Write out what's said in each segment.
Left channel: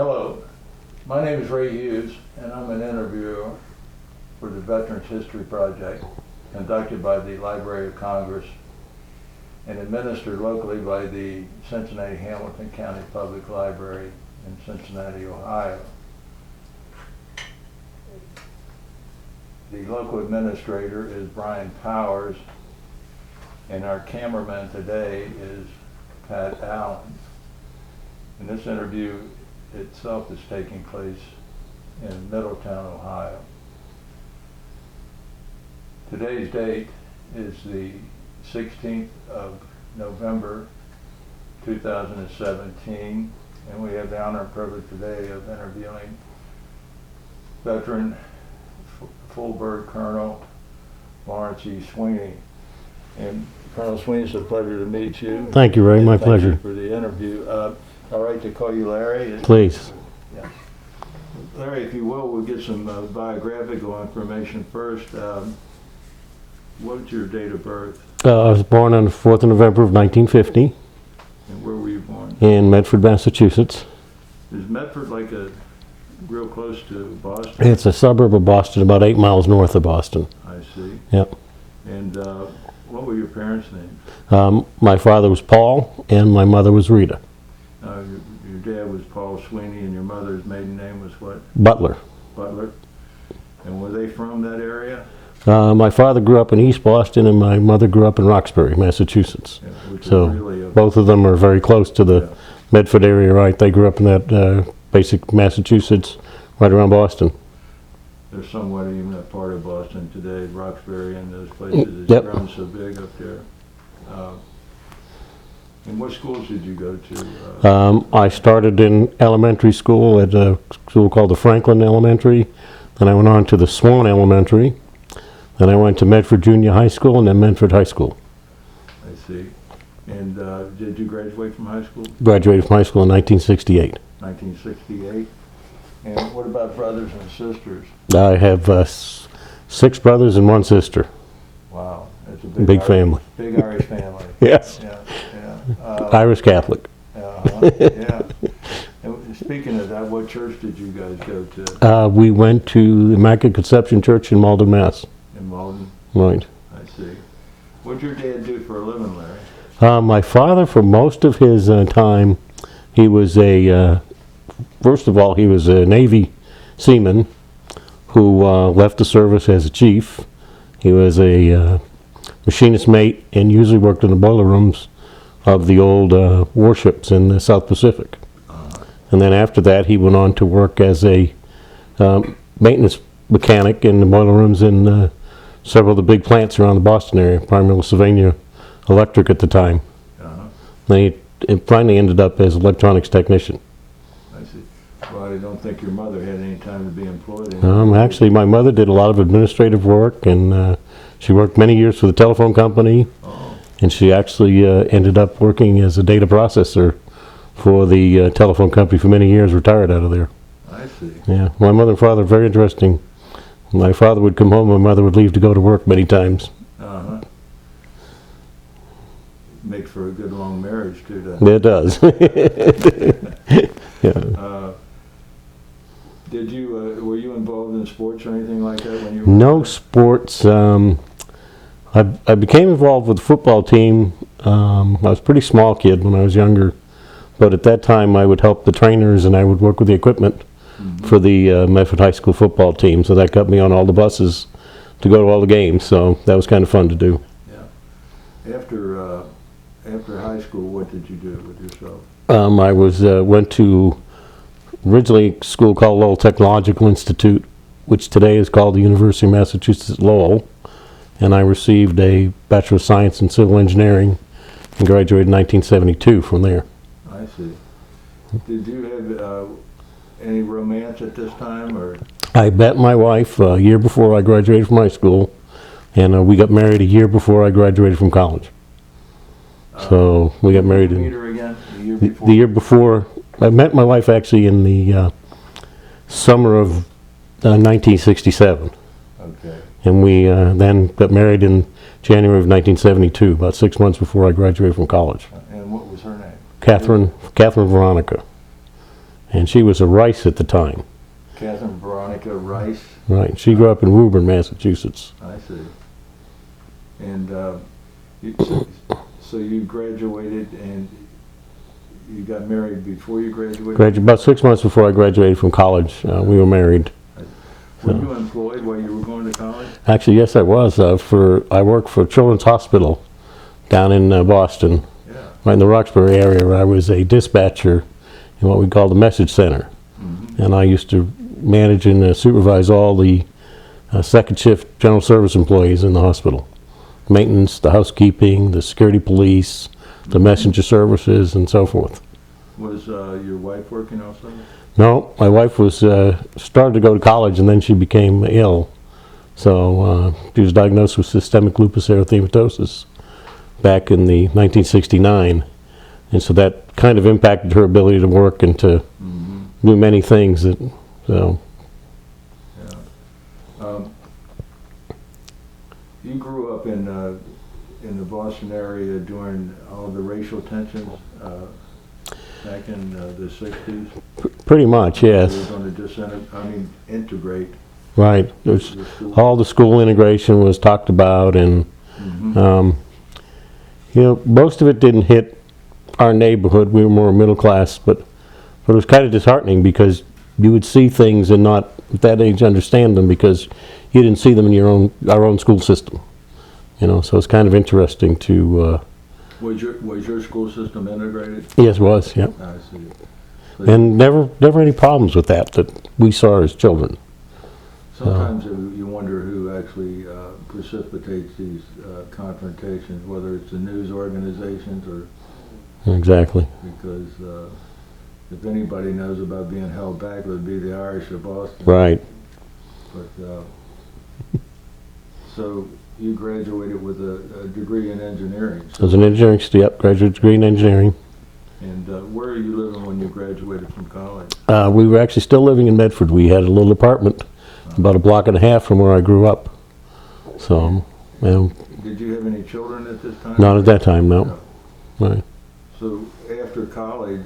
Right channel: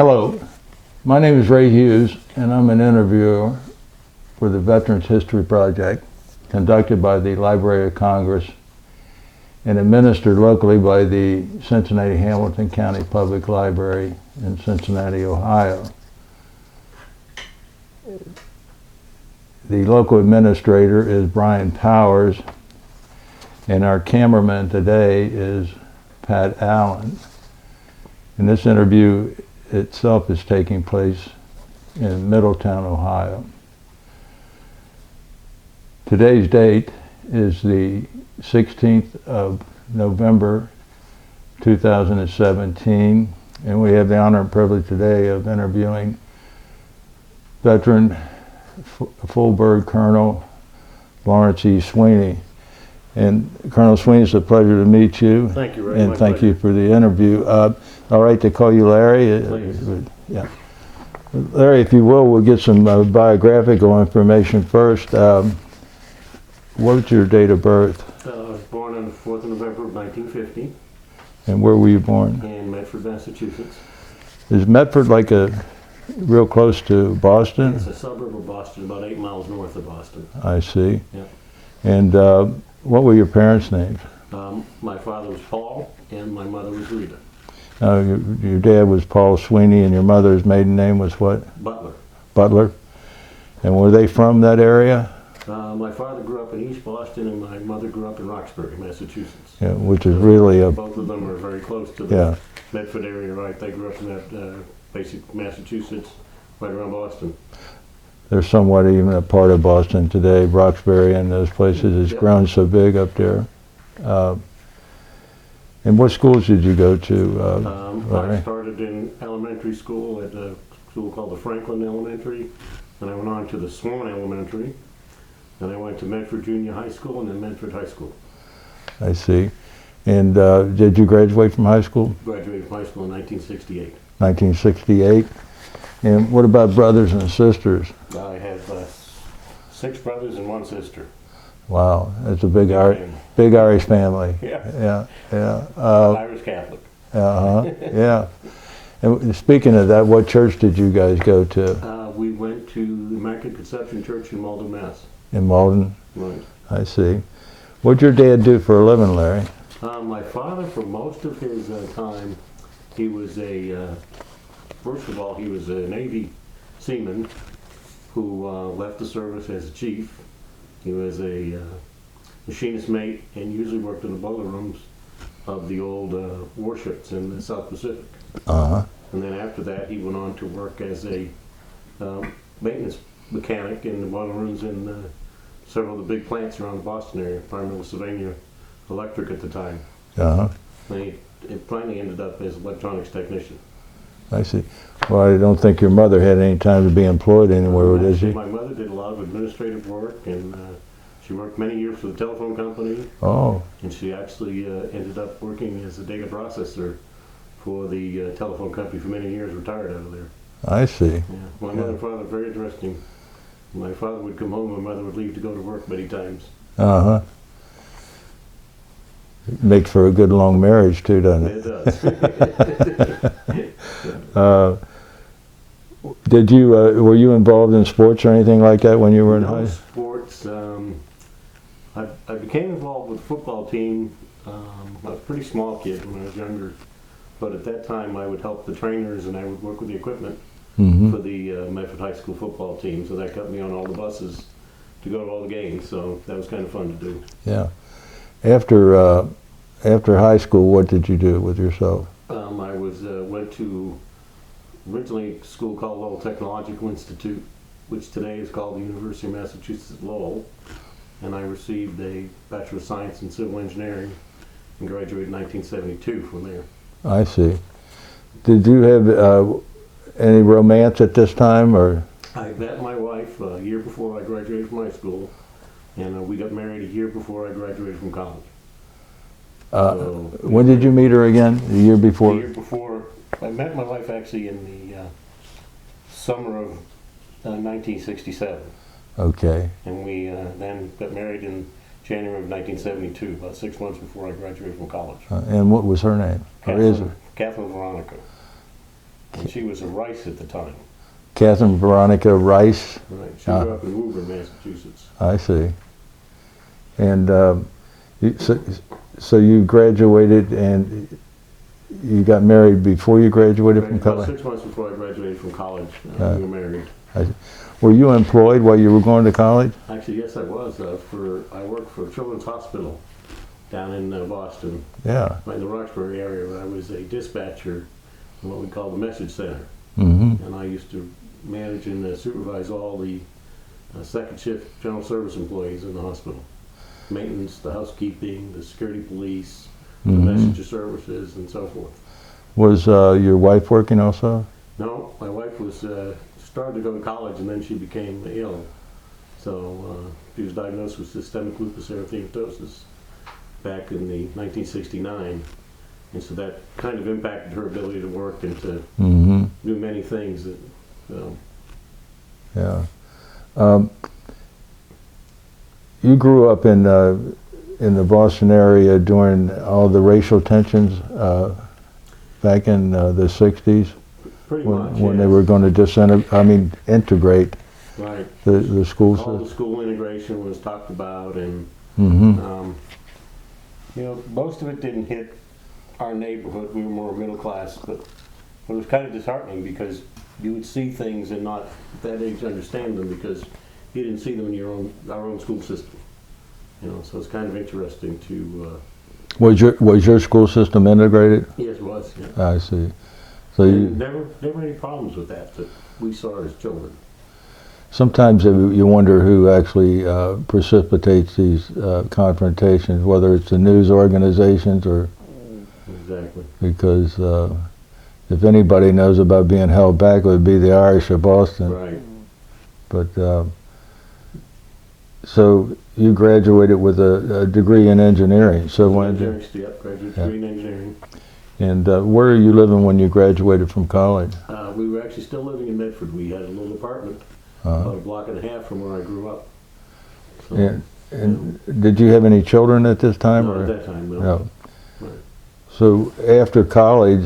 Hello, my name is Ray Hughes, and I'm an interviewer for the Veterans History Project, conducted by the Library of Congress and administered locally by the Cincinnati-Hamilton County Public Library in Cincinnati, Ohio. The local administrator is Brian Powers, and our cameraman today is Pat Allen. And this interview itself is taking place in Middletown, Ohio. Today's date is the 16th of November 2017, and we have the honor and privilege today of interviewing veteran full bird Colonel Lawrence E. Sweeney. And Colonel Sweeney, it's a pleasure to meet you. Thank you, Ray. My pleasure. Thank you for the interview. All right to call you Larry? Please. Yeah. Larry, if you will, we'll get some biographical information first. What's your date of birth? I was born on the 4th of November of 1950. And where were you born? In Medford, Massachusetts. Is Medford like real close to Boston? It's a suburb of Boston, about 8 miles north of Boston. I see. Yep. And what were your parents' names? My father was Paul, and my mother was Rita. Your dad was Paul Sweeney, and your mother's maiden name was what? Butler. Butler. And were they from that area? My father grew up in East Boston, and my mother grew up in Roxbury, Massachusetts. Yeah, which is really both of them are very close to the Medford area, right? They grew up in that basic Massachusetts, right around Boston. They're somewhat even a part of Boston today. Roxbury and those places, it's grown so big up there. And what schools did you go to? I started in elementary school at a school called the Franklin Elementary. Then I went on to the Swan Elementary. Then I went to Medford Junior High School and then Medford High School. I see. And did you graduate from high school? Graduated from high school in 1968. 1968. And what about brothers and sisters? I have 6 brothers and 1 sister. Wow, that's a big family. Big Irish family. Yes. Yeah, yeah. Irish Catholic. Yeah. And speaking of that, what church did you guys go to? We went to the Immaculate Conception Church in Malden, Mass. In Malden? Right. I see. What'd your dad do for a living, Larry? My father, for most of his time, he was first of all, he was a Navy seaman who left the service as a chief. He was a machinist mate and usually worked in the boiler rooms of the old warships in the South Pacific. And then after that, he went on to work as a maintenance mechanic in the boiler rooms in several of the big plants around the Boston area, primarily Sylvania Electric at the time. Then he finally ended up as electronics technician. I see. Well, I don't think your mother had any time to be employed anymore. Actually, my mother did a lot of administrative work, and she worked many years for the telephone company. Oh. And she actually ended up working as a data processor for the telephone company for many years, retired out of there. I see. Yeah. My mother and father, very interesting. My father would come home, my mother would leave to go to work many times. Makes for a good long marriage too, doesn't it? It does. Did you were you involved in sports or anything like that when you were? No sports. I became involved with the football team. I was a pretty small kid when I was younger, but at that time I would help the trainers and I would work with the equipment for the Medford High School football team. So that got me on all the buses to go to all the games. So that was kind of fun to do. Yeah. After high school, what did you do with yourself? I went to originally a school called Lowell Technological Institute, which today is called the University of Massachusetts at Lowell, and I received a Bachelor of Science in Civil Engineering and graduated in 1972 from there. I see. Did you have any romance at this time, or? I met my wife a year before I graduated from high school, and we got married a year before I graduated from college. So we got married. When did you meet her again? The year before? The year before. I met my wife actually in the summer of 1967. Okay. And we then got married in January of 1972, about 6 months before I graduated from college. And what was her name? Catherine Veronica. and she was a Rice at the time. Catherine Veronica Rice. Right. She grew up in Woburn, Massachusetts. I see. And so you graduated and you got married before you graduated? About 6 months before I graduated from college, we were married. Were you employed while you were going to college? Actually, yes, I was. I worked for Children's Hospital down in Boston, Yeah. right in the Roxbury area, where I was a dispatcher in what we call the message center. Mm-hmm. And I used to manage and supervise all the second shift general service employees in the hospital. Maintenance, the housekeeping, the security police, the messenger services, and so forth. Was your wife working also? No, my wife was started to go to college, and then she became ill. So she was diagnosed with systemic lupus erythematosus back in the 1969, and so that kind of impacted her ability to work and to do many things. Yeah. You grew up in the Boston area during all the racial tensions back in the 60s? Pretty much, when yes. They were going to integrate Right. the schools. All the school integration was talked about, and most of it didn't hit our neighborhood. We were more middle class, but it was kind of disheartening because you would see things and not at that age understand them because you didn't see them in our own school system. So it's kind of interesting to. Was your school system integrated? Yes, it was. Yeah. I see. So And never any problems with that we saw as children. sometimes you wonder who actually precipitates these confrontations, whether it's the news organizations or. Exactly. Because if anybody knows about being held back, it would be the Irish of Boston. Right. But so you graduated with a degree in engineering. So I was an engineering, graduate degree in engineering. And where are you living when you graduated from college? We were actually still living in Medford. We had a little apartment about a block and a half from where I grew up. So, did you have any children at this time? not at that time, no. Right. So after college,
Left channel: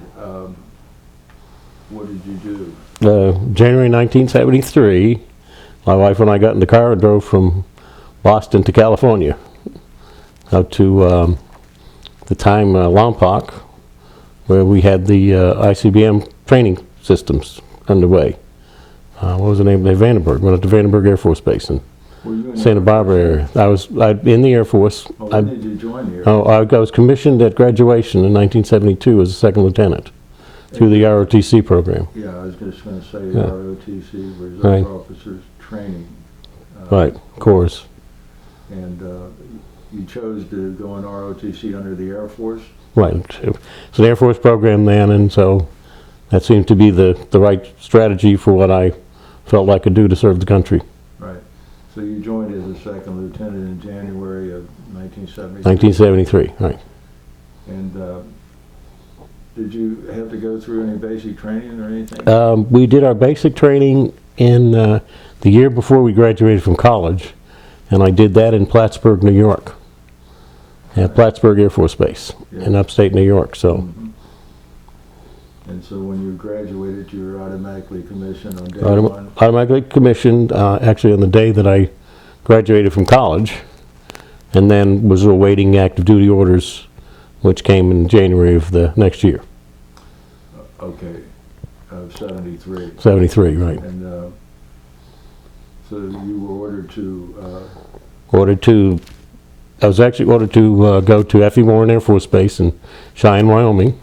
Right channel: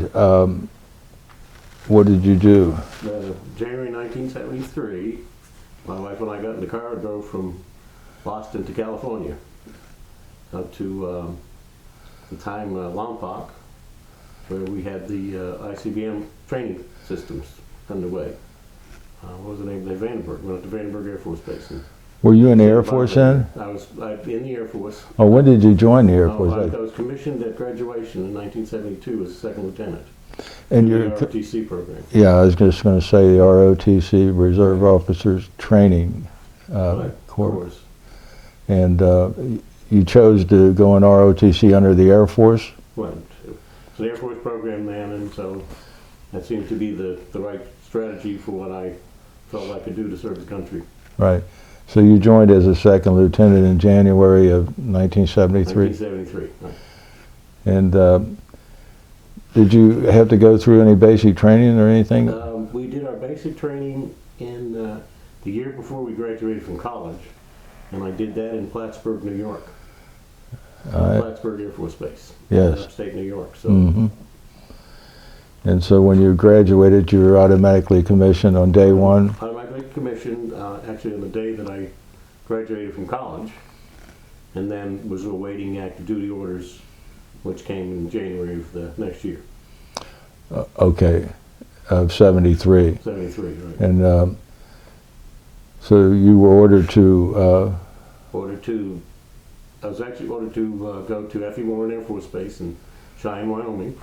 what did you do? January 1973, my wife and I got in the car and drove from Boston to California, out to the time Lompoc, where we had the ICBM training systems underway. What was the name of it? Vandenberg. Went up to Vandenberg Air Force Base in Were you in the Santa Air Force Barbara then? area. I was in the Air Force. Oh, when did you join the Air Force? I was commissioned at graduation in 1972 as a second lieutenant through the ROTC program. Yeah, I was just going to say ROTC, Reserve Officers Training Course. And you chose to go in ROTC under the Air Force? Right. It's an Air Force program then, and so that seemed to be the right strategy for what I felt I could do to serve the country. Right. So you joined as a second lieutenant in January of 1973? 1973, right. And did you have to go through any basic training or anything? We did our basic training in the year before we graduated from college, and I did that in Plattsburgh, New York, at Plattsburgh Air Force Base in upstate New York. So. And so when you graduated, you were automatically commissioned on day one? Automatically commissioned, actually on the day that I graduated from college, and then was awaiting active duty orders, which came in January of the next year. Okay, of 73. 73, right. And so you were ordered to... I was actually ordered to go to F.E. Warren Air Force Base in Cheyenne, Wyoming,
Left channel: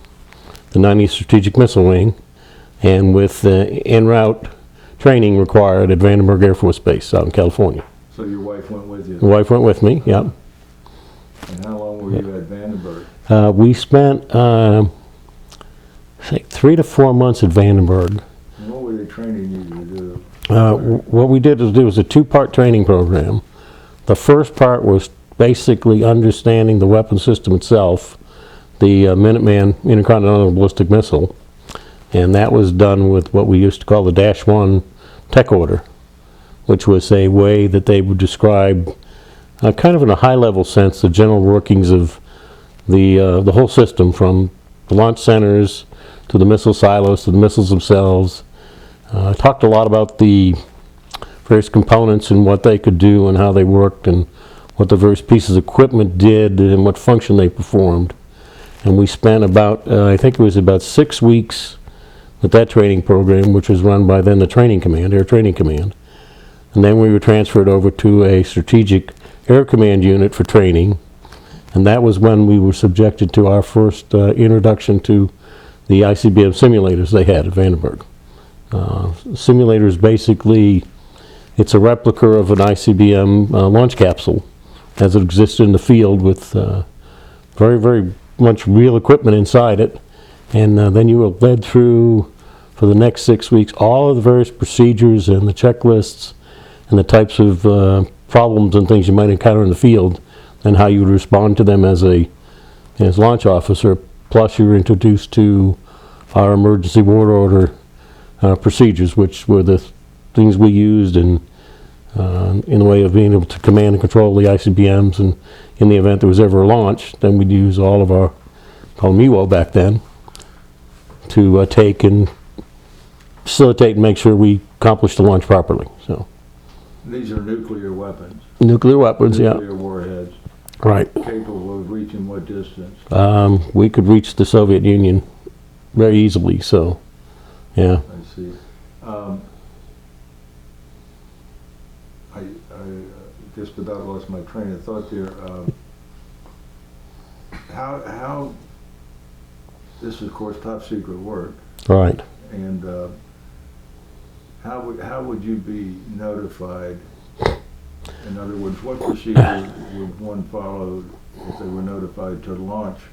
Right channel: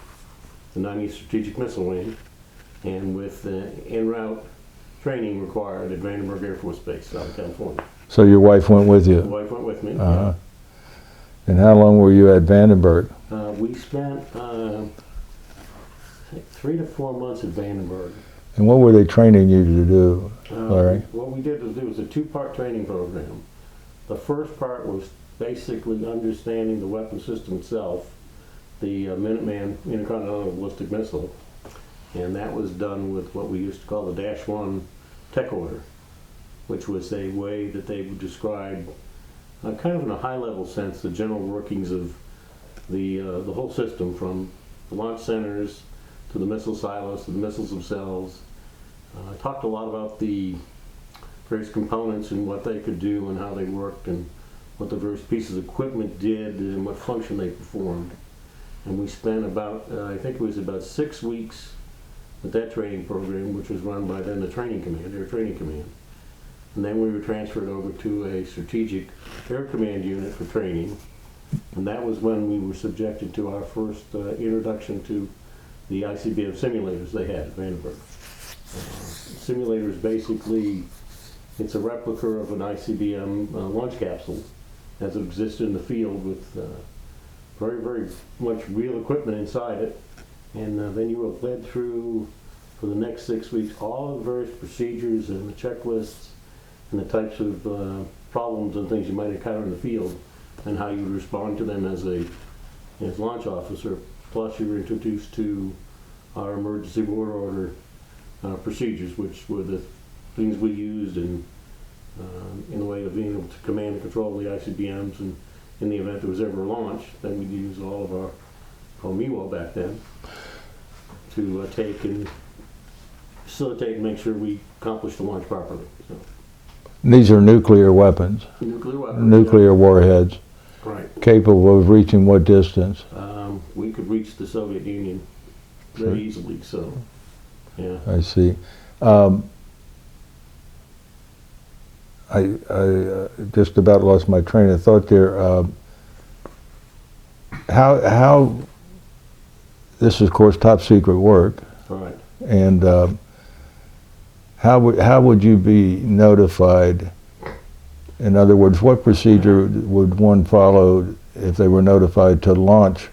the 90th Strategic Missile Wing, and with en route training required at Vandenberg Air Force Base out in California. So your wife went with you? My wife went with me, yeah. And how long were you at Vandenberg? We spent, I think, 3 to 4 months at Vandenberg. And what were they training you to do? What we did was a 2-part training program. The first part was basically understanding the weapon system itself, the Minuteman Intercontinental Ballistic Missile, and that was done with what we used to call the -1 tech order, which was a way that they would describe, kind of in a high-level sense, the general workings of the whole system, from the launch centers to the missile silos, to the missiles themselves. Talked a lot about the various components and what they could do and how they worked and what the various pieces of equipment did and what function they performed. And we spent about, I think it was about 6 weeks with that training program, which was run by then the Training Command, Air Training Command. And then we were transferred over to a Strategic Air Command unit for training. And that was when we were subjected to our first introduction to the ICBM simulators they had at Vandenberg. Simulators basically, it's a replica of an ICBM launch capsule as it existed in the field with very, very much real equipment inside it. And then you were led through, for the next 6 weeks, all of the various procedures and the checklists and the types of problems and things you might encounter in the field and how you would respond to them as launch officer. Plus you were introduced to our emergency war order procedures, which were the things we used in the way of being able to command and control the ICBMs, and in the event there was ever a launch, then we'd use all of our, called MEWO back then, to take and facilitate and make sure we accomplished the launch properly. So These are nuclear weapons. nuclear weapons, Nuclear warheads. Right. Capable of reaching what distance? We could reach the Soviet Union very easily, so yeah. I see. I just about lost my train of thought there. How this is, of course, top secret work, Right. and how would you be notified? In other words, what procedure would one follow if they were notified to launch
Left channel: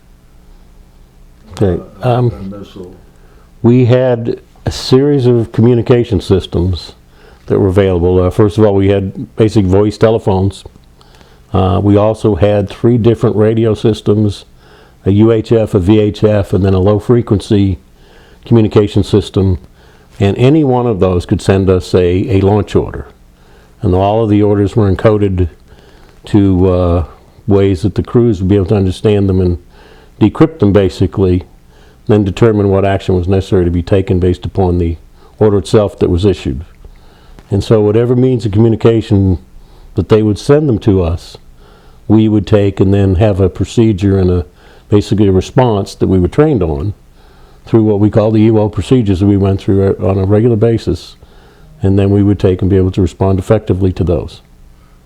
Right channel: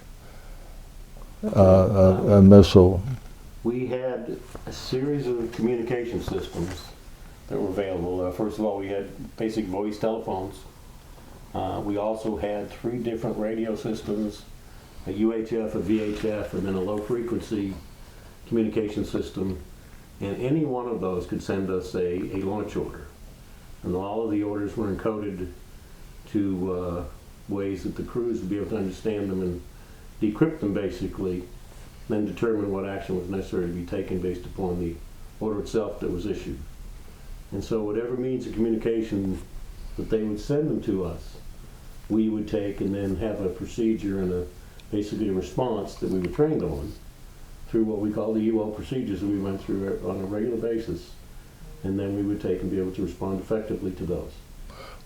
a missile? We had a series of communication systems that were available. First of all, we had basic voice telephones. We also had 3 different radio systems, a UHF, a VHF, and then a low frequency communication system. And any one of those could send us a launch order. And all of the orders were encoded to ways that the crews would be able to understand them and decrypt them basically, then determine what action was necessary to be taken based upon the order itself that was issued. And so whatever means of communication that they would send them to us, we would take and then have a procedure and basically a response that we were trained on through what we call the EWO procedures that we went through on a regular basis. And then we would take and be able to respond effectively to those.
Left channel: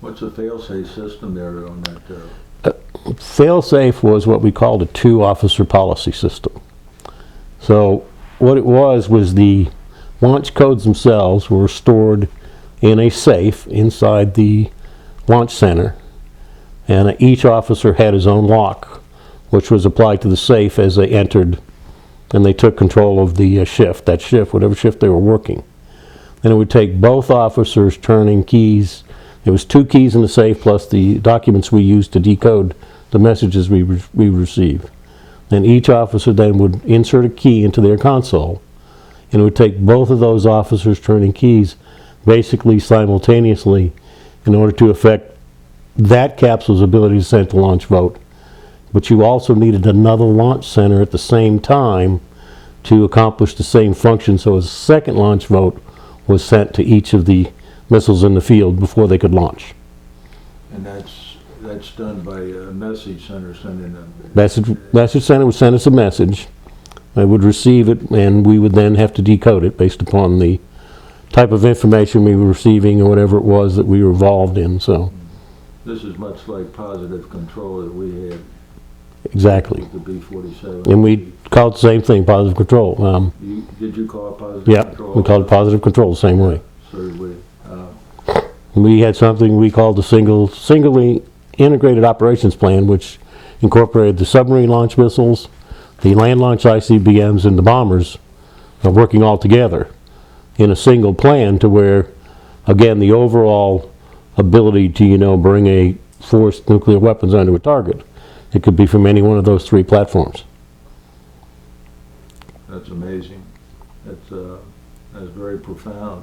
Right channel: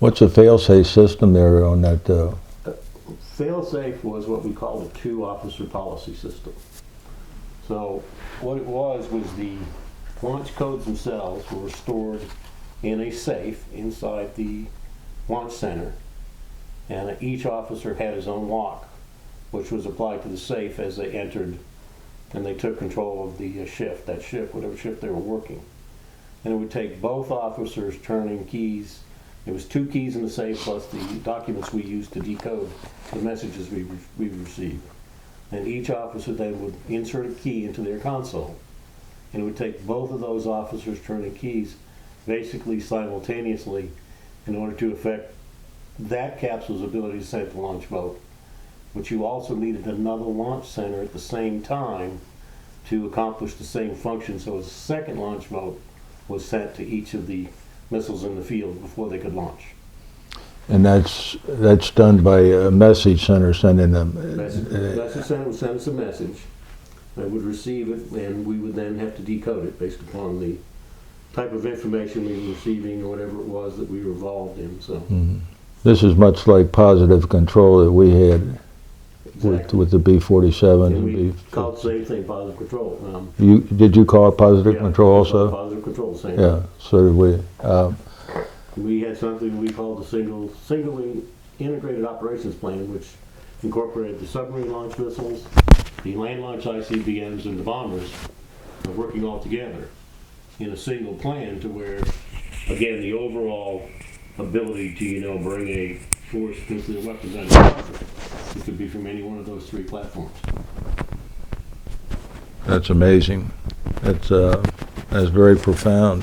What's a fail-safe system there on that? Fail-safe was what we called a 2-officer policy system. So what it was the launch codes themselves were stored in a safe inside the launch center, and each officer had his own lock, which was applied to the safe as they entered, and they took control of the shift, whatever shift they were working. And it would take both officers turning keys. There was 2 keys in the safe plus the documents we used to decode the messages we received. And each officer then would insert a key into their console, and it would take both of those officers turning keys basically simultaneously in order to affect that capsule's ability to send the launch vote. But you also needed another launch center at the same time to accomplish the same function, so a second launch vote was sent to each of the missiles in the field before they could launch. And that's done by a message center sending them. Message center would send us a message. I would receive it, and we would then have to decode it based upon the type of information we were receiving or whatever it was that we were involved in. So This is much like positive control that we had. Exactly. With the B-47. And we call it the same thing, positive control. Did you call it positive control also? We called it positive control the same way. So did we. We had something we called the singly integrated operations plan, which incorporated the submarine launch missiles, the land launch ICBMs, and the bombers working all together in a single plan, to where, again, the overall ability to, bring a forced nuclear weapons onto a target. It could be from any one of those 3 platforms. That's amazing. That's very profound.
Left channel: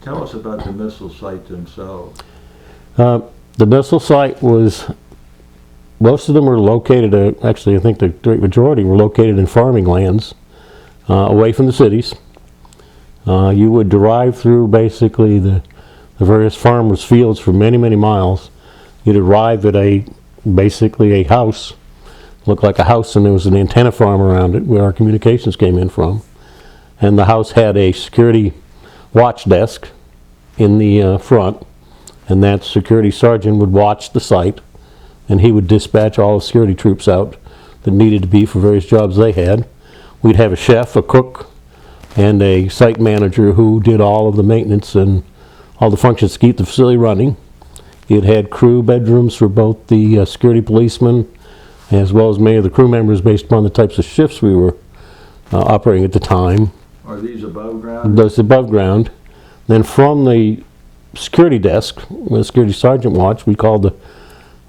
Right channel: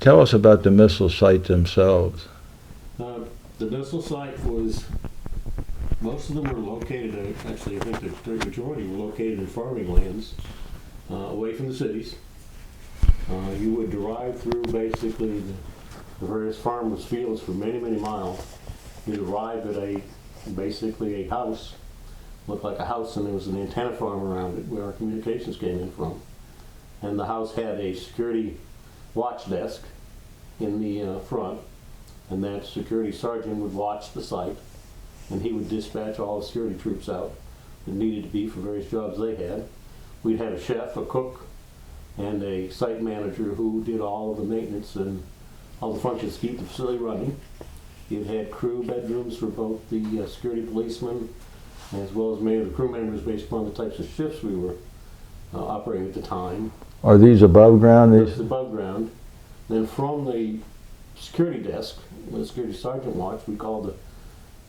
Tell us about the missile sites themselves. The missile site was most of them were located, actually I think the great majority were located in farming lands, away from the cities. You would drive through basically the various farmers' fields for many, many miles. You'd arrive at basically a house, looked like a house, and there was an antenna farm around it where our communications came in from. And the house had a security watch desk in the front, and that security sergeant would watch the site, and he would dispatch all the security troops out that needed to be for various jobs they had. We'd have a chef, a cook, and a site manager who did all of the maintenance and all the functions to keep the facility running. It had crew bedrooms for both the security policemen as well as many of the crew members based upon the types of shifts we were operating at the time. Are these above ground? That's above ground. Then from the security desk, the security sergeant watch, we called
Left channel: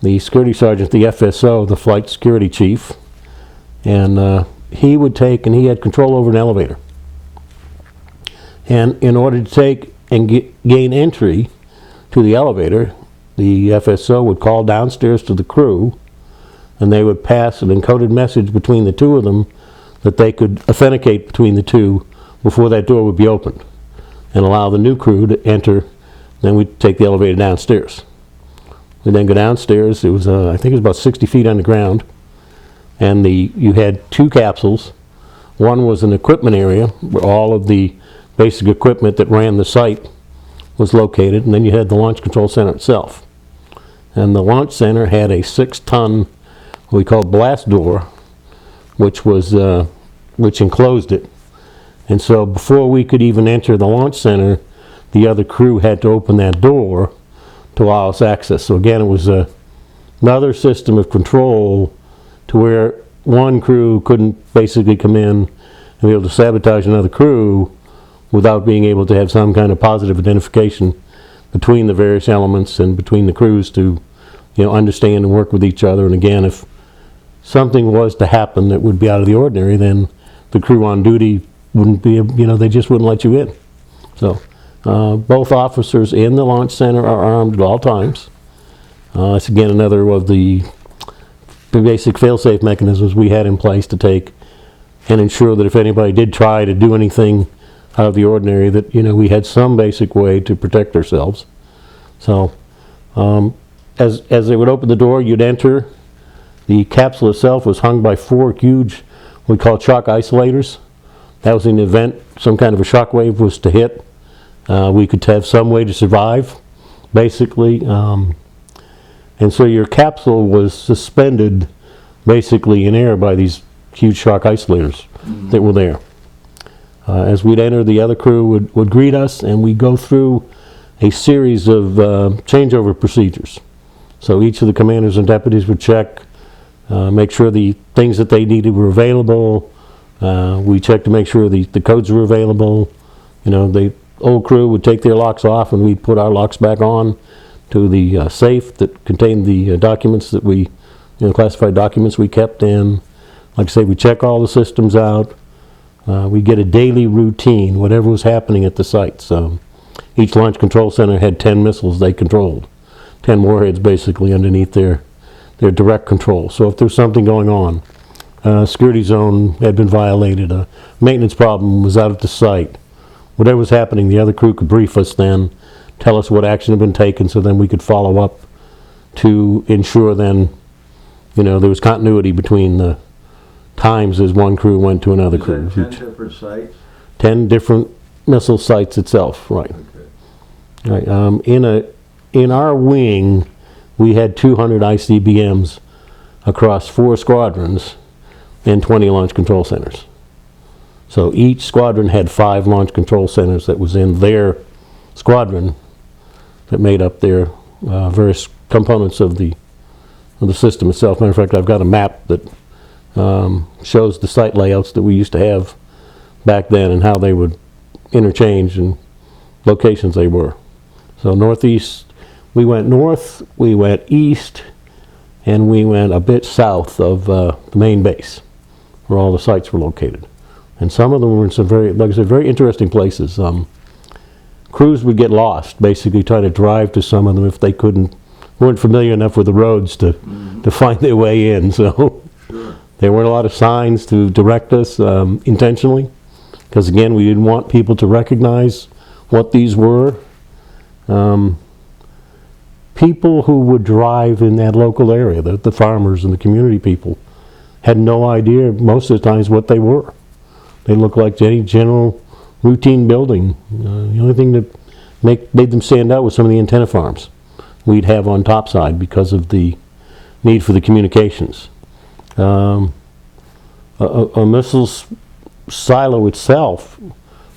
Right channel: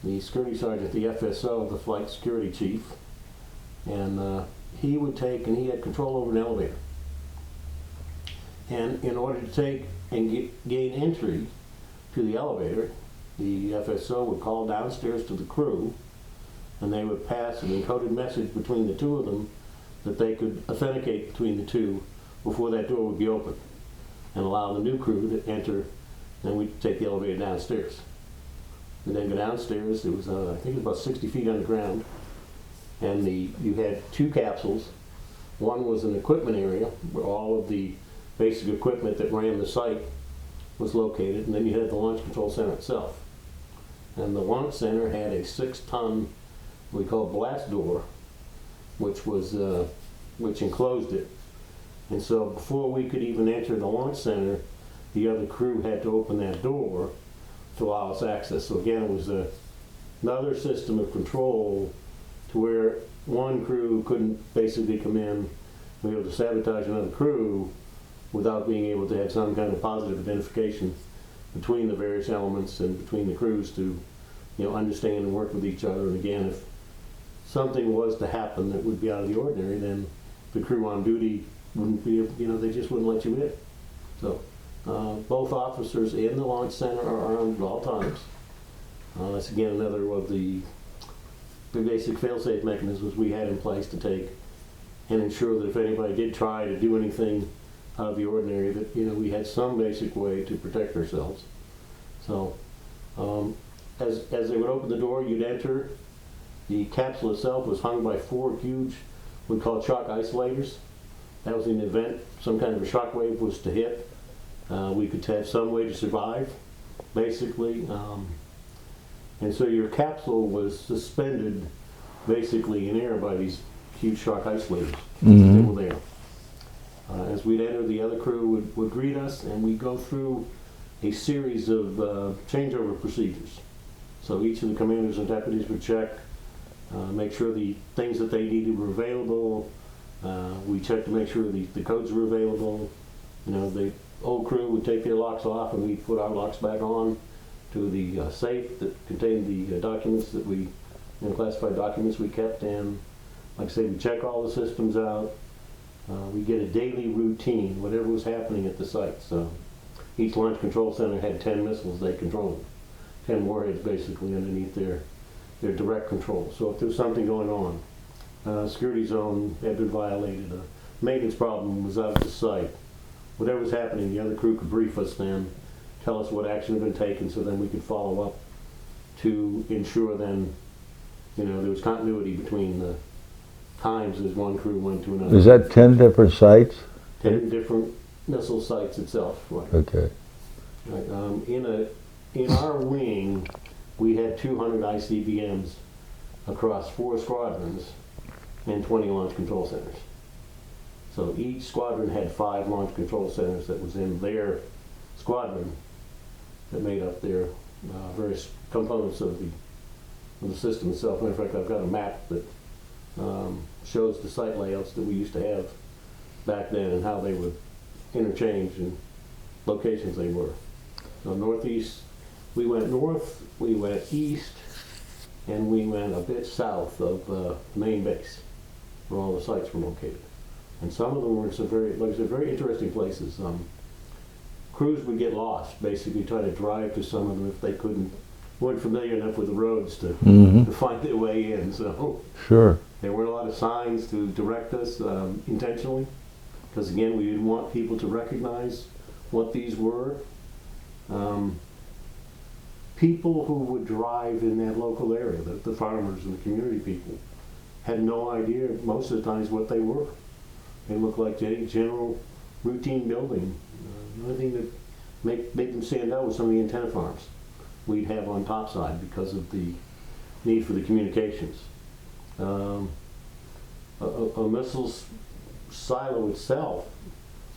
the security sergeant the FSO, the flight security chief, and he had control over an elevator. And in order to take and gain entry to the elevator, the FSO would call downstairs to the crew, and they would pass an encoded message between the two of them that they could authenticate between the two before that door would be opened, and allow the new crew to enter. Then we'd take the elevator downstairs. We'd then go downstairs. It was, I think it was about 60 feet on the ground, and you had two capsules. One was an equipment area where all of the basic equipment that ran the site was located, and then you had the launch control center itself. And the launch center had a 6-ton, what we called blast door, which enclosed it. And so before we could even enter the launch center, the other crew had to open that door to allow us access. So again, it was another system of control to where one crew couldn't basically come in and be able to sabotage another crew without being able to have some kind of positive identification between the various elements and between the crews to, understand and work with each other. And again, if something was to happen that would be out of the ordinary, then the crew on duty wouldn't be, they just wouldn't let you in. So both officers in the launch center are armed at all times. It's again another of the basic fail-safe mechanisms we had in place to take and ensure that if anybody did try to do anything out of the ordinary, that we had some basic way to protect ourselves. So as they would open the door, you'd enter. The capsule itself was hung by 4 huge, what we call shock isolators. That was in the event some kind of a shock wave was to hit. We could have some way to survive, basically. And so your capsule was suspended basically in air by these huge shock isolators that were there. As we'd enter, the other crew would greet us, and we'd go through a series of changeover procedures. So each of the commanders and deputies would check, make sure the things that they needed were available. We checked to make sure the codes were available. The old crew would take their locks off, and we'd put our locks back on to the safe that contained the documents that we, classified documents we kept in. Like I say, we check all the systems out. We get a daily routine, whatever was happening at the site. So each launch control center had 10 missiles they controlled, 10 warheads basically underneath their direct control. So if there's something going on, security zone had been violated, a maintenance problem was out at the site, whatever was happening, the other crew could brief us then, tell us what action had been taken, so then we could follow up to ensure then, there was continuity between the times as one crew went to another. Is that 10 different sites? 10 different missile sites itself, right. Okay. Right. In our wing, we had 200 ICBMs across 4 squadrons and 20 launch control centers. So each squadron had 5 launch control centers that was in their squadron that made up their various components of the system itself. Matter of fact, I've got a map that shows the site layouts that we used to have back then and how they would interchange and locations they were. So northeast, we went north, we went east, and we went a bit south of the main base where all the sites were located. And some of them were in some very, like I said, very interesting places. Crews would get lost, basically trying to drive to some of them if they couldn't weren't familiar enough with the roads to find their way in. So Sure. there weren't a lot of signs to direct us intentionally, because again, we didn't want people to recognize what these were. People who would drive in that local area, the farmers and the community people, had no idea most of the times what they were. They looked like any general routine building. The only thing that made them stand out was some of the antenna farms we'd have on topside because of the need for the communications. A missiles silo itself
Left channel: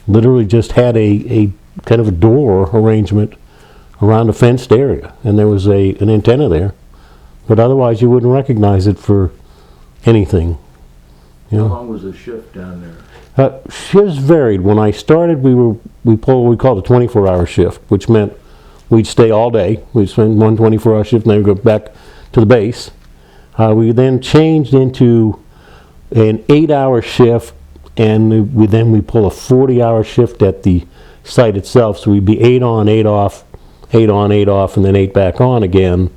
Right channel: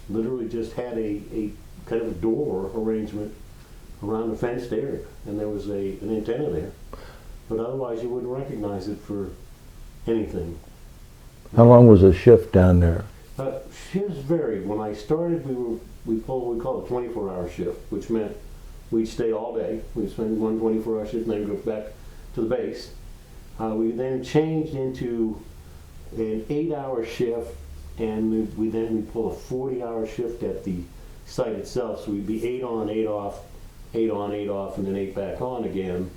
literally just had a kind of a door arrangement around a fenced area, and there was an antenna there, but otherwise you wouldn't recognize it for anything. How long was a shift down there? Shifts varied. When I started, we pulled what we called a 24-hour shift, which meant we'd stay all day. We'd spend one 24-hour shift, and then we'd go back to the base. We then changed into an 8-hour shift, and we pull a 40-hour shift at the site itself. So we'd be 8 on, 8 off, 8 on, 8 off, and then 8 back on again,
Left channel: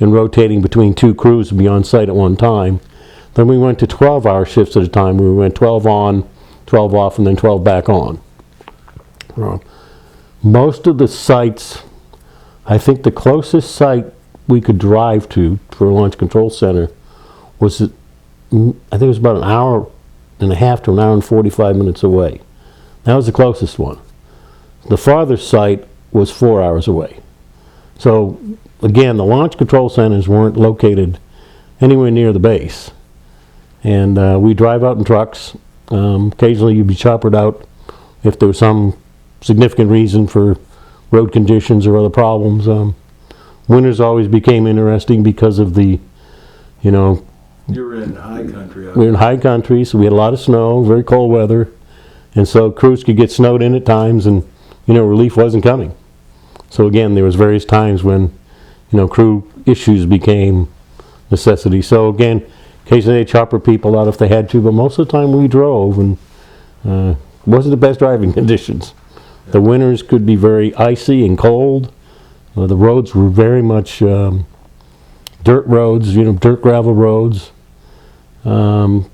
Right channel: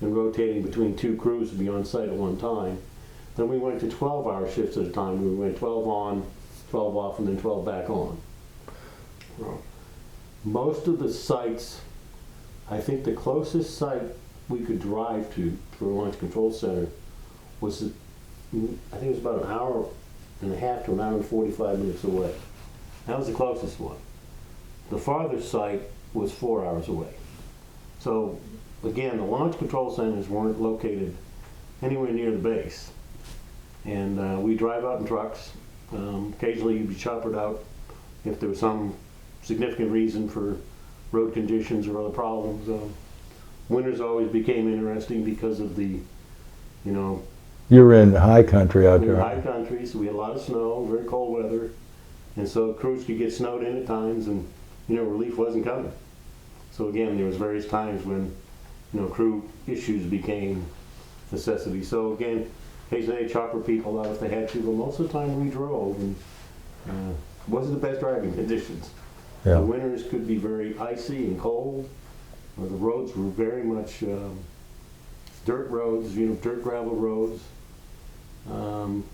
and rotating between 2 crews to be on site at one time. Then we went to 12-hour shifts at a time. We went 12 on, 12 off, and then 12 back on. Most of the sites, I think the closest site we could drive to for a launch control center was, I think it was about an hour and a half to an hour and 45 minutes away. That was the closest one. The farthest site was 4 hours away. So again, the launch control centers weren't located anywhere near the base. And we drive out in trucks. Occasionally you'd be choppered out if there was some significant reason for road conditions or other problems. Winters always became interesting because of the, You were in high country out we were in there. high country, so we had a lot of snow, very cold weather, and so crews could get snowed in at times, and relief wasn't coming. So again, there was various times when crew issues became necessity. So again, occasionally they chopper people out if they had to, but most of the time we drove, and wasn't the best driving conditions. Yeah. The winters could be very icy and cold. The roads were very much dirt roads, dirt gravel roads. In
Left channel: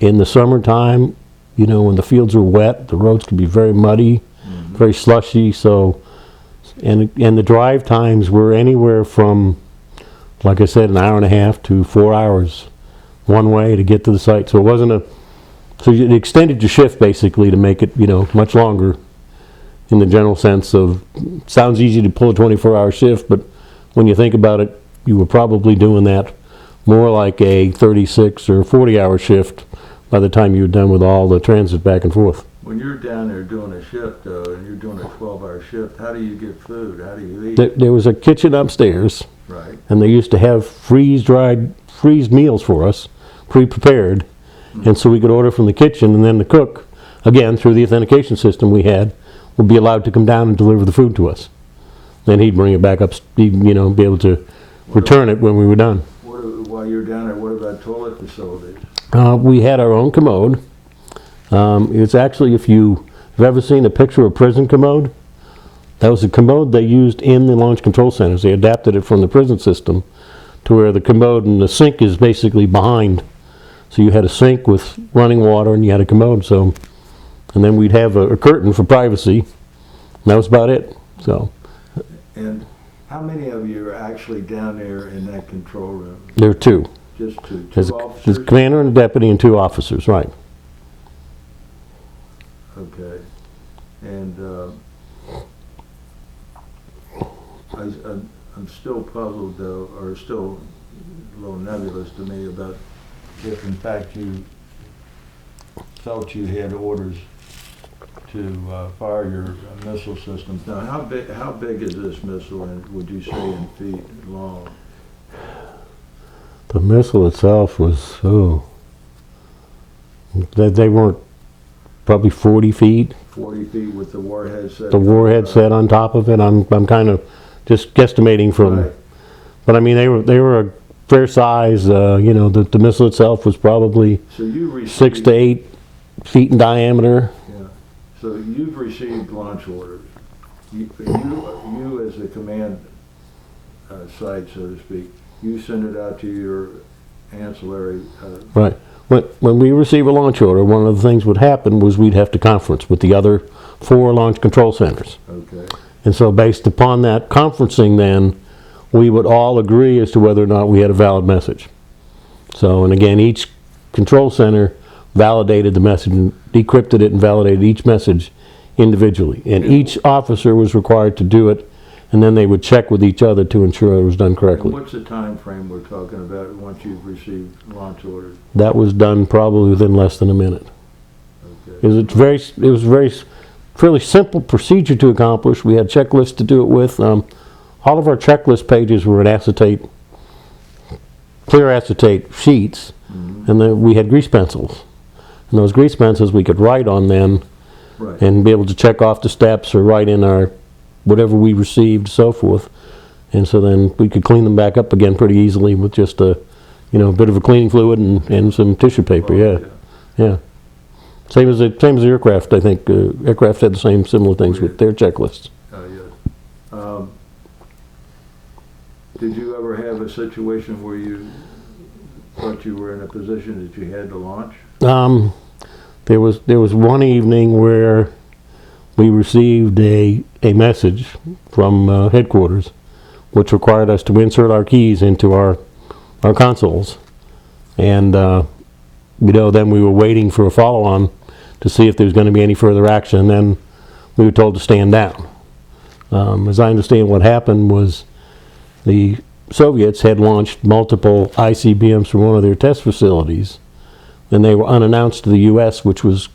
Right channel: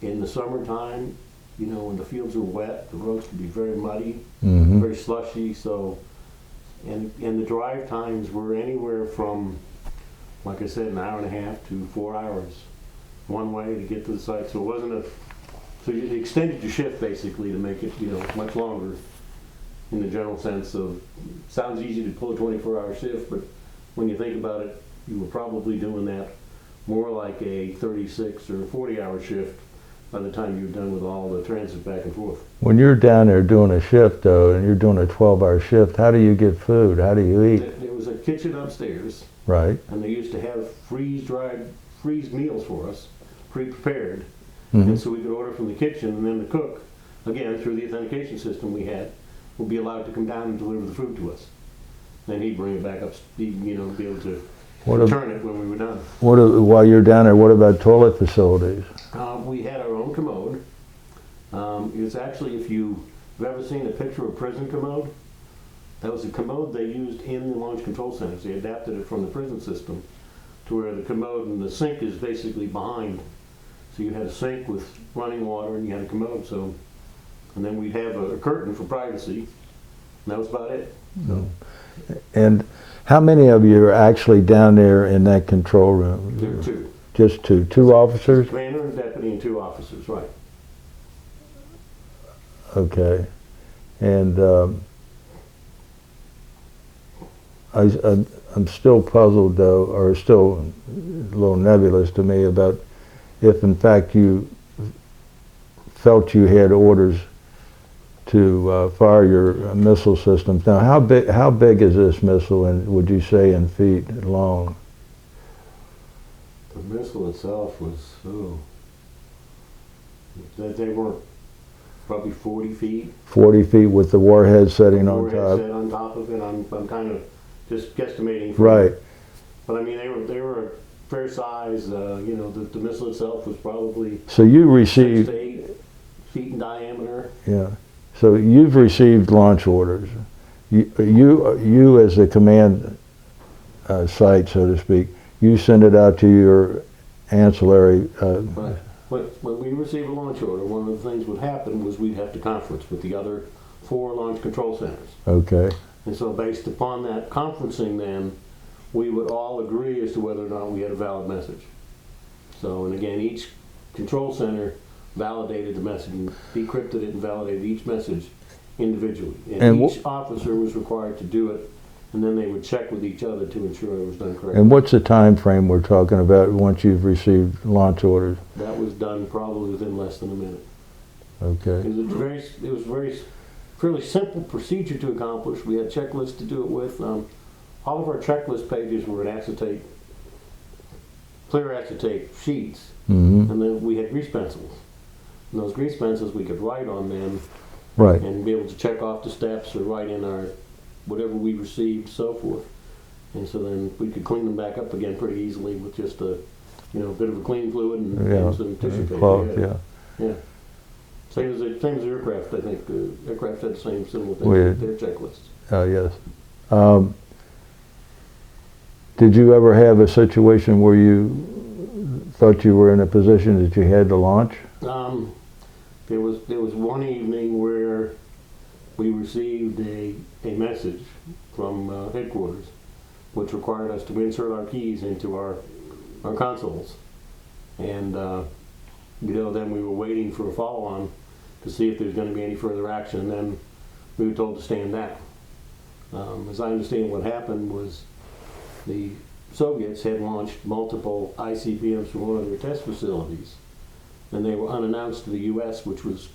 the summertime, when the fields were wet, the roads could be very muddy, very slushy. So, and the drive times were anywhere from, like I said, an hour and a half to 4 hours one way to get to the site. So it wasn't so you extended your shift basically to make it, much longer in the general sense of, sounds easy to pull a 24-hour shift, but when you think about it, you were probably doing that more like a 36 or 40-hour shift by the time you were done with all the transit back and forth. When you're down there doing a shift, though, and you're doing a 12-hour shift, how do you get food? How do you eat? There was a kitchen upstairs, Right. and they used to have freeze meals for us, pre-prepared, and so we could order from the kitchen, and then the cook, again, through the authentication system we had, would be allowed to come down and deliver the food to us. Then he'd bring it back up, be able to return it when we were done. While you're down there, what about toilet facilities? We had our own commode. It's actually, if you've ever seen a picture of a prison commode, that was a commode they used in the launch control centers. They adapted it from the prison system to where the commode and the sink is basically behind. So you had a sink with running water and you had a commode. So, and then we'd have a curtain for privacy. And that was about it. So. And how many of you are actually down there in that control room? There were 2. Just two There's officers? a commander and a deputy and 2 officers, right. Okay. And I'm still puzzled, though, or still a little nebulous to me about if, in fact, you felt you had orders to fire your missile systems. Now, how big is this missile, and would you say in feet long? The missile itself was, they weren't probably 40 feet. 40 feet with the warhead setting The warhead on top. set on top of it. I'm kind of just guesstimating from. Right. But I mean, they were a fair size. The missile itself was probably So you received 6 to 8 feet in diameter. Yeah. So you've received launch orders. You as the command site, so to speak. You send it out to your ancillary. Right. When we receive a launch order, one of the things would happen was we'd have to conference with the other 4 launch control centers. Okay. And so based upon that conferencing then, we would all agree as to whether or not we had a valid message. So, and again, each control center validated the message and decrypted it and validated each message individually. And each officer was required to do it, and then they would check with each other to ensure it was done correctly. And what's the time frame we're talking about once you've received launch orders? That was done probably within less than a minute. Okay. It was a very fairly simple procedure to accomplish. We had checklists to do it with. All of our checklist pages were in acetate, clear acetate sheets, and then we had grease pencils. And those grease pencils we could write on then, Right. and be able to check off the steps or write in our whatever we received, so forth. And so then we could clean them back up again pretty easily with just a, bit of a cleaning fluid and some tissue paper. Yeah. Same as the aircraft. I think aircraft had the same similar things with their checklists. Yes. Did you ever have a situation where you thought you were in a position that you had to launch? There was one evening where we received a message from headquarters, which required us to insert our keys into our consoles, and then we were waiting for a follow-on to see if there was going to be any further action. And then we were told to stand down. As I understand, what happened was the Soviets had launched multiple ICBMs from one of their test facilities, and they were unannounced to the U.S., which was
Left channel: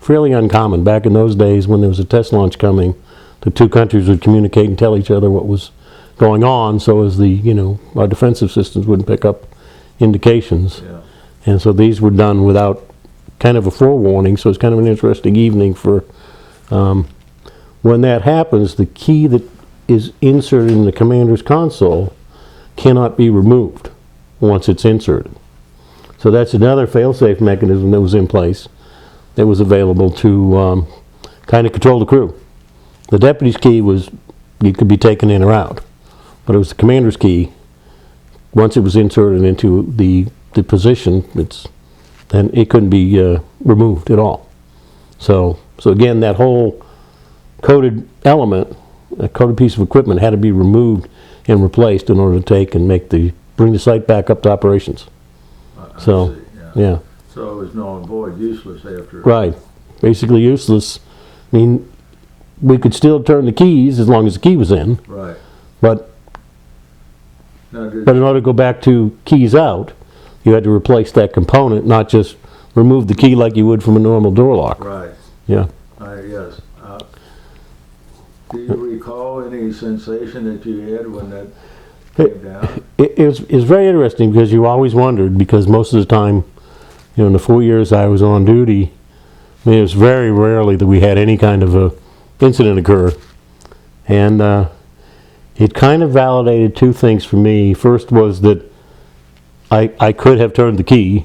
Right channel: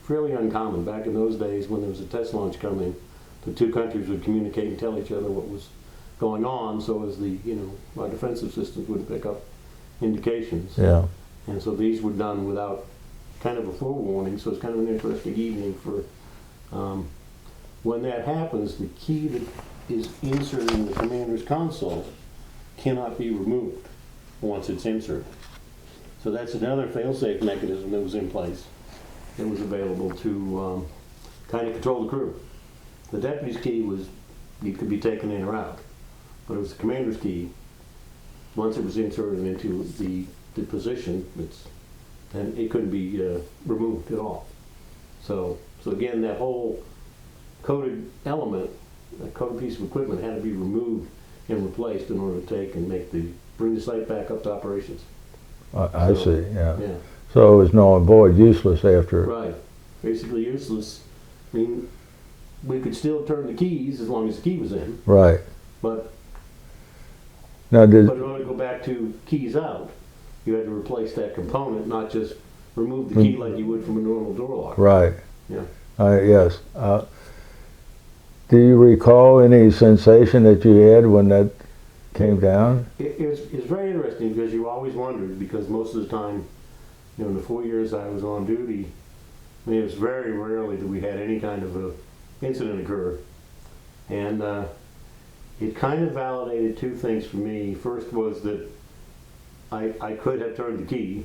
fairly uncommon. Back in those days, when there was a test launch coming, the two countries would communicate and tell each other what was going on, so as our defensive systems wouldn't pick up indications. Yeah. And so these were done without kind of a forewarning, so it's kind of an interesting evening for when that happens. The key that is inserted in the commander's console cannot be removed once it's inserted. So that's another fail-safe mechanism that was in place that was available to kind of control the crew. The deputy's key it could be taken in or out, but it was the commander's key. Once it was inserted into the position, then it couldn't be removed at all. So again, that whole coded element, a coded piece of equipment, had to be removed and replaced in order to take and bring the site back up to operations. I see. Yeah. So it was null and void, useless after. Right. Basically useless. I mean, we could still turn the keys as long as the key was in. Right. But in order to go back to keys out, you had to replace that component, not just remove the key like you would from a normal door lock. Right. Yeah. Yes. Do you recall any sensation that you had when that came down? It was very interesting, because you always wondered, because most of the time, in the 4 years I was on duty, it was very rarely that we had any kind of a incident occur. And it kind of validated two things for me. First was that I could have turned the key.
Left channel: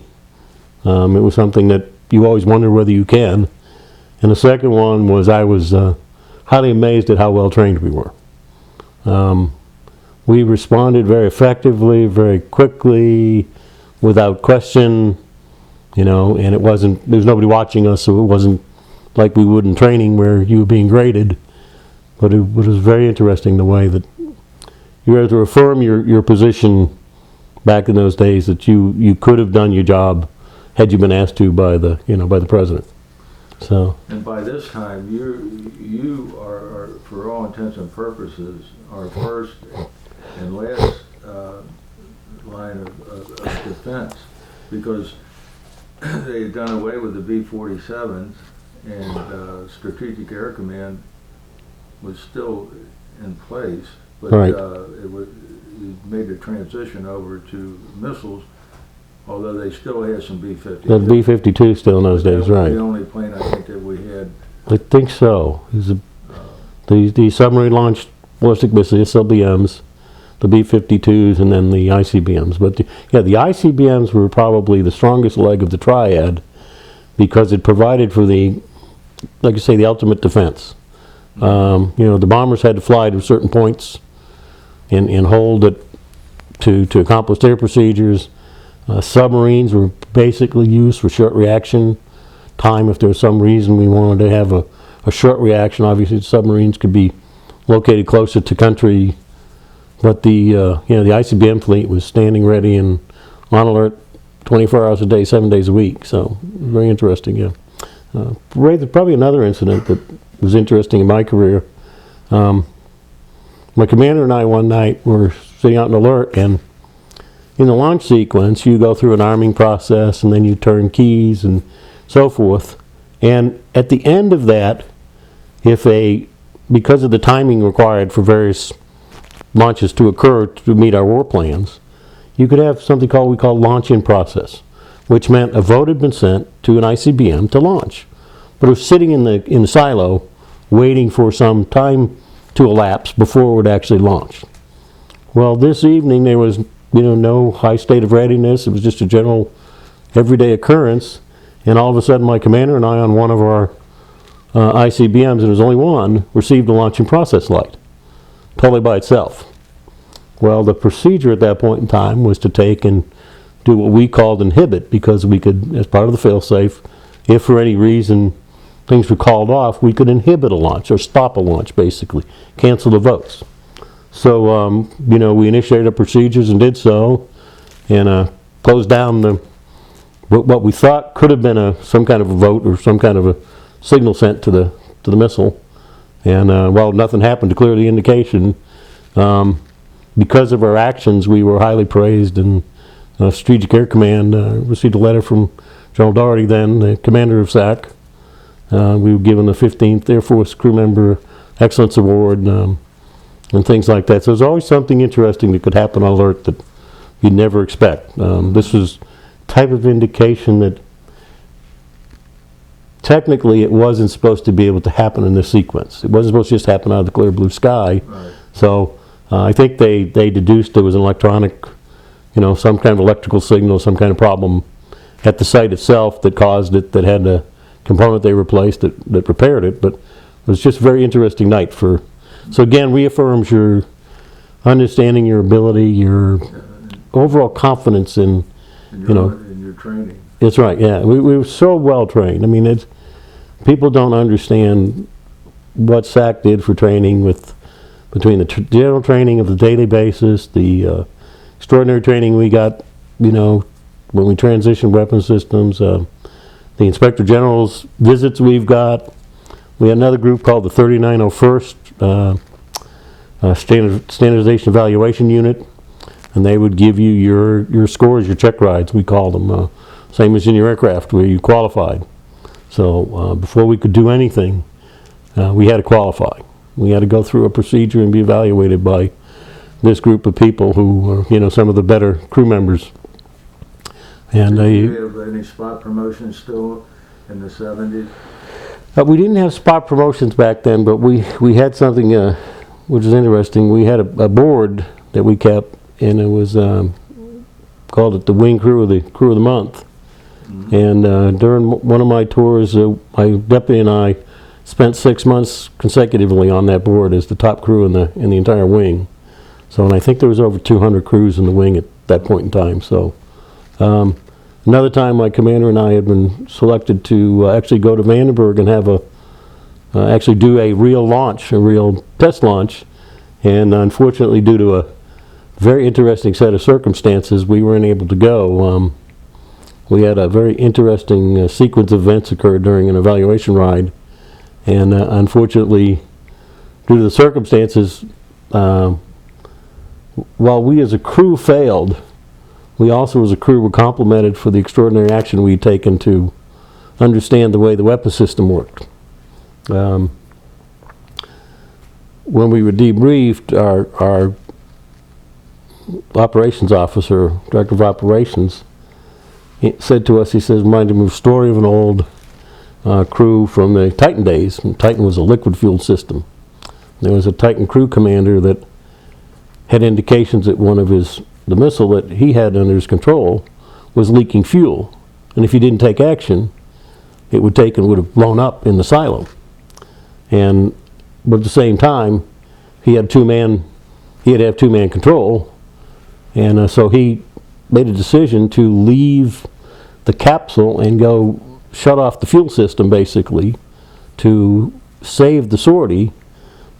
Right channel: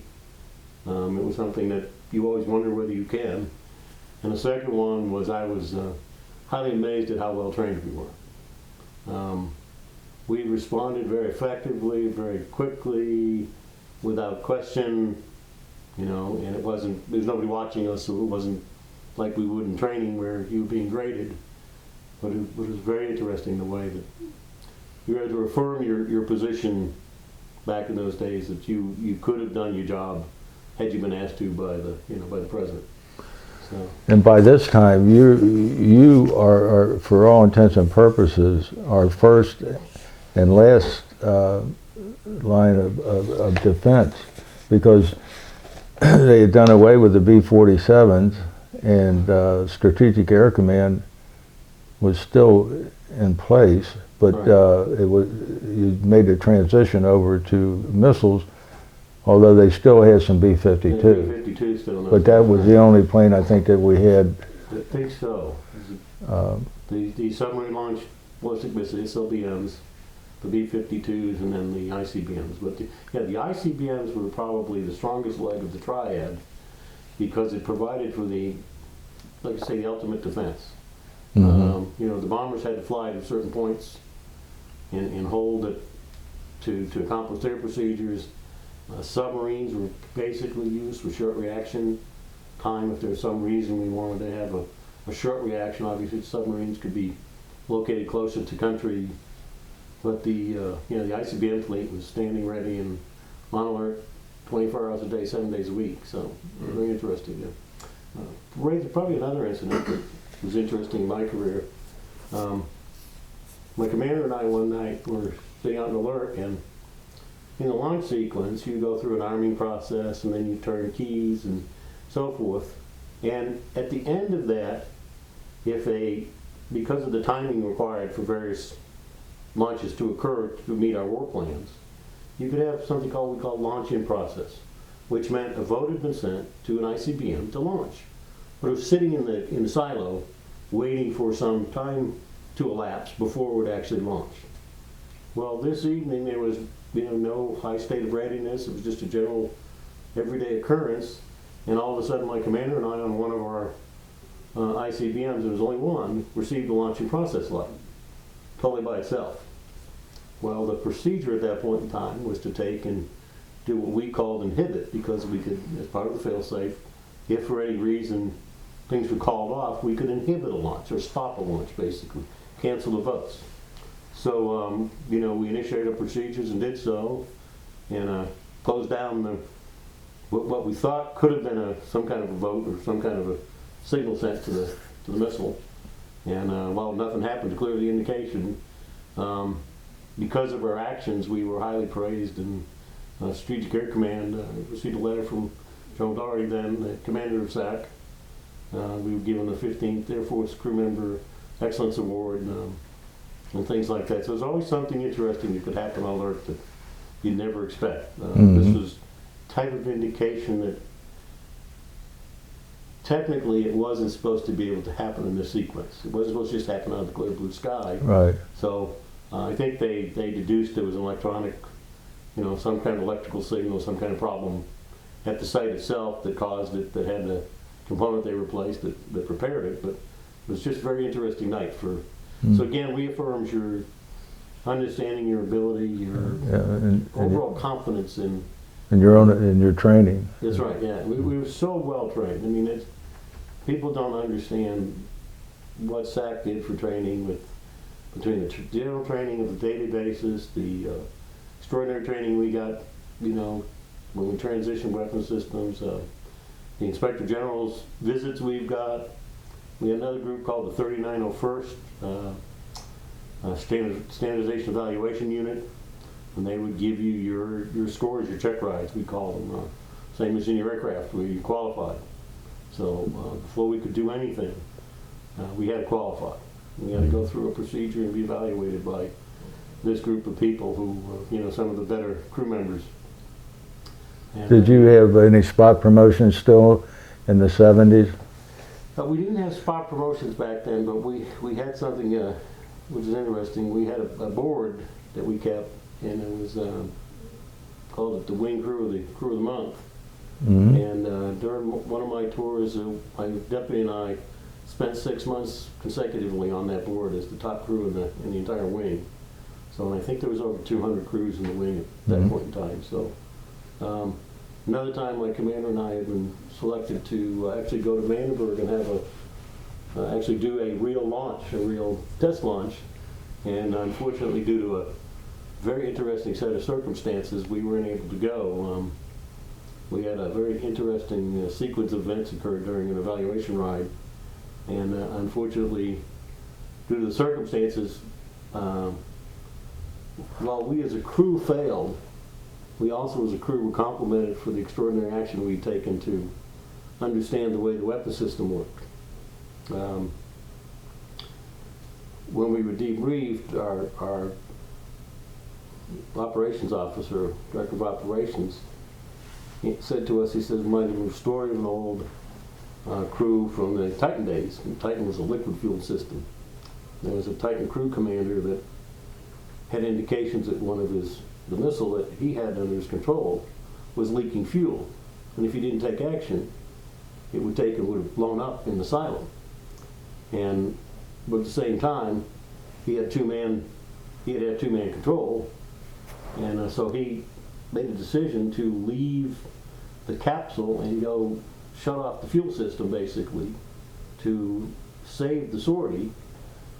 It was something that you always wonder whether you can. And the second one was I was highly amazed at how well trained we were. We responded very effectively, very quickly, without question, and there was nobody watching us, so it wasn't like we would in training where you were being graded. But it was very interesting the way that you were able to affirm your position back in those days, that you could have done your job had you been asked to by the president. So. And by this time, you are, for all intents and purposes, our first and last line of defense, because they had done away with the B-47s, and Strategic Air Command was still in place, but right. You made a transition over to missiles, although they still had some B-52. The B-52 still in those days, right. That was the only plane I think that we had. I think so. The submarine-launched ballistic missiles, SLBMs, the B-52s, and then the ICBMs. But the ICBMs were probably the strongest leg of the triad, because it provided for the ultimate defense. Mm-hmm. The bombers had to fly to certain points, and hold it to accomplish their procedures. Submarines were basically used for short reaction time. If there was some reason we wanted to have a short reaction, obviously submarines could be located closer to country, but the the ICBM fleet was standing ready and on alert 24 hours a day, 7 days a week. So very interesting. Yeah. Probably another incident that was interesting in my career. My commander and I one night were sitting out in alert, and in the launch sequence you go through an arming process and then you turn keys and so forth. And at the end of that, because of the timing required for various launches to occur to meet our war plans, you could have something we call launch-in process, which meant a vote had been sent to an ICBM to launch, but it was sitting in the silo waiting for some time to elapse before it would actually launch. Well, this evening there was no high state of readiness. It was just a general everyday occurrence, and all of a sudden my commander and I on one of our ICBMs, and there was only one, received a launching process light, totally by itself. Well, the procedure at that point in time was to take and do what we called inhibit, because we could, as part of the fail-safe, if for any reason things were called off, we could inhibit a launch, or stop a launch basically, cancel the votes. So, we initiated our procedures and did so, and closed down what we thought could have been some kind of a vote or some kind of a signal sent to the missile. And while nothing happened to clear the indication, because of our actions, we were highly praised, and Strategic Air Command received a letter from General Doherty, then the commander of SAC. We were given the 15th Air Force Crew Member Excellence Award, and things like that. So there's always something interesting that could happen on alert that you'd never expect. This was type of indication that technically it wasn't supposed to be able to happen in this sequence. It wasn't supposed to just happen out of the clear blue sky. Right. So I think they deduced there was an electronic, some kind of electrical signal, some kind of problem at the site itself that caused it, that had a component they replaced that repaired it. But it was just a very interesting night so again, reaffirms your understanding, your ability, your overall confidence in your training. That's right. Yeah, we were so well trained. I mean, people don't understand what SAC did for training between the general training of the daily basis, the extraordinary training we got, when we transitioned weapon systems, the Inspector General's visits we've got. We had another group called the 3901st Standardization Evaluation Unit, and they would give you your scores, your check rides, we call them, same as in your aircraft where you qualified. So before we could do anything, we had to qualify. We had to go through a procedure and be evaluated by this group of people who were, some of the better crew members. And did you have any spot promotions still in the 70s? We didn't have spot promotions back then, but we had something which is interesting. We had a board that we kept, and it was called it the Wing Crew of the Month. And during one of my tours, my deputy and I spent 6 months consecutively on that board as the top crew in the entire wing. So, and I think there was over 200 crews in the wing at that point in time. So, another time my commander and I had been selected to actually go to Vandenberg and have actually do a real launch, a real test launch. And unfortunately, due to a very interesting set of circumstances, we weren't able to go. We had a very interesting sequence of events occur during an evaluation ride. And unfortunately, due to the circumstances, while we as a crew failed, we also as a crew were complimented for the extraordinary action we'd taken to understand the way the weapon system worked. When we were debriefed, our operations officer, director of operations, said to us, he says, reminded me of a story of an old crew from the Titan days. And Titan was a liquid fueled system. There was a Titan crew commander that had indications that the missile that he had under his control was leaking fuel. And if he didn't take action, it would have blown up in the silo. But at the same time, he had 2-man he'd have two-man control. And so he made a decision to leave the capsule and go shut off the fuel system, basically, to save the sortie.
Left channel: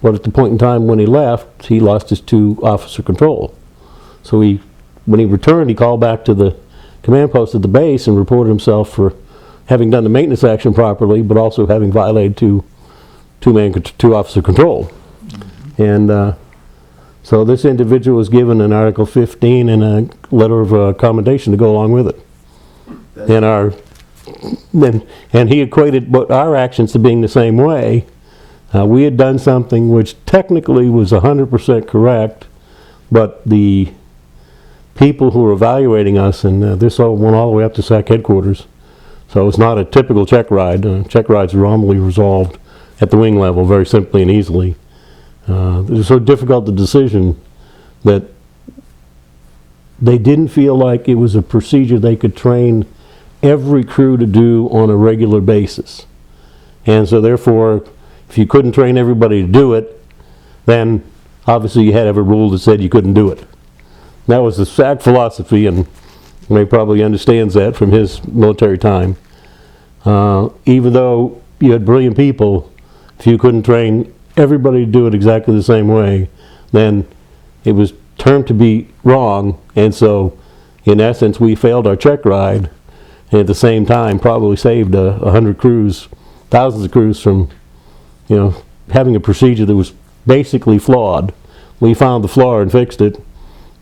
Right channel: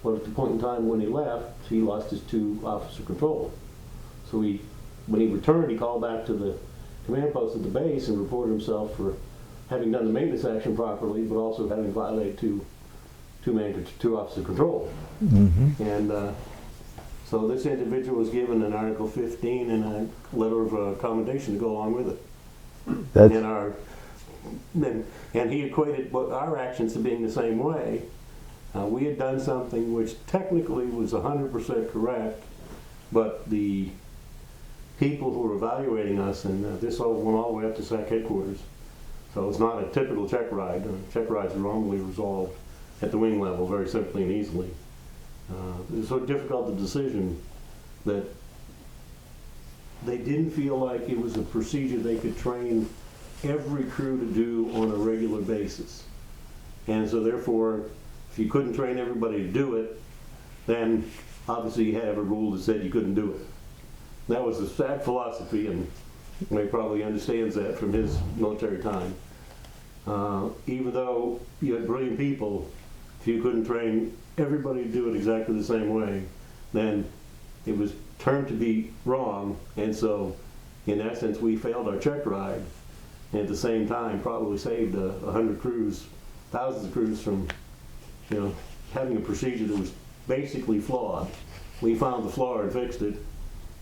But at the point in time when he left, he lost his two-officer control. So when he returned, he called back to the command post at the base and reported himself for having done the maintenance action properly, but also having violated two-officer control. Mm-hmm. And so this individual was given an Article 15 and a letter of commendation to go along with it. And he equated our actions to being the same way. We had done something which technically was 100% correct, but the people who were evaluating us, and this all went all the way up to SAC headquarters, so it's not a typical check ride. Check rides are normally resolved at the wing level very simply and easily. It was so difficult the decision that they didn't feel like it was a procedure they could train every crew to do on a regular basis. And so therefore, if you couldn't train everybody to do it, then obviously you had to have a rule that said you couldn't do it. That was the SAC philosophy, and Ray probably understands that from his military time. Even though you had brilliant people, if you couldn't train everybody to do it exactly the same way, then it was termed to be wrong, and so in essence we failed our check ride, and at the same time probably saved 100 crews, thousands of crews from having a procedure that was basically flawed. We found the flaw and fixed it,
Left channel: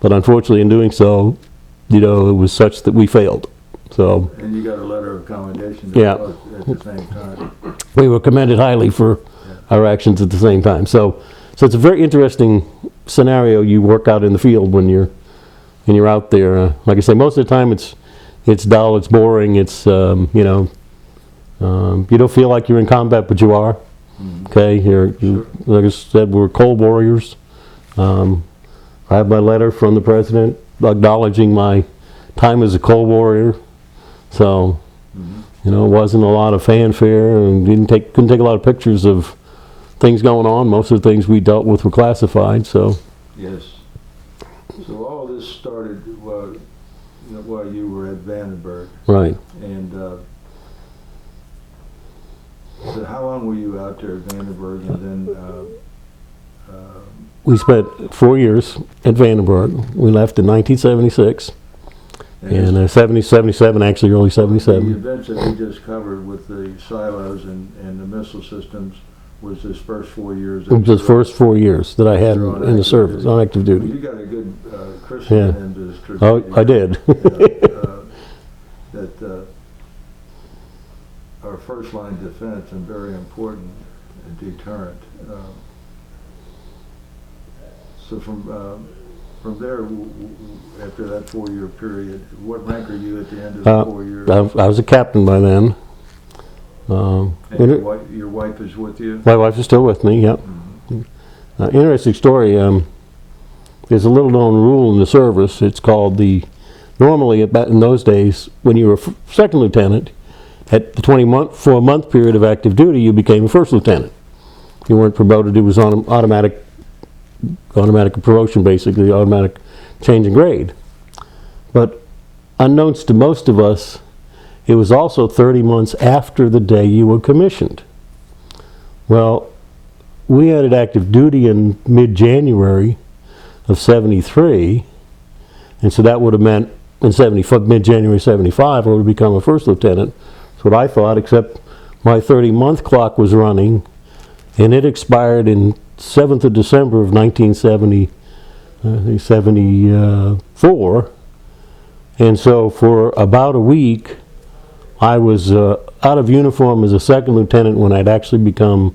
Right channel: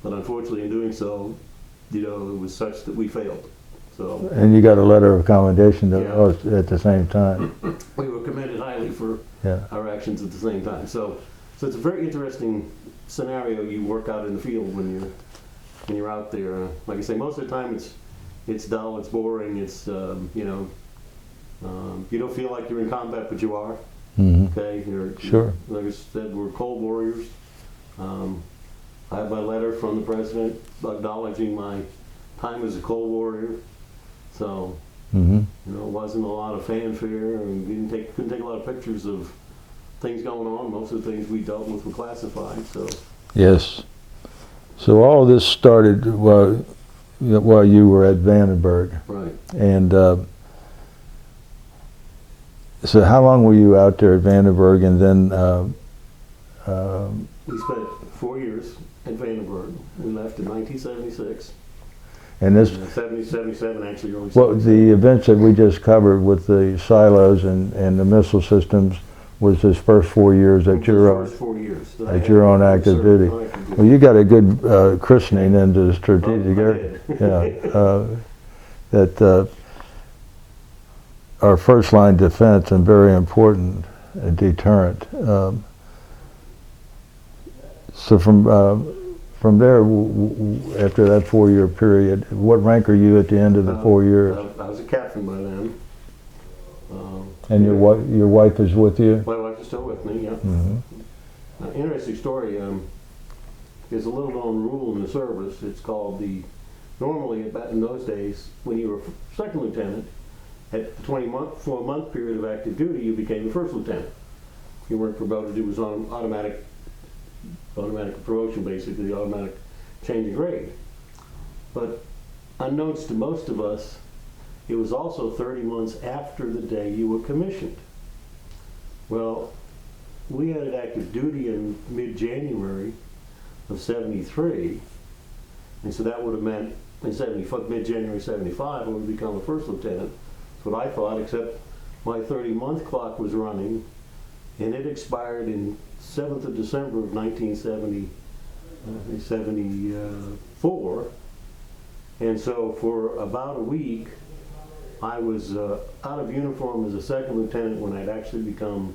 but unfortunately in doing so, it was such that we failed. So, and you got a letter of commendation at the same time. We were commended highly for our actions at the same time. So it's a very interesting scenario you work out in the field when you're out there. Like I say, most of the time it's dull, it's boring, it's you don't feel like you're in combat, but you are. Mm-hmm. Okay, sure. Like I said, we're cold warriors. I have my letter from the president acknowledging my time as a cold warrior. So, it wasn't a lot of fanfare, and couldn't take a lot of pictures of things going on. Most of the things we dealt with were classified. So, yes. So all of this started while you were at Vandenberg, right? And so, how long were you out there at Vandenberg, and then? We spent 4 years at Vandenberg. We left in 1976. And 77, actually, early 77. The events that we just covered with the silos and the missile systems was his first 4 years. His first 4 years that I had in the service, on active duty. Well, you got a good christening into the strategic. Oh, I did. That our first line defense and very important deterrent. So from there, after that 4 year period, what rank are you at the end of the 4 years? I was a captain by then. And your wife is with you? My wife is still with me, yep. Mm-hmm. Interesting story. There's a little known rule in the service. It's called normally in those days, when you were a second lieutenant, at the 24-month period of active duty, you became a first lieutenant. You weren't promoted, it was automatic promotion, basically, automatic change in grade. But unbeknownst to most of us, it was also 30 months after the day you were commissioned. Well, we entered active duty in mid-January of 73, and so that would have meant in mid-January 75, I would have become a first lieutenant. That's what I thought, except my 30-month clock was running, and it expired in 7th of December of 1974, and so for about a week I was out of uniform as a second lieutenant when I'd actually become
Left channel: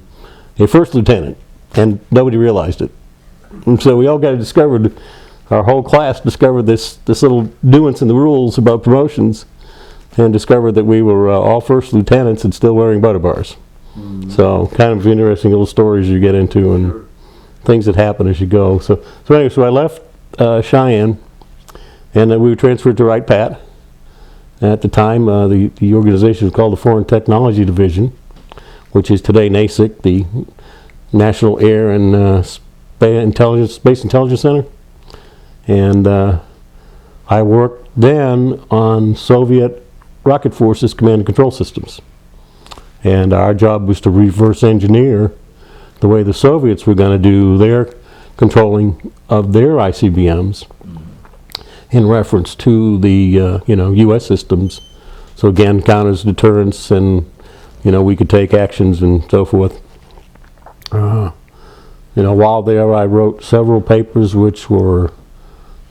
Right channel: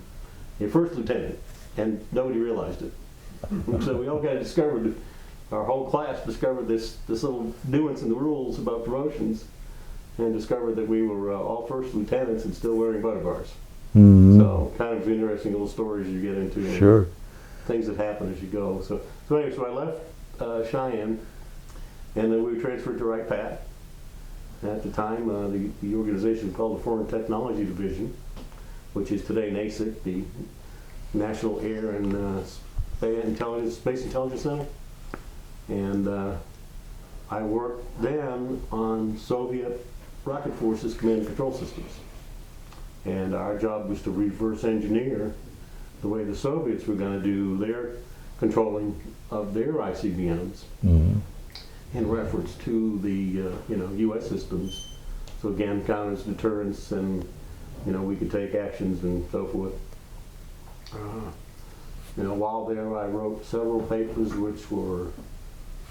a first lieutenant, and nobody realized it. And so we all got discovered, our whole class discovered this little nuance in the rules about promotions, and discovered that we were all first lieutenants and still wearing butter bars. Mm-hmm. So kind of interesting little stories you get into, and things that happen as you go. So anyway, I left Cheyenne, and then we were transferred to Wright Pat. At the time, the organization was called the Foreign Technology Division, which is today NASIC, the National Air and Space Intelligence Center, and I worked then on Soviet rocket forces command and control systems. And our job was to reverse engineer the way the Soviets were going to do their controlling of their ICBMs in reference to the U.S. systems. So again, counters, deterrence, and we could take actions and so forth. While there, I wrote several papers which were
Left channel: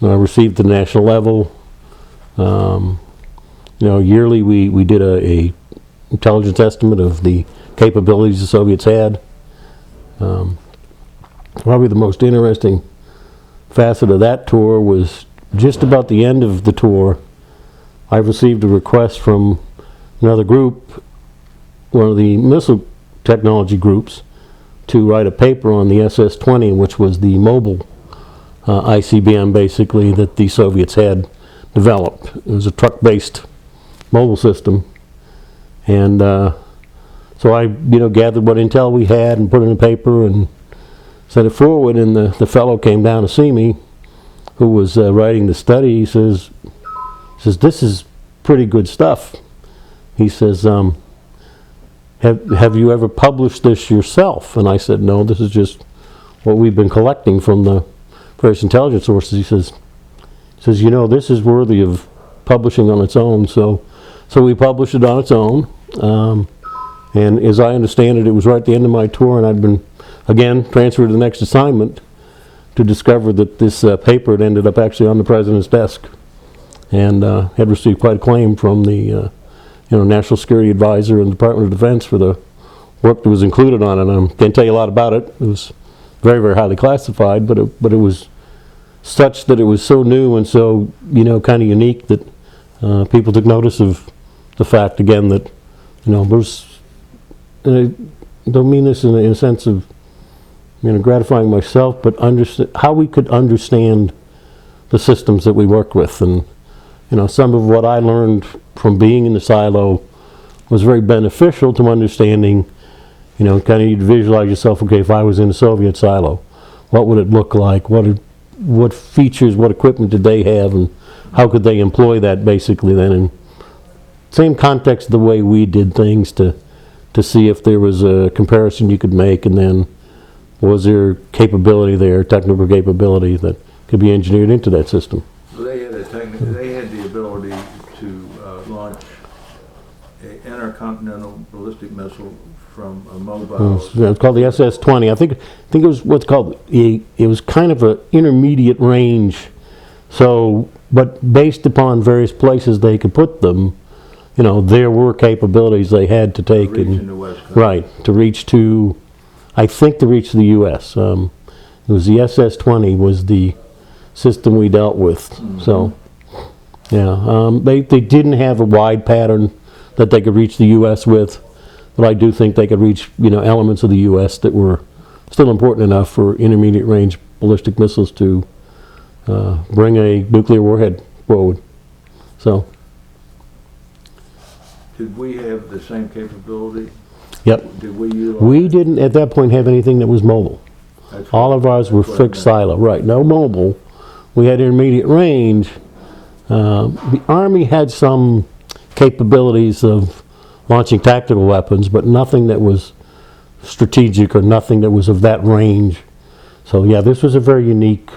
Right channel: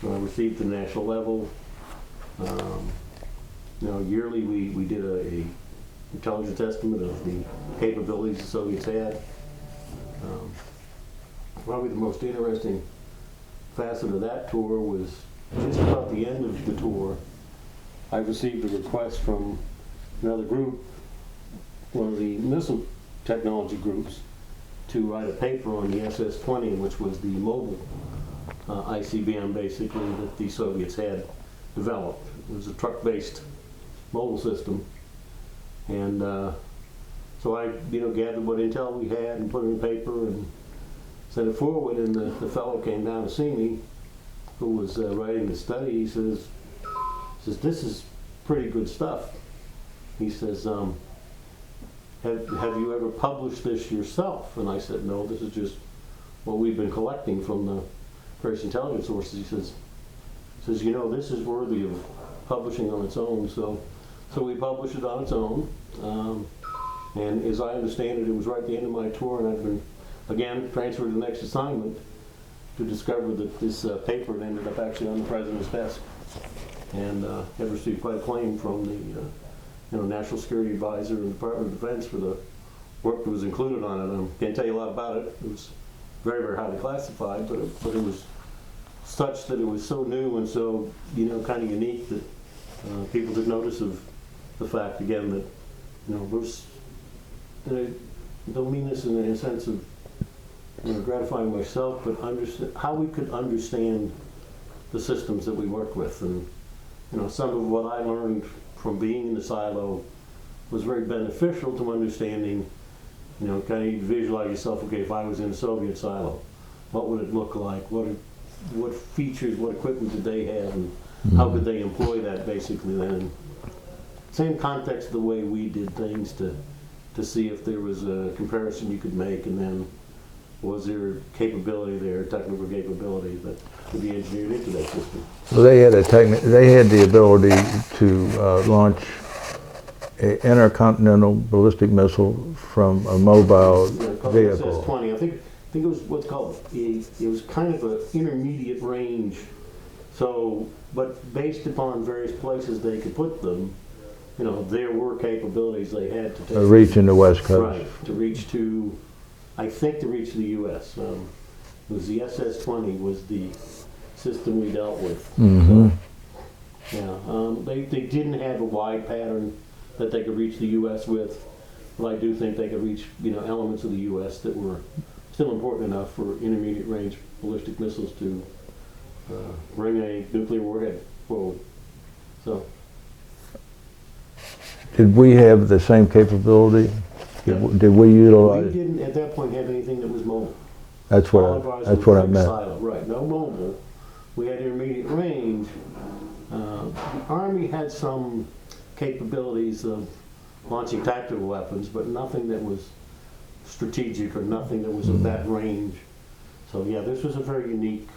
received at the national level. Yearly we did a intelligence estimate of the capabilities the Soviets had. Probably the most interesting facet of that tour was just about the end of the tour. I received a request from another group, one of the missile technology groups, to write a paper on the SS-20, which was the mobile ICBM basically that the Soviets had developed. It was a truck-based mobile system, and so I gathered what intel we had and put it in a paper and sent it forward, and the fellow came down to see me who was writing the study. He says, "This is pretty good stuff." He says, have you ever published this yourself? And I said, no, this is just what we've been collecting from the various intelligence sources. He says, this is worthy of publishing on its own. So we published it on its own. And as I understand it, it was right at the end of my tour, and I'd been, again, transferred to the next assignment to discover that this paper had ended up actually on the president's desk, and had received quite acclaim from the National Security Advisor and Department of Defense for the work that was included on it. I can't tell you a lot about it. It was very, very highly classified, but it was such that it was so new and so kind of unique that people took notice of the fact again that there's. And I don't mean this in a sense of gratifying myself, but how we could understand the systems that we worked with. And some of what I learned from being in the silo was very beneficial to understanding, kind of you'd visualize yourself, okay, if I was in a Soviet silo, what would it look like? What features, what equipment did they have, and how could they employ that basically then? And same context the way we did things to see if there was a comparison you could make, and then was there capability there, technical capability that could be engineered into that system. Well, they had the ability to launch an intercontinental ballistic missile from a mobile. It's called the SS-20. I think it was what's called it was kind of an intermediate range. So, but based upon various places they could put them, there were capabilities they had to take. To reach in the West Coast. Right, to reach the U.S. It was the SS-20 was the system we dealt with. So, yeah, they didn't have a wide pattern that they could reach the U.S. with, but I do think they could reach elements of the U.S. that were still important enough for intermediate range ballistic missiles to bring a nuclear warhead forward. So. Did we have the same capability? Yep. Did we utilize? We didn't at that point have anything that was mobile. All of ours were fixed silo. Right, no mobile. We had intermediate range. The Army had some capabilities of launching tactical weapons, but nothing that was strategic or nothing that was of that range. So yeah, this was a very unique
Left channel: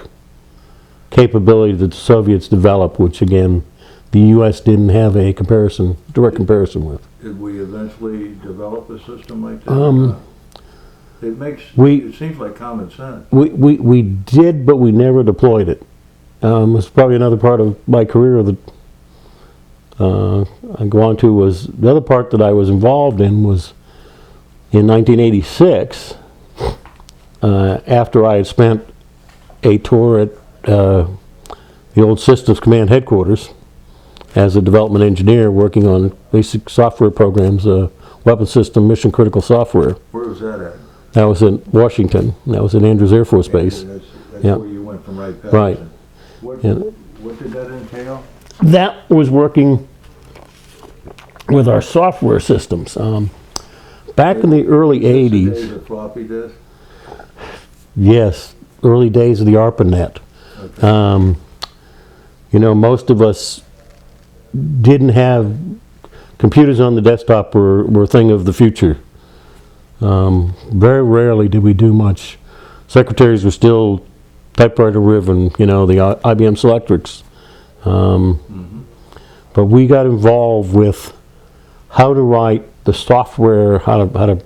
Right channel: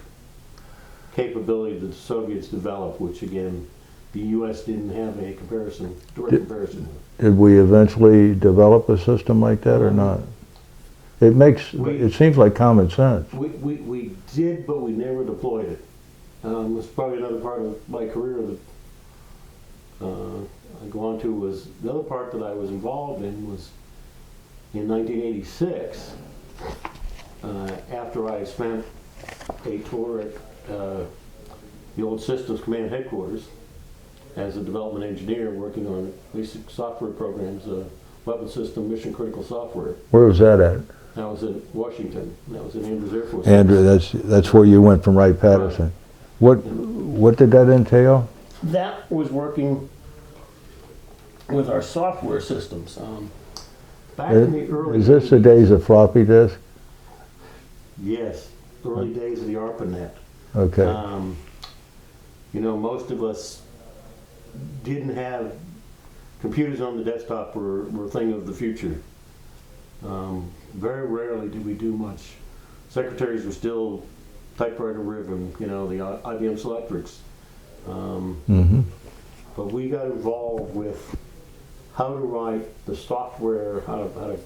capability that the Soviets developed, which again, the U.S. didn't have a direct comparison with. Did we eventually develop a system like that or not? It seems like common sense. We did, but we never deployed it. It's probably another part of my career that I go on to was the other part that I was involved in was in 1986, after I had spent a tour at the old Systems Command headquarters as a development engineer working on basic software programs, weapon system, mission critical software. Where was that at? That was in Washington. That was in Andrews Air Force Base. Andrews, that's where you went from Wright-Patterson. Right. What did that entail? That was working with our software systems. Back in the early 80s. Is this the days of floppy disk? Yes. early days of the ARPANET. Okay. You know, most of us didn't have computers on the desktop were a thing of the future. Very rarely did we do much. Secretaries were still typewriter driven, you know, the IBM Selectrics. But we got involved with how to write the software, how to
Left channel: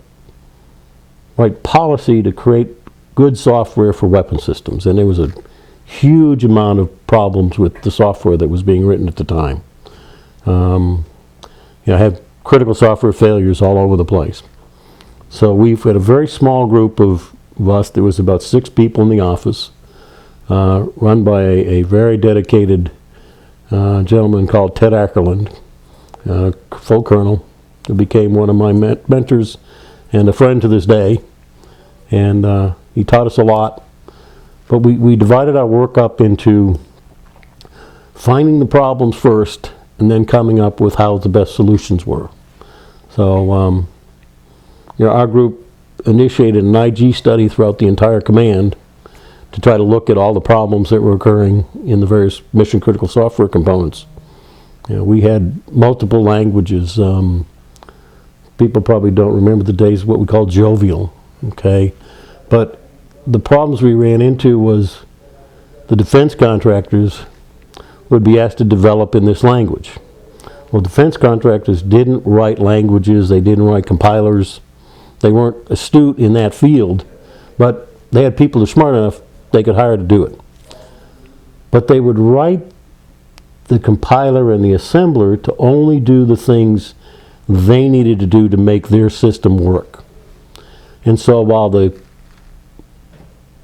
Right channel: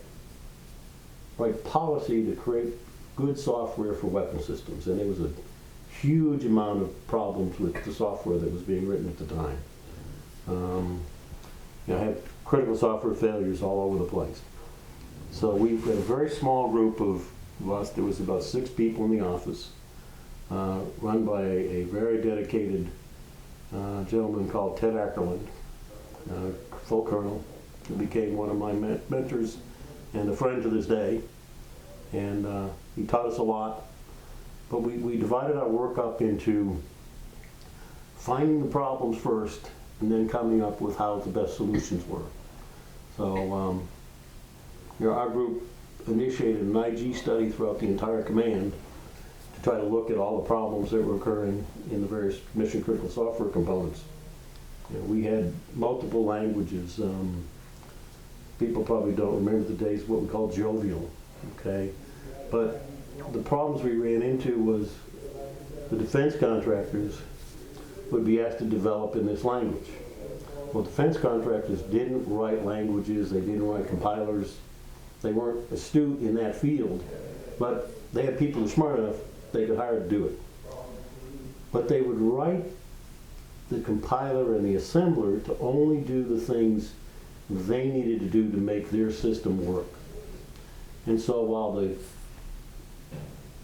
write policy to create good software for weapon systems. And there was a huge amount of problems with the software that was being written at the time. You know, had critical software failures all over the place. So we've had a very small group of us. There was about 6 people in the office, run by a very dedicated gentleman called Ted Ackerland, full colonel, who became one of my mentors and a friend to this day. And he taught us a lot. But we divided our work up into finding the problems first and then coming up with how the best solutions were. So you know, our group initiated an IG study throughout the entire command to try to look at all the problems that were occurring in the various mission critical software components. You know, we had multiple languages. People probably don't remember the days of what we call jovial, okay? But the problems we ran into was the defense contractors would be asked to develop in this language. Well, defense contractors didn't write languages, they didn't write compilers, they weren't astute in that field, but they had people who were smart enough they could hire to do it. But they would write the compiler and the assembler to only do the things they needed to do to make their system work. And so while the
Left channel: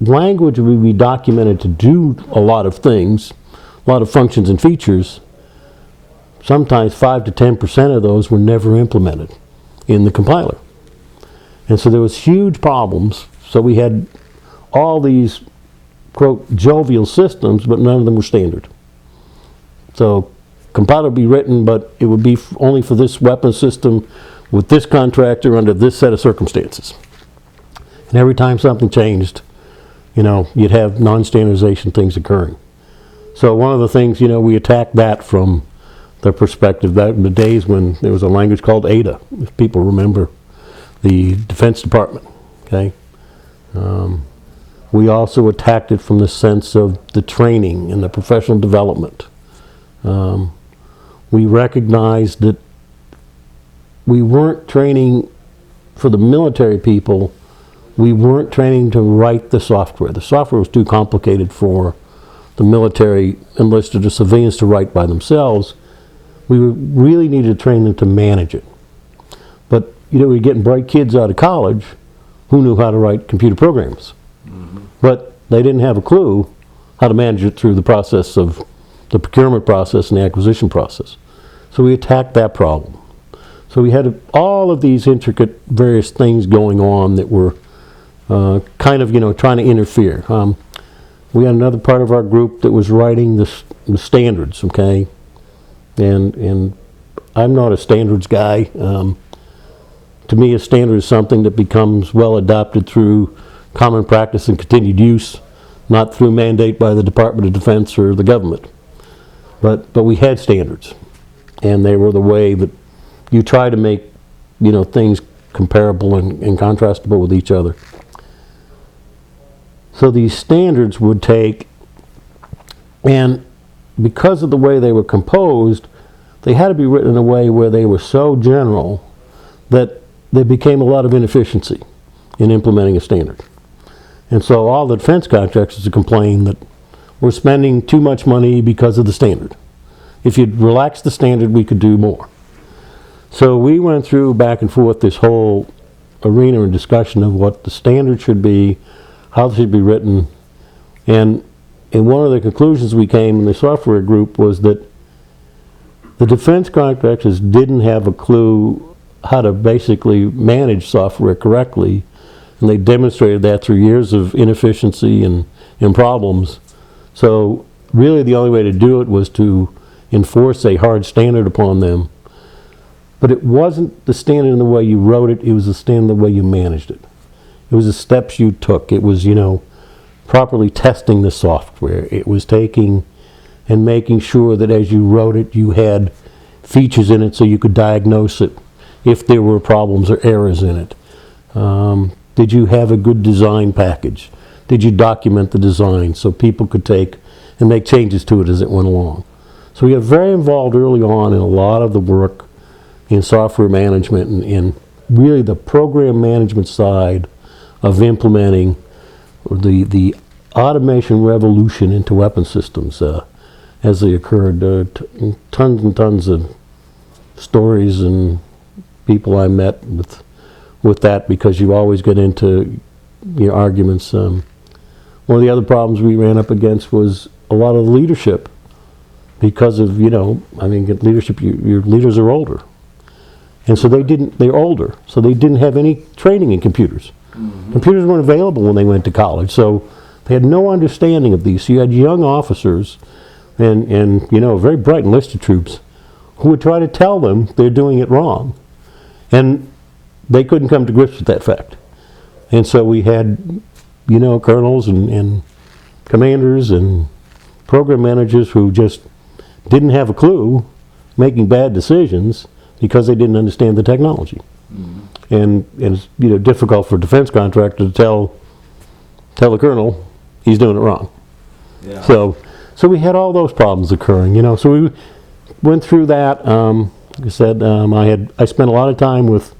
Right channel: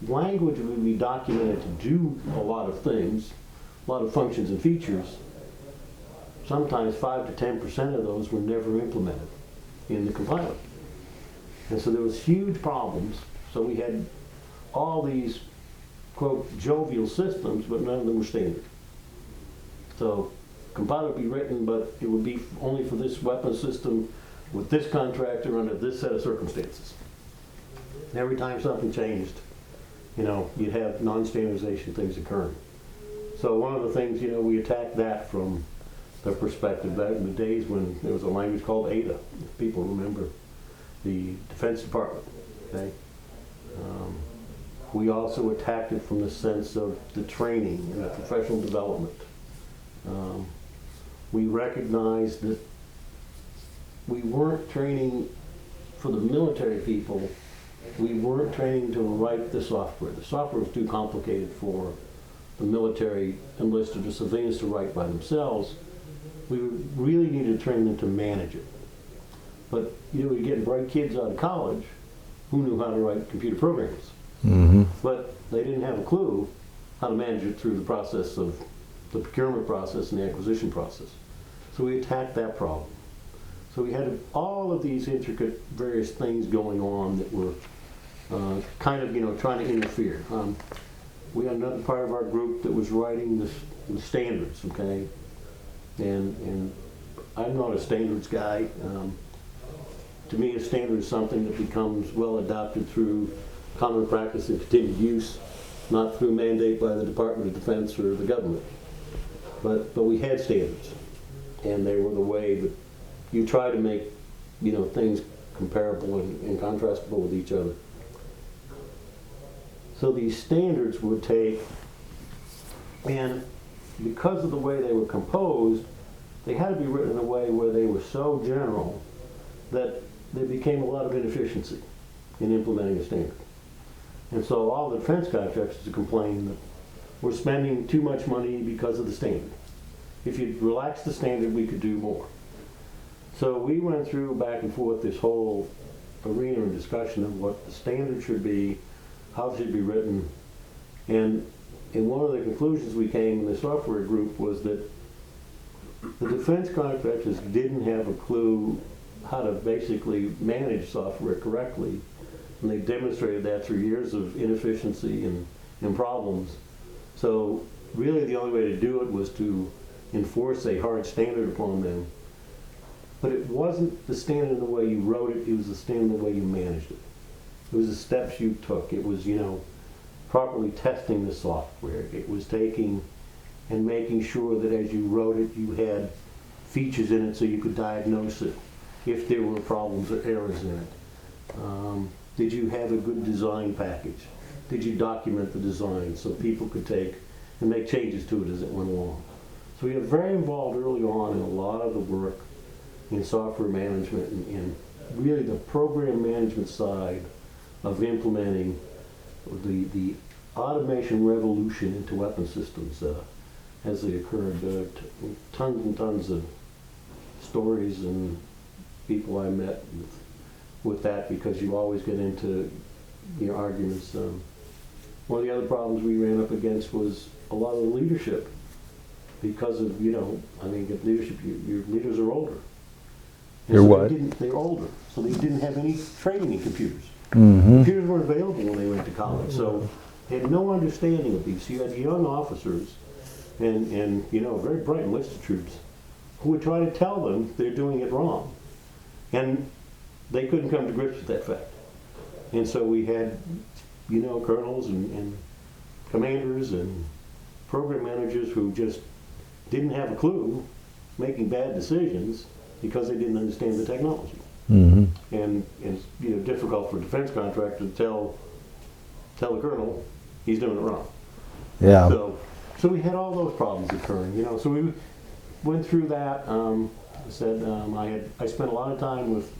language would be documented to do a lot of things, a lot of functions and features, sometimes 5 to 10% of those were never implemented in the compiler. And so there was huge problems. So we had all these, quote, jovial systems, but none of them were standard. So compiler would be written, but it would be only for this weapon system with this contractor under this set of circumstances. And every time something changed, you know, you'd have non-standardization things occurring. So one of the things, you know, we attacked that from the perspective that in the days when there was a language called Ada, if people remember the Defense Department, okay? We also attacked it from the sense of the training and the professional development. We recognized that we weren't training for the military people, we weren't training to write the software. The software was too complicated for the military enlisted or civilians to write by themselves. We really needed to train them to manage it. But you know, we were getting bright kids out of college who knew how to write computer programs. But they didn't have a clue how to manage it through the process of the procurement process and the acquisition process. So we attacked that problem. So we had all of these intricate various things going on that were kind of, you know, trying to interfere. We had another part of our group that was writing the standards, okay? And I'm not a standards guy. To me, a standard is something that becomes well adopted through common practice and continued use, not through mandate by the Department of Defense or the government. But we had standards, and they were the way that you try to make, you know, things comparable and contrastable with each other. So these standards would take, and because of the way they were composed, they had to be written in a way where they were so general that there became a lot of inefficiency in implementing a standard. And so all the defense contractors complained that we're spending too much money because of the standard. If you'd relax the standard, we could do more. So we went through back and forth this whole arena and discussion of what the standard should be, how it should be written, and one of the conclusions we came in the software group was that the defense contractors didn't have a clue how to basically manage software correctly, and they demonstrated that through years of inefficiency and problems. So really the only way to do it was to enforce a hard standard upon them. But it wasn't the standard in the way you wrote it, it was the standard in the way you managed it. It was the steps you took. It was, you know, properly testing the software. It was taking and making sure that as you wrote it, you had features in it so you could diagnose it if there were problems or errors in it. Did you have a good design package? Did you document the design so people could take and make changes to it as it went along? So we got very involved early on in a lot of the work in software management and really the program management side of implementing the automation revolution into weapon systems as they occurred. Tons and tons of stories and people I met with that, because you always get into your arguments. One of the other problems we ran up against was a lot of leadership because of, leadership, your leaders are older. And so they're older, so they didn't have any training in computers. Mm-hmm. Computers weren't available when they went to college, so they had no understanding of these. So you had young officers and very bright enlisted troops who would try to tell them they're doing it wrong. And they couldn't come to grips with that fact. And so we had, colonels and commanders and program managers who just didn't have a clue, making bad decisions because they didn't understand the technology. Mm-hmm. And it's difficult for a defense contractor to tell the colonel he's doing it wrong. Yeah. So we had all those problems occurring. So we went through that. Like I said, I spent a lot of time with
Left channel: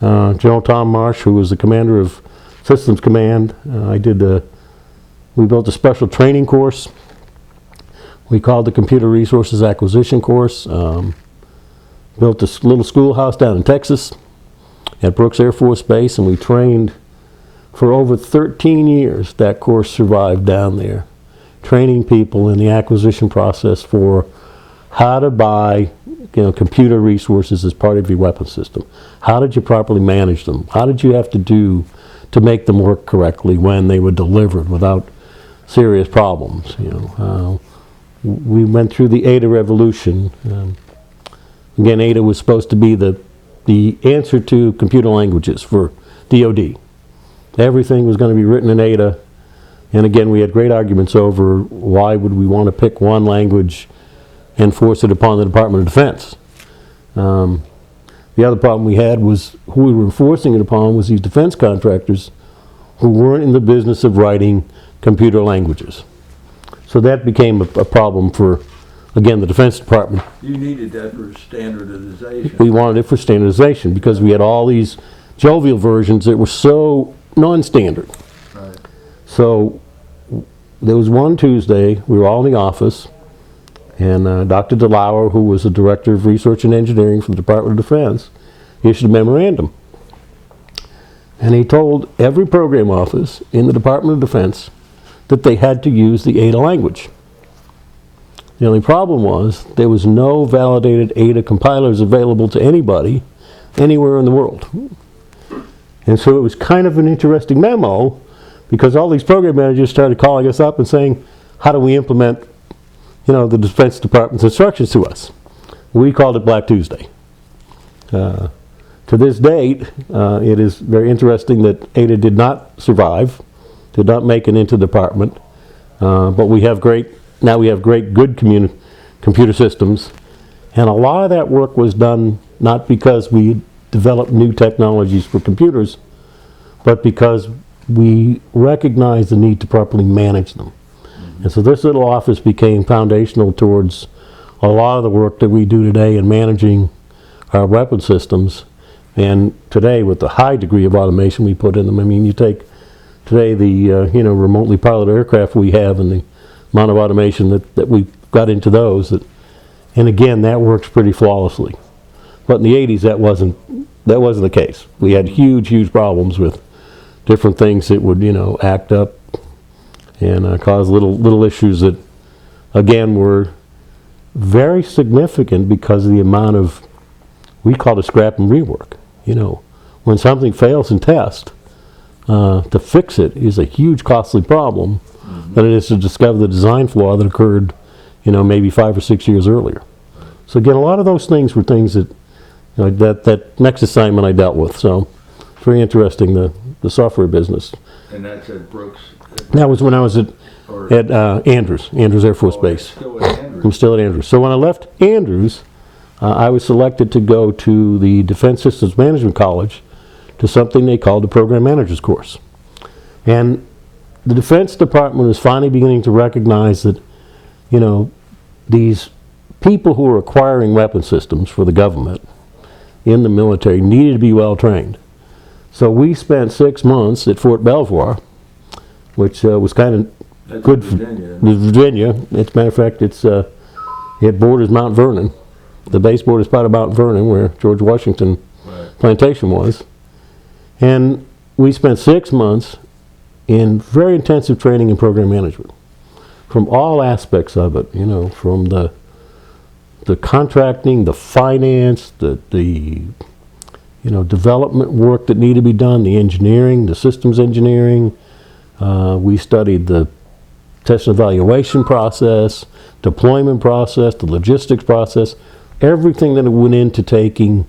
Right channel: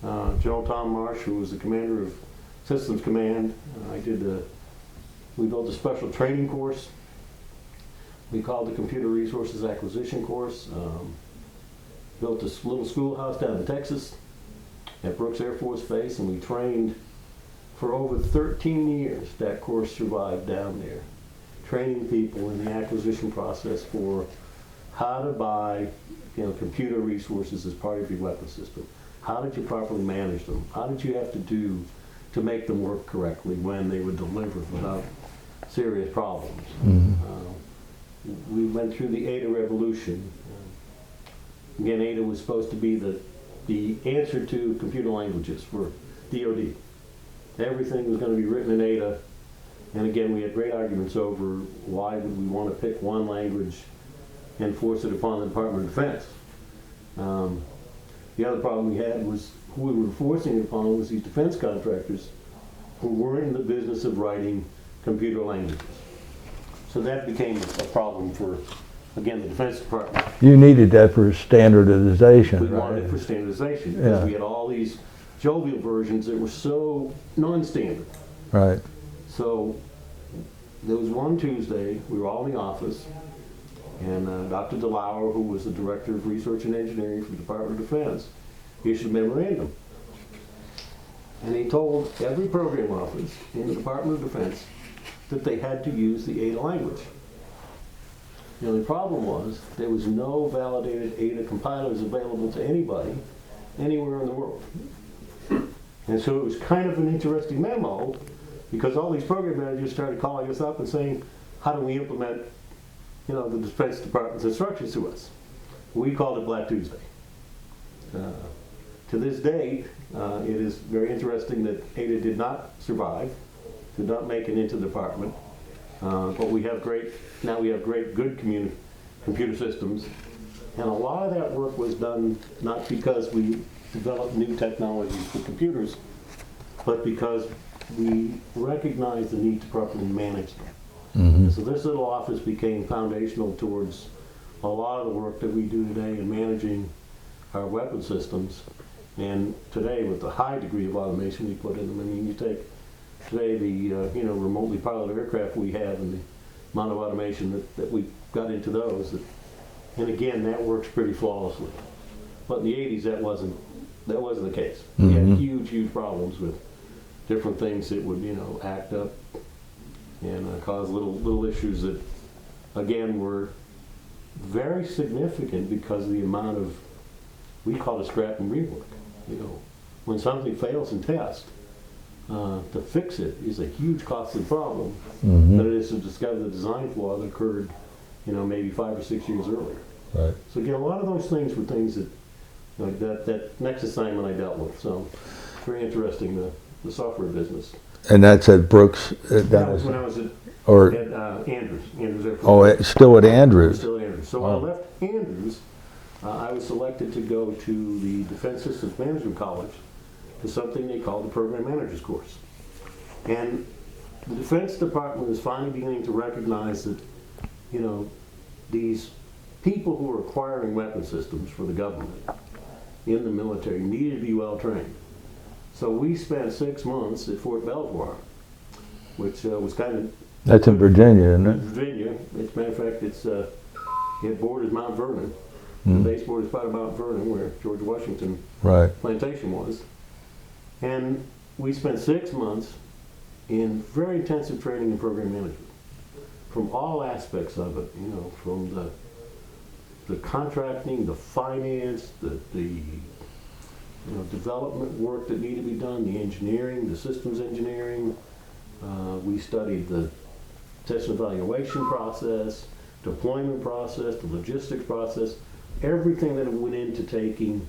General Tom Marsh, who was the commander of Systems Command. We built a special training course. We called the Computer Resources Acquisition course. Built this little schoolhouse down in Texas at Brooks Air Force Base, and we trained for over 13 years. That course survived down there, training people in the acquisition process for how to buy computer resources as part of your weapon system. How did you properly manage them? How did you have to do to make them work correctly when they were delivered without serious problems? We went through the Ada revolution. Again, Ada was supposed to be the answer to computer languages for DoD. Everything was going to be written in Ada. And again, we had great arguments over why would we want to pick one language and force it upon the Department of Defense. The other problem we had was who we were enforcing it upon was these defense contractors who weren't in the business of writing computer languages. So that became a problem for, again, the Defense Department. You needed that for standardization. We wanted it for standardization because we had all these jovial versions that were so non-standard. Right. So there was one Tuesday, we were all in the office, and Dr. DeLauer, who was the Director of Research and Engineering for the Department of Defense, issued a memorandum. And he told every program office in the Department of Defense that they had to use the Ada language. The only problem was there was no validated Ada compilers available to anybody anywhere in the world. And so it was kind of an interesting memo because all these program managers started calling us up and saying, how do we implement the Defense Department's instructions to us? We called it Black Tuesday. To this date, it is very interesting that Ada did not survive, did not make it into the department, but we have great good computer systems, and a lot of that work was done not because we developed new technologies for computers, but because we recognized the need to properly manage them. Mm-hmm. And so this little office became foundational towards a lot of the work that we do today in managing our weapon systems. And today, with the high degree of automation we put in them, you take today the remotely piloted aircraft we have and the amount of automation that we've got into those, and again, that works pretty flawlessly. But in the 80s, that wasn't the case. We had huge problems with different things that would act up and cause little issues that, again, were very significant because of the amount of, we call it scrap and rework. When something fails in test, to fix it is a huge costly problem than it is to discover the design flaw that occurred, maybe 5 or 6 years earlier. Right. So again, a lot of those things were things that, that next assignment I dealt with. So very interesting the software business. And that's at Brooks? That was when I was at Andrews Air Force Base. Still at Andrews? I'm still at Andrews. So when I left Andrews, I was selected to go to the Defense Systems Management College to something they called the Program Managers course. And the Defense Department was finally beginning to recognize that, you know, these people who were acquiring weapon systems for the government in the military needed to be well trained. So we spent 6 months at Fort Belvoir, which was kind of That's in Virginia, isn't it? Virginia. As a matter of fact, it borders Mount Vernon. The base borders part of Mount Vernon, where George Washington plantation was. And we spent 6 months in very intensive training in program management, from all aspects of it. You know, from the contracting, the finance, the development work that needed to be done, the engineering, the systems engineering. We studied the test and evaluation process, deployment process, the logistics process, everything that went into taking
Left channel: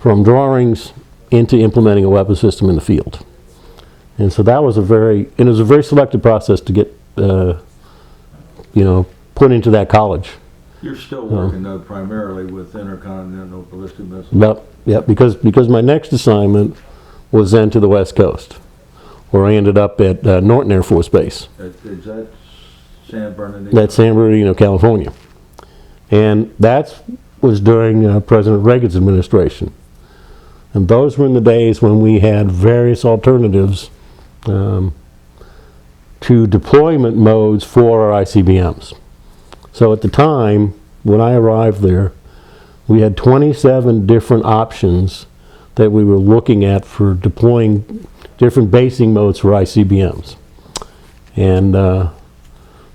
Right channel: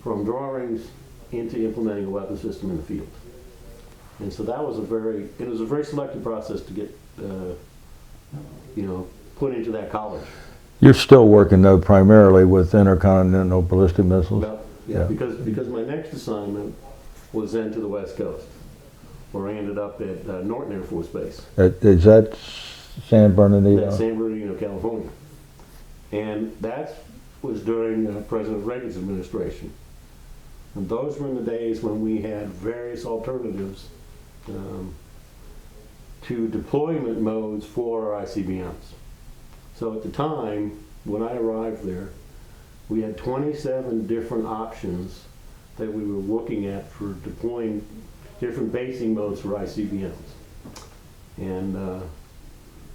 from drawings into implementing a weapon system in the field. And so that was a very selective process to get, put into that college. You're still working, though, primarily with intercontinental ballistic missiles? Because my next assignment was then to the West Coast, where I ended up at Norton Air Force Base. Is that San Bernardino? That's San Bernardino, California. And that was during President Reagan's administration. And those were in the days when we had various alternatives to deployment modes for our ICBMs. So at the time, when I arrived there, we had 27 different options that we were looking at for deploying different basing modes for ICBMs. And so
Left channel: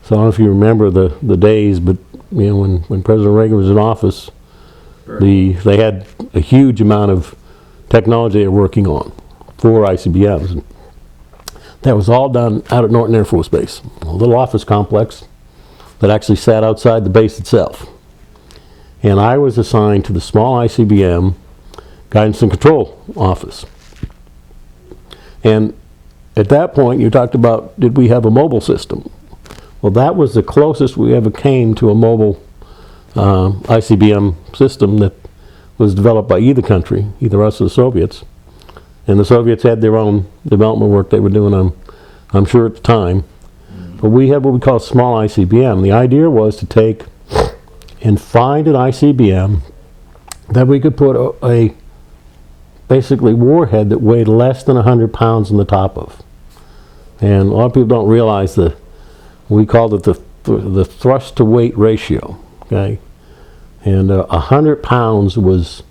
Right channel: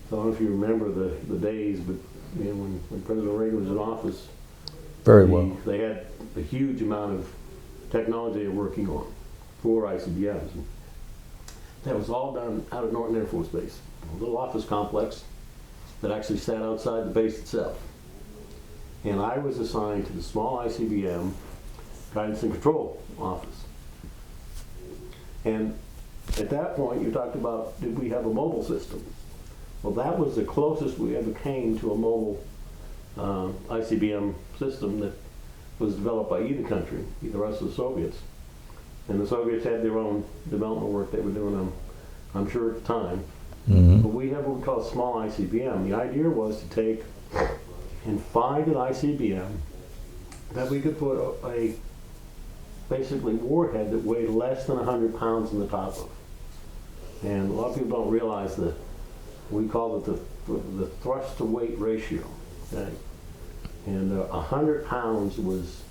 I don't know if you remember the days, but when President Reagan was in office, they had a huge amount of technology they were working on for ICBMs. And that was all done out at Norton Air Force Base, a little office complex that actually sat outside the base itself. And I was assigned to the small ICBM guidance and control office. And at that point, you talked about, did we have a mobile system? Well, that was the closest we ever came to a mobile ICBM system that was developed by either country, either us or the Soviets. And the Soviets had their own development work they were doing, I'm sure at the time. But we had what we call a small ICBM. The idea was to take and find an ICBM that we could put a basically warhead that weighed less than 100 pounds on the top of. And a lot of people don't realize that we called it the thrust to weight ratio. Okay, and 100 pounds was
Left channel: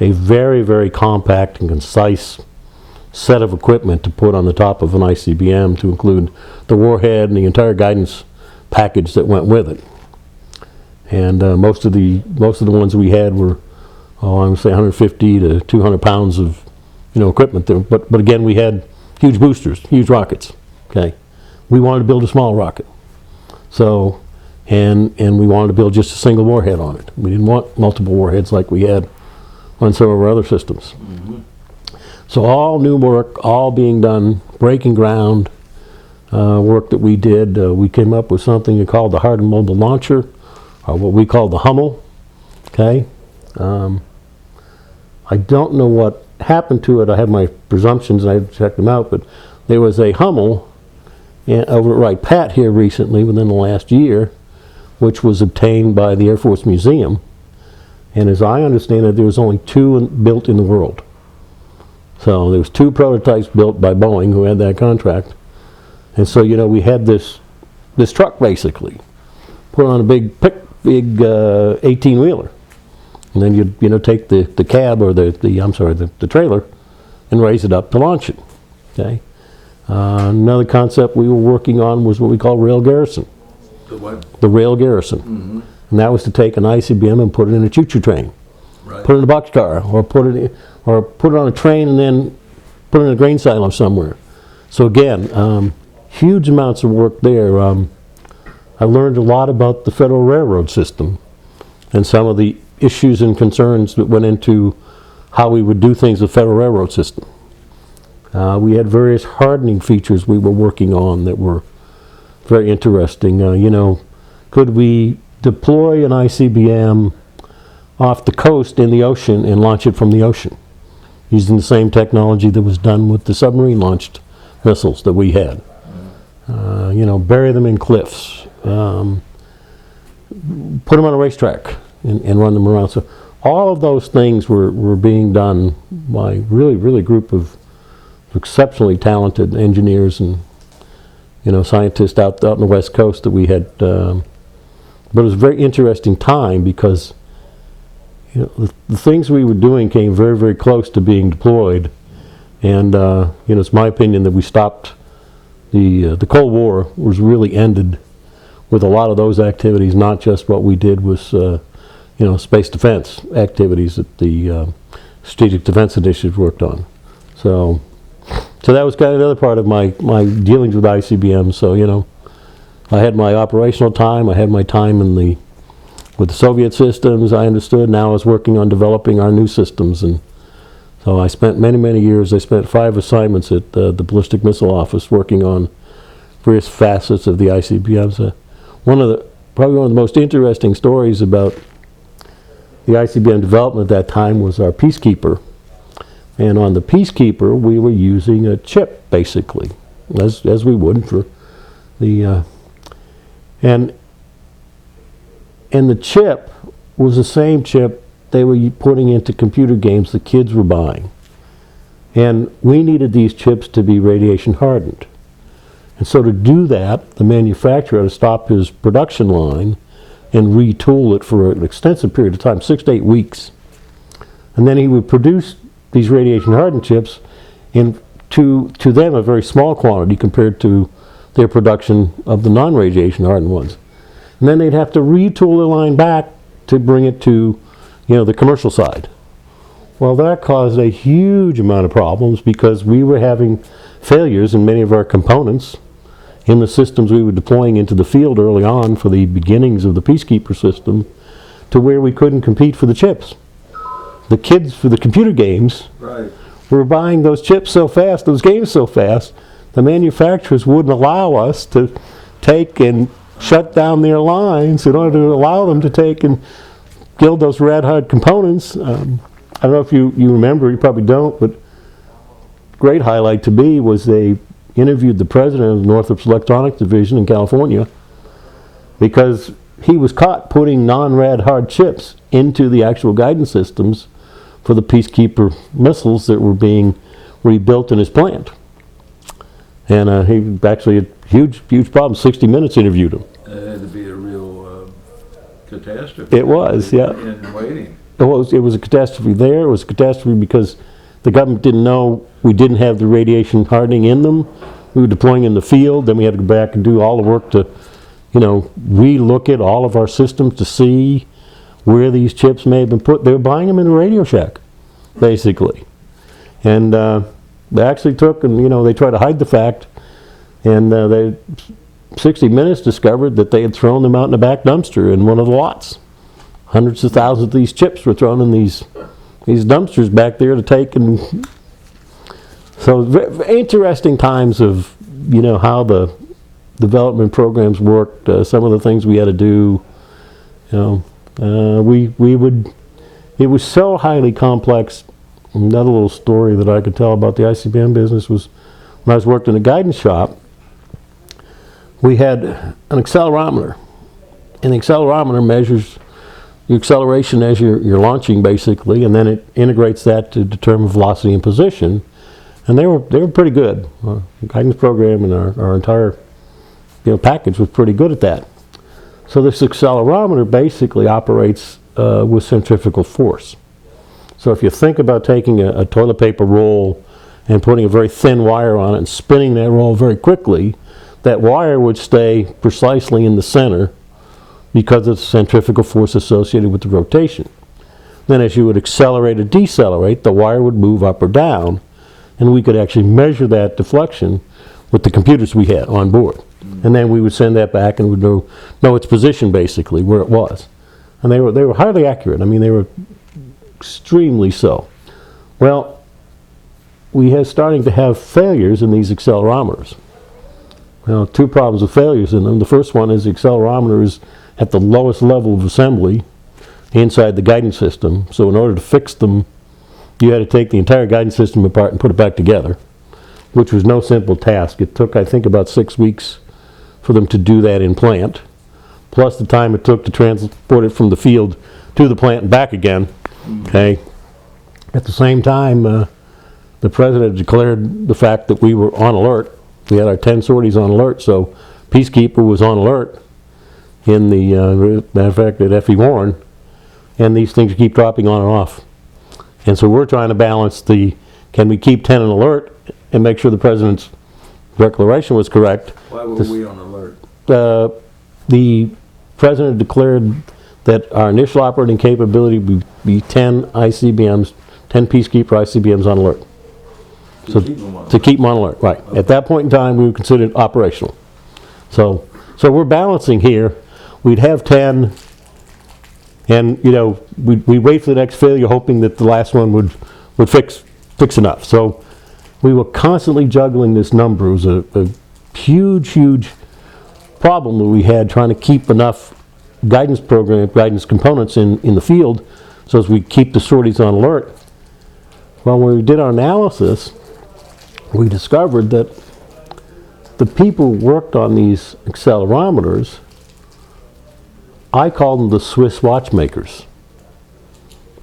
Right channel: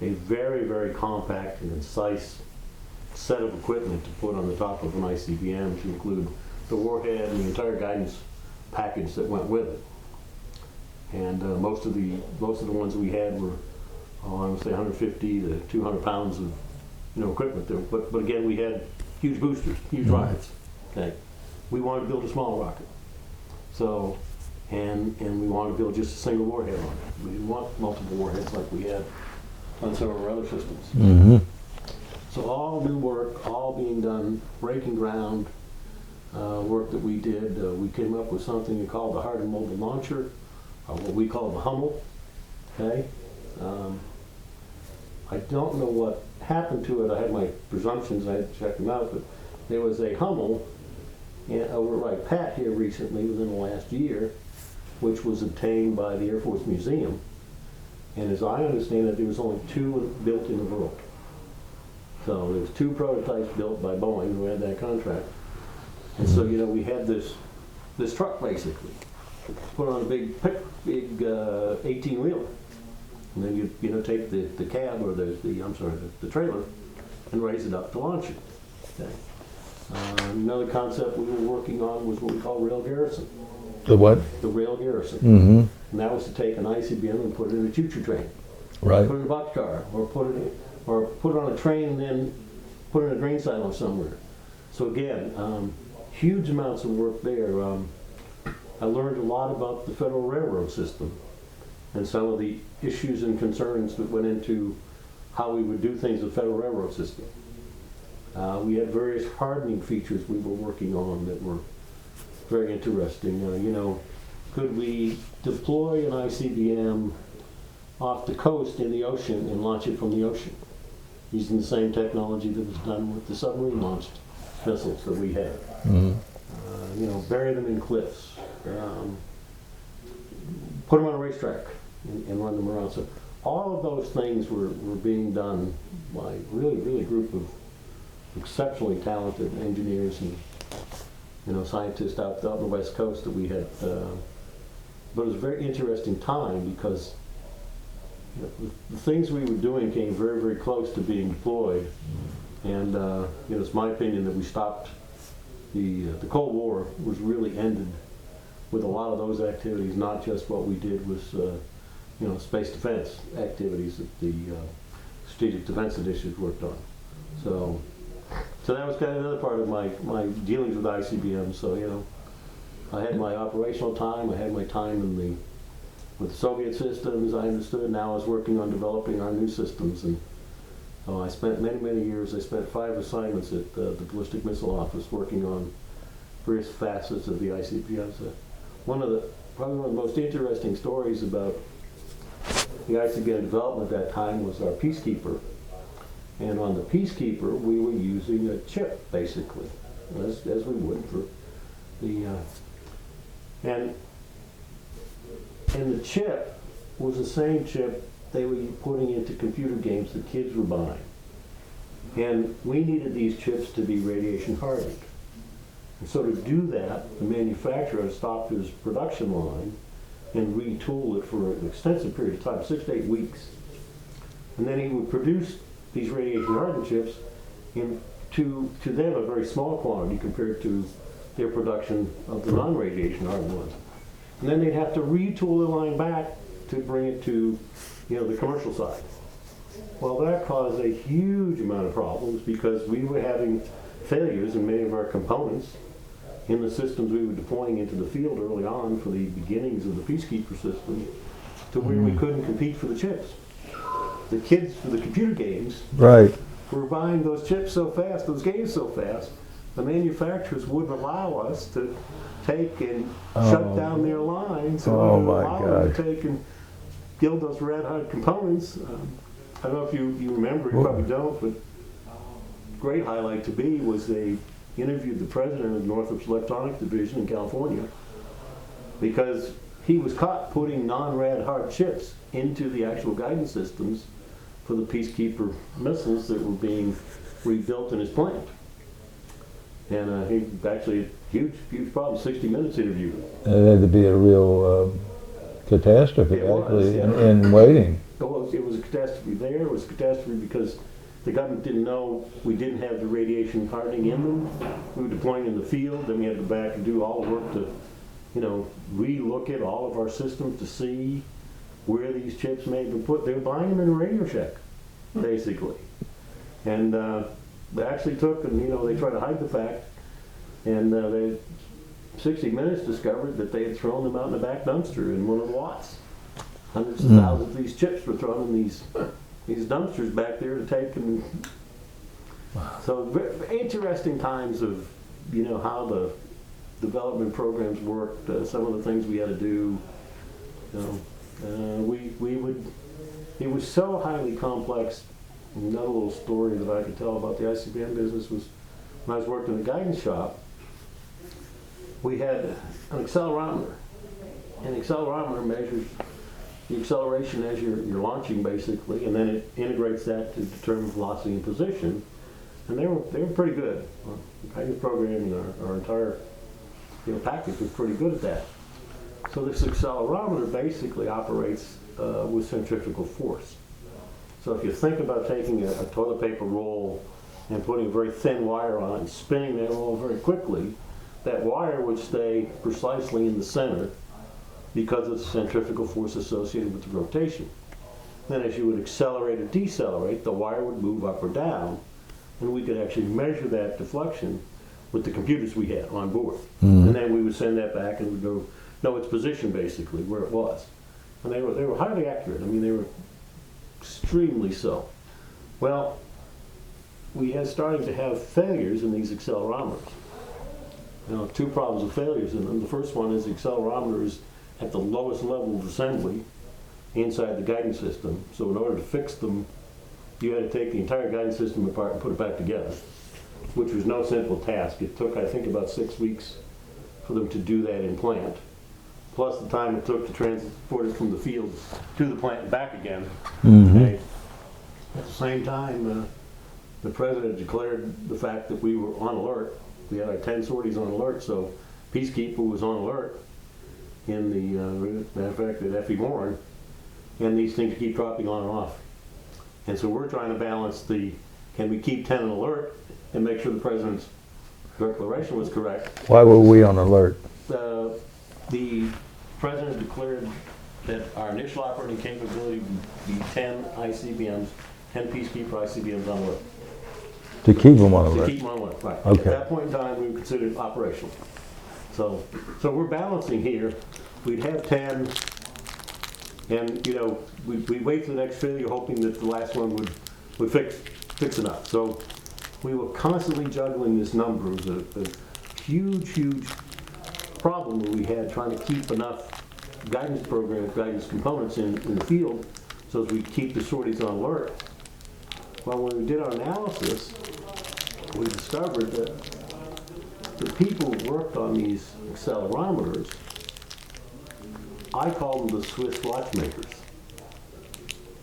a very, very compact and concise set of equipment to put on the top of an ICBM, to include the warhead and the entire guidance package that went with it. And most of the ones we had were, I would say 150 to 200 pounds of equipment there. But again, we had huge boosters, huge rockets. Okay, we wanted to build a small rocket. So, and we wanted to build just a single warhead on it. We didn't want multiple warheads like we had on some of our other systems. So all new work, all being done, breaking ground work that we did. We came up with something we called the Hardened Mobile Launcher, or what we call the Hummel. Okay, I don't know what happened to it. I have my presumptions and I checked them out, but there was a Hummel over at Wright Pat here recently, within the last year, which was obtained by the Air Force Museum. And as I understand it, there was only 2 built in the world. So there was 2 prototypes built by Boeing, who had that contract. And so we had this truck basically put on a big 18-wheeler, and then you'd take the cab, or the trailer, and raise it up to launch it. Okay. Another concept we were working on was what we call rail garrison. The what? The rail garrison. And that was to take an ICBM and put it in a choo-choo train. Right. Put it in a boxcar, or put it on a train and then put it in a grain silo somewhere. So again, huge amounts of work there. I learned a lot about the Federal Railroad system and some of the issues and concerns that went into how we would do things with the Federal Railroad system. We had various hardening features we were working on that were very interesting. Could we deploy an ICBM off the coast in the ocean and launch it from the ocean, using the same technology that was done with the submarine launched missiles that we had? Bury them in cliffs, put them on a racetrack and run them around. So all of those things were being done by really group of exceptionally talented engineers and scientists out on the West Coast that we had. But it was a very interesting time because the things we were doing came very close to being deployed, and it's my opinion that we stopped the Cold War was really ended with a lot of those activities, not just what we did was space defense activities that the Strategic Defense Initiative worked on. So that was kind of another part of my dealings with ICBM. So I had my operational time, I had my time with the Soviet systems, I understood. Now I was working on developing our new systems, and so I spent many years. I spent 5 assignments at the Ballistic Missile Office working on various facets of the ICBMs. Probably one of the most interesting stories about the ICBM development at that time was our Peacekeeper. And on the Peacekeeper, we were using a chip, basically, as we would for the and the chip was the same chip they were putting into computer games the kids were buying. And we needed these chips to be radiation hardened. And so to do that, the manufacturer had to stop his production line and retool it for an extensive period of time, 6 to 8 weeks. And then he would produce these radiation hardened chips in to them a very small quantity compared to their production of the non-radiation hardened ones. And then they'd have to retool the line back to bring it to the commercial side. Well, that caused a huge amount of problems because we were having failures in many of our components in the systems we were deploying into the field early on for the beginnings of the Peacekeeper system, to where we couldn't compete for the chips. The kids for the computer games were buying those chips so fast, those games so fast, the manufacturers wouldn't allow us to take and shut down their lines in order to allow them to take and build those rad-hard components. I don't know if you remember, you probably don't, but great highlight to me was they interviewed the president of the Northrop's Electronics Division in California because he was caught putting non-rad-hard chips into the actual guidance systems for the Peacekeeper missiles that were being rebuilt in his plant. And he actually had huge problem. 60 Minutes interviewed him. It had to be a real catastrophe. It was, yeah. In waiting. It was a catastrophe there. It was a catastrophe because the government didn't know we didn't have the radiation hardening in them. We were deploying in the field. Then we had to go back and do all the work to, re-look at all of our systems to see where these chips may have been put. They were buying them in a Radio Shack, basically. And they actually took and, they tried to hide the fact. And 60 Minutes discovered that they had thrown them out in the back dumpster in one of the lots. Hundreds of thousands of these chips were thrown in these dumpsters back there to take. And so interesting times of, how the development programs worked, some of the things we had to do. It was so highly complex. Another little story that I could tell about the ICBM business was when I was working in a guidance shop, we had an accelerometer. And the accelerometer measures the acceleration as you're launching, basically, and then it integrates that to determine velocity and position. And they were pretty good. Our guidance program and our entire package was pretty good at that. So this accelerometer basically operates with centrifugal force. So if you think about taking a toilet paper roll and putting a very thin wire on it and spinning that roll very quickly, that wire would stay precisely in the center because of the centrifugal force associated with the rotation. Then as you would accelerate or decelerate, the wire would move up or down, and we could actually measure that deflection with the computers we had on board. And then we would send that back and would know its position, basically, where it was. And they were highly accurate. I mean, they were extremely so. Well, we are starting to have failures in these accelerometers. Well, two problems with failures in them. The first one is the accelerometer is at the lowest level of assembly inside the guidance system. So in order to fix them, you had to take the entire guidance system apart and put it back together, which was no simple task. It took, I think, about 6 weeks for them to do that in plant, plus the time it took to transport it from the field to the plant and back again. Okay. At the same time, the president declared the fact that we were on alert. We had our 10 sorties on alert, so Peacekeeper was on alert in the, matter of fact, at FE Warren, and these things keep dropping on and off. And so we're trying to balance the, can we keep 10 on alert and make sure the president's declaration was correct. Why were we on alert? The president declared that our initial operating capability would be 10 ICBMs, 10 Peacekeeper ICBMs on alert. To keep them on alert? To keep them on alert, right. Okay. At that point in time, we were considered operational. So we're balancing here. We'd have 10, and, you know, we'd wait for the next failure, hoping that the last one would fix enough. So we were constantly juggling this number. It was a huge problem that we had, trying to keep enough guidance components in the field so as we keep the sorties on alert. Well, when we did our analysis, we discovered that the people who worked on these accelerometers, I call them the Swiss watchmakers,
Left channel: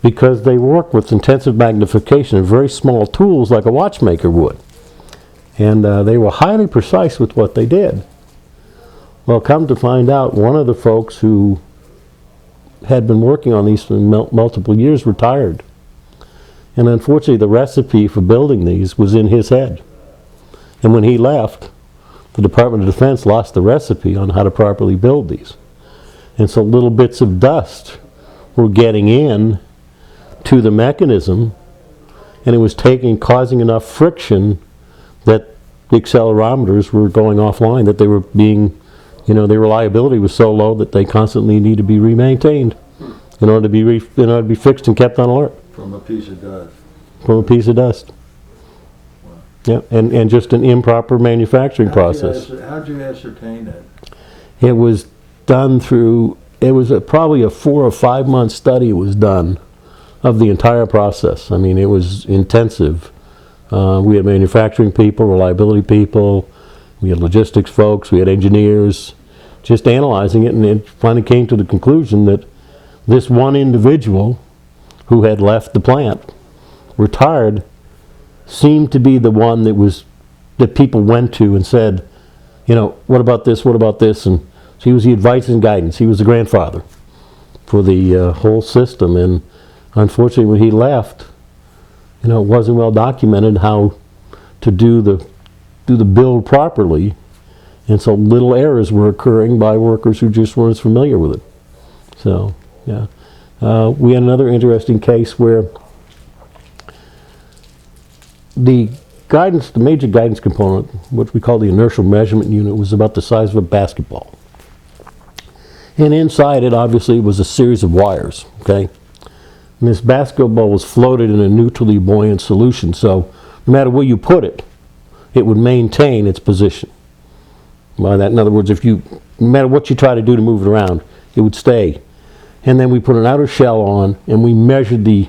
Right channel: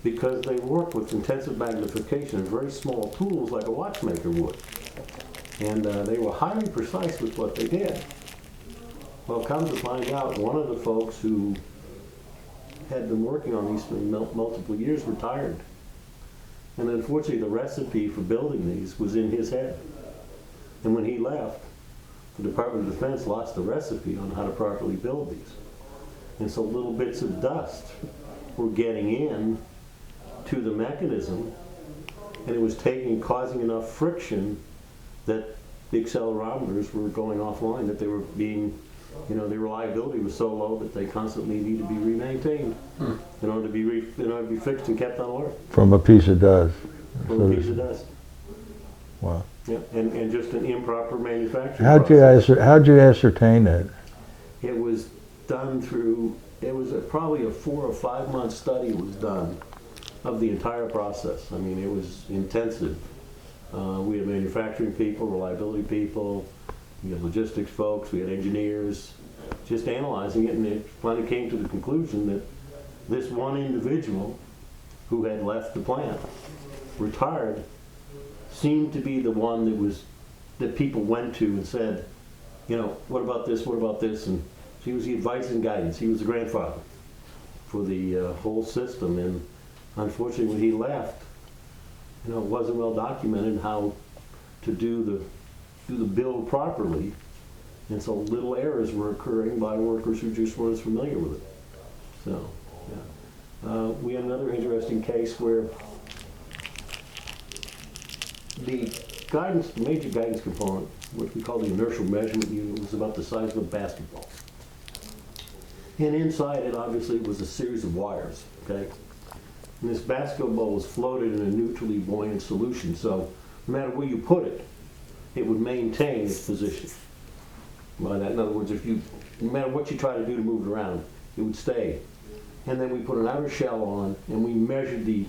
because they worked with intensive magnification and very small tools like a watchmaker would. And they were highly precise with what they did. Well, come to find out, one of the folks who had been working on these for multiple years retired. And unfortunately, the recipe for building these was in his head. And when he left, the Department of Defense lost the recipe on how to properly build these. And so little bits of dust were getting in to the mechanism, and it was causing enough friction that the accelerometers were going offline, that they were being, you know, their reliability was so low that they constantly need to be remaintained in order to be fixed and kept on alert. From a piece of dust? From a piece of dust. Wow. Yeah, and just an improper manufacturing process. How'd you ascertain that? It was done through, it was probably a 4 or 5 month study was done of the entire process. I mean, it was intensive. We had manufacturing people, reliability people, we had logistics folks, we had engineers, just analyzing it, and it finally came to the conclusion that this one individual who had left the plant, retired, seemed to be the one that people went to and said, you know, what about this, what about this? And so he was the advice and guidance. He was the grandfather for the whole system. And unfortunately, when he left, you know, it wasn't well documented how to do the build properly. And so little errors were occurring by workers who just weren't familiar with it. So, yeah. We had another interesting case where the major guidance component, what we call the inertial measurement unit, was about the size of a basketball. And inside it, obviously, was a series of wires, okay? And this basketball was floated in a neutrally buoyant solution, so no matter where you put it, it would maintain its position. By that, in other words, no matter what you try to do to move it around, it would stay. And then we put an outer shell on, and we measured the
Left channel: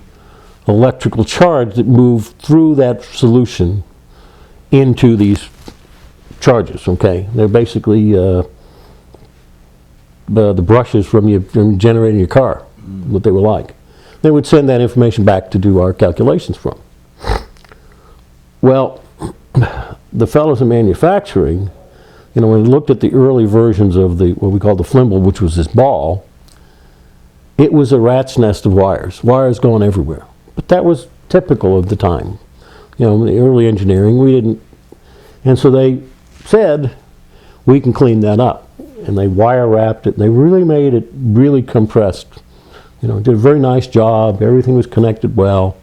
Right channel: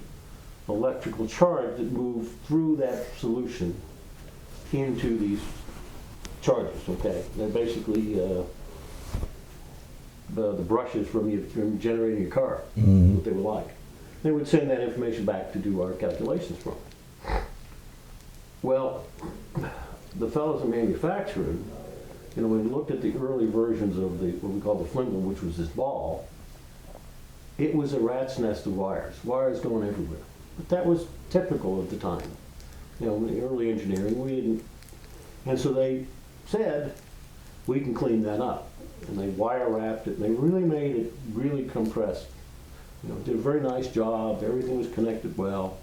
electrical charge that moved through that solution into these charges, okay? They're basically the brushes from generating your car, what they were like. They would send that information back to do our calculations from. Well, the fellows in manufacturing, you know, when we looked at the early versions of what we call the flimble, which was this ball, it was a rat's nest of wires going everywhere. But that was typical of the time. You know, the early engineering, we didn't, and so they said, we can clean that up. And they wire wrapped it, and they really made it really compressed. You know, did a very nice job, everything was connected well.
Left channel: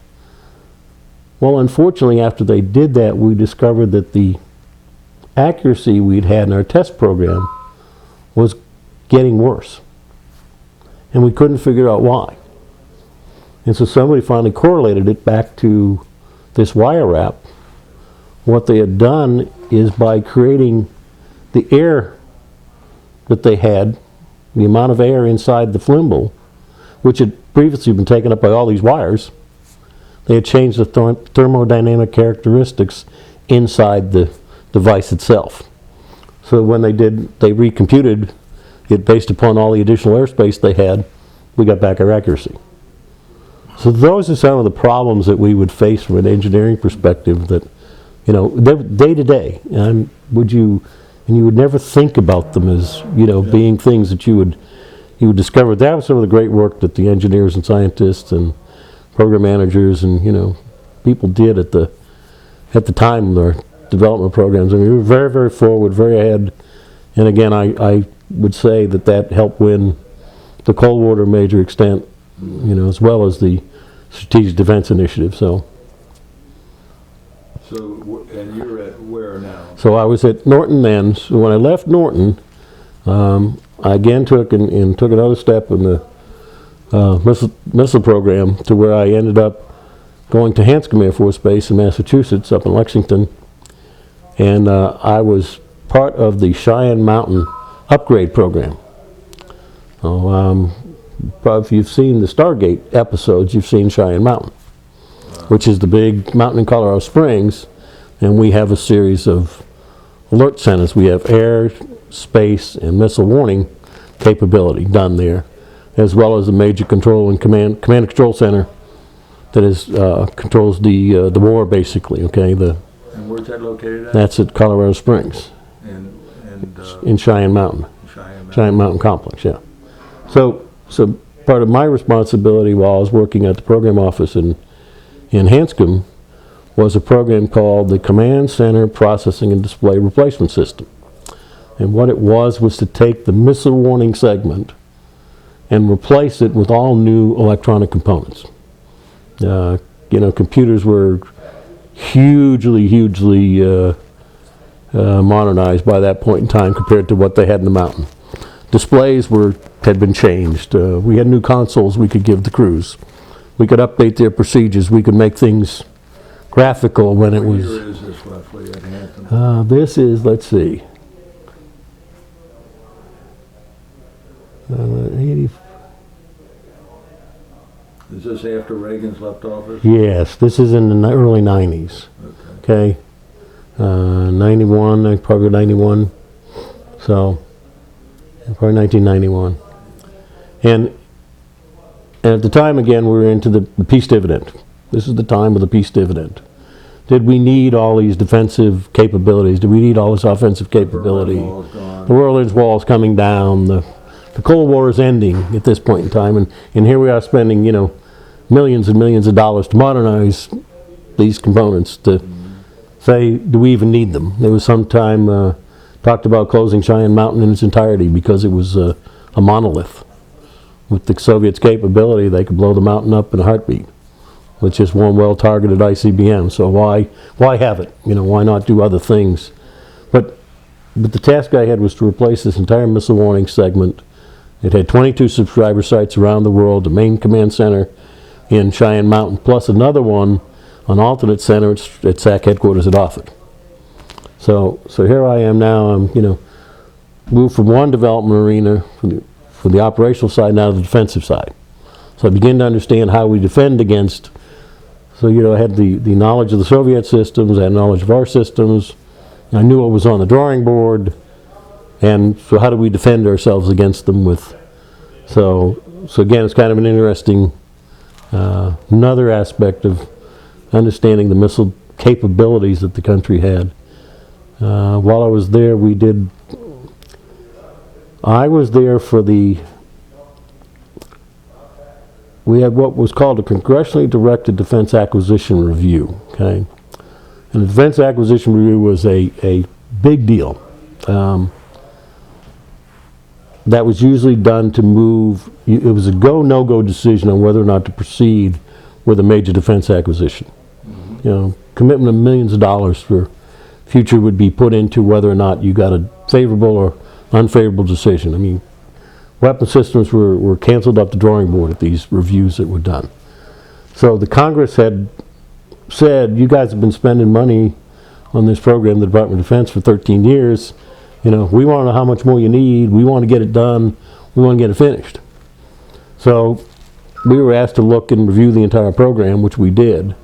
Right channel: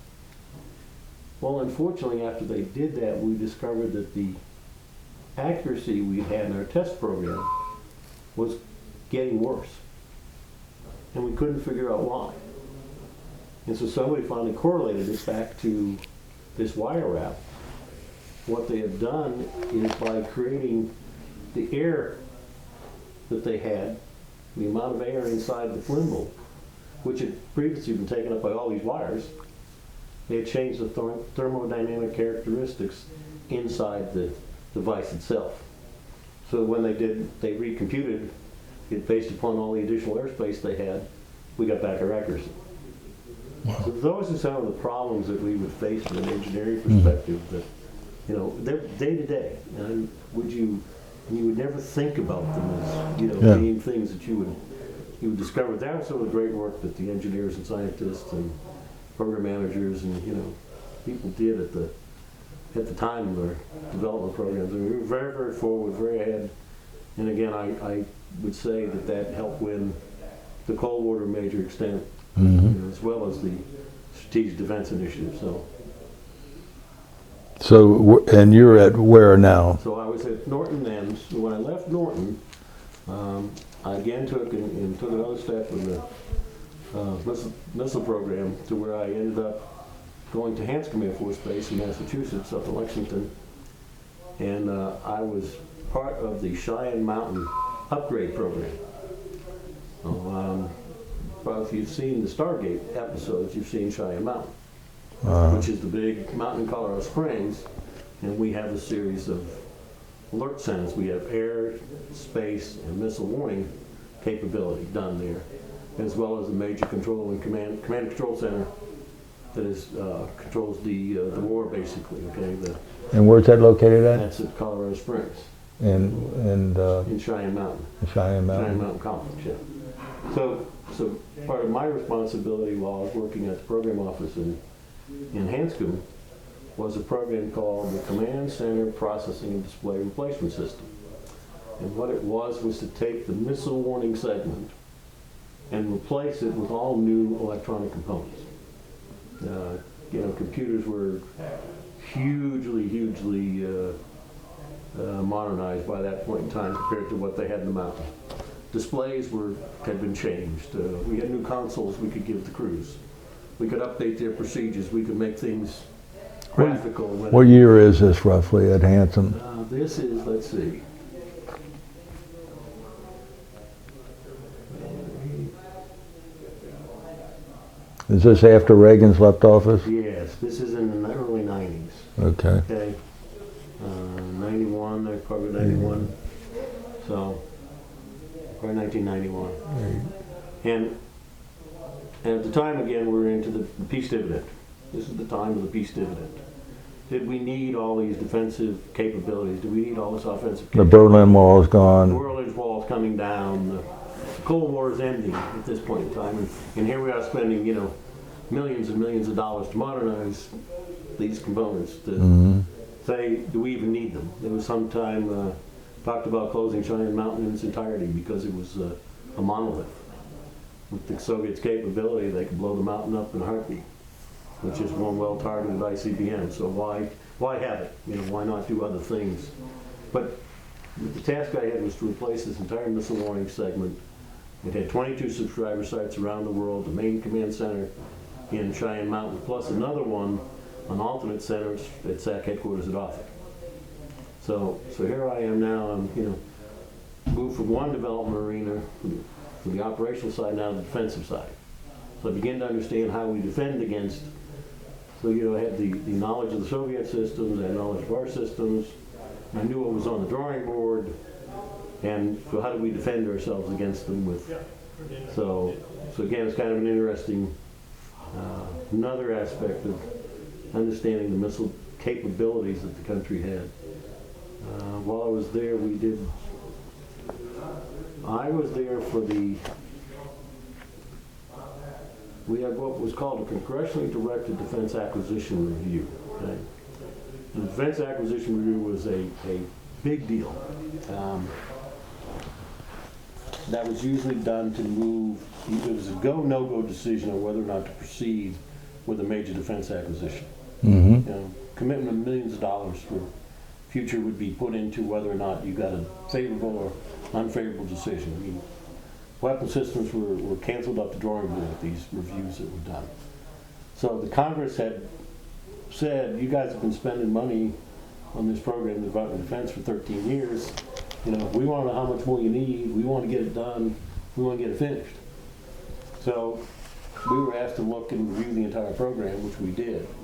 Well, unfortunately, after they did that, we discovered that the accuracy we'd had in our test program was getting worse. And we couldn't figure out why. And so somebody finally correlated it back to this wire wrap what they had done is by creating the air that they had, the amount of air inside the flimble, which had previously been taken up by all these wires, they had changed the thermodynamic characteristics inside the device itself. So when they recomputed it based upon all the additional airspace they had, we got back our accuracy. So those are some of the problems that we would face from an engineering perspective that, you know, they're day to day, and you would never think about them as, you know, being things that you would discover. That was some of the great work that the engineers and scientists and program managers and, you know, people did at the time of their development programs. I mean, we were very, very forward, very ahead. And again, I would say that helped win the Cold War to a major extent, you know, as well as the Strategic Defense Initiative. So, and you're at where now? So I was at Norton then. So when I left Norton, I again took another step in the missile program to where I ended up going to Hanscom Air Force Base in Massachusetts, up in Lexington, and I was part of the Cheyenne Mountain upgrade program. So, probably if you've seen the Stargate episodes, you've seen Cheyenne Mountain, which is the big mountain in Colorado Springs, and we have a series of alert centers. We have air, space, and missile warning capability done there, as well as a major control and command and control center that is controls the war basically. Okay, and where's that located at? That's at Colorado Springs. In Cheyenne Mountain. Cheyenne Mountain Complex, yeah. So part of my responsibility while I was working at the program office in Hanscom was a program called the Command Center Processing and Display Replacement System. And what it was to take the missile warning segment and replace it with all new electronic components. You know, computers were hugely modernized by that point in time compared to what they had in the mountain. Displays had been changed. We had new consoles we could give the crews. We could update their procedures. We could make things graphical when it was... What year is this roughly at Hanscom? This is, let's see, 80. Is this after Reagan's left office? Yes, this is in the early 90s. Okay. 91, probably 91. So, probably 1991. And at the time, again, we were into the peace dividend. This is the time of the peace dividend. Did we need all these defensive capabilities? Did we need all this offensive capability? The Berlin Wall is gone. The Berlin Wall is coming down. The Cold War is ending at this point in time. And here we are spending, you know, millions and millions of dollars to modernize these components to say, do we even need them? There was some time talked about closing Cheyenne Mountain in its entirety because it was a monolith. With the Soviets' capability, they could blow the mountain up in a heartbeat with just one well-targeted ICBM. So why have it? You know, why not do other things? But the task I had was to replace this entire missile warning segment. It had 22 subscriber sites around the world, the main command center in Cheyenne Mountain, plus another one, an alternate center at SAC headquarters at Offutt. So here I am now. I'm, you know, moved from one development arena from the operational side now to the defensive side. So I begin to understand how we defend against. So, you know, I had the knowledge of the Soviet systems, I had knowledge of our systems. I knew what was on the drawing board, and so how do we defend ourselves against them with? So again, it's kind of an interesting another aspect of understanding the missile capabilities that the country had. While I was there, I was there for we had what was called a congressionally directed defense acquisition review, okay? And the defense acquisition review was a big deal. That was usually done to move, it was a go, no-go decision on whether or not to proceed with a major defense acquisition. You know, commitment of millions of dollars for future would be put into whether or not you got a favorable or unfavorable decision. I mean, weapon systems were canceled off the drawing board at these reviews that were done. So the Congress had said, you guys have been spending money on this program, the Department of Defense, for 13 years. You know, we want to know how much more you need. We want to get it done. We want to get it finished. So we were asked to look and review the entire program, which we did.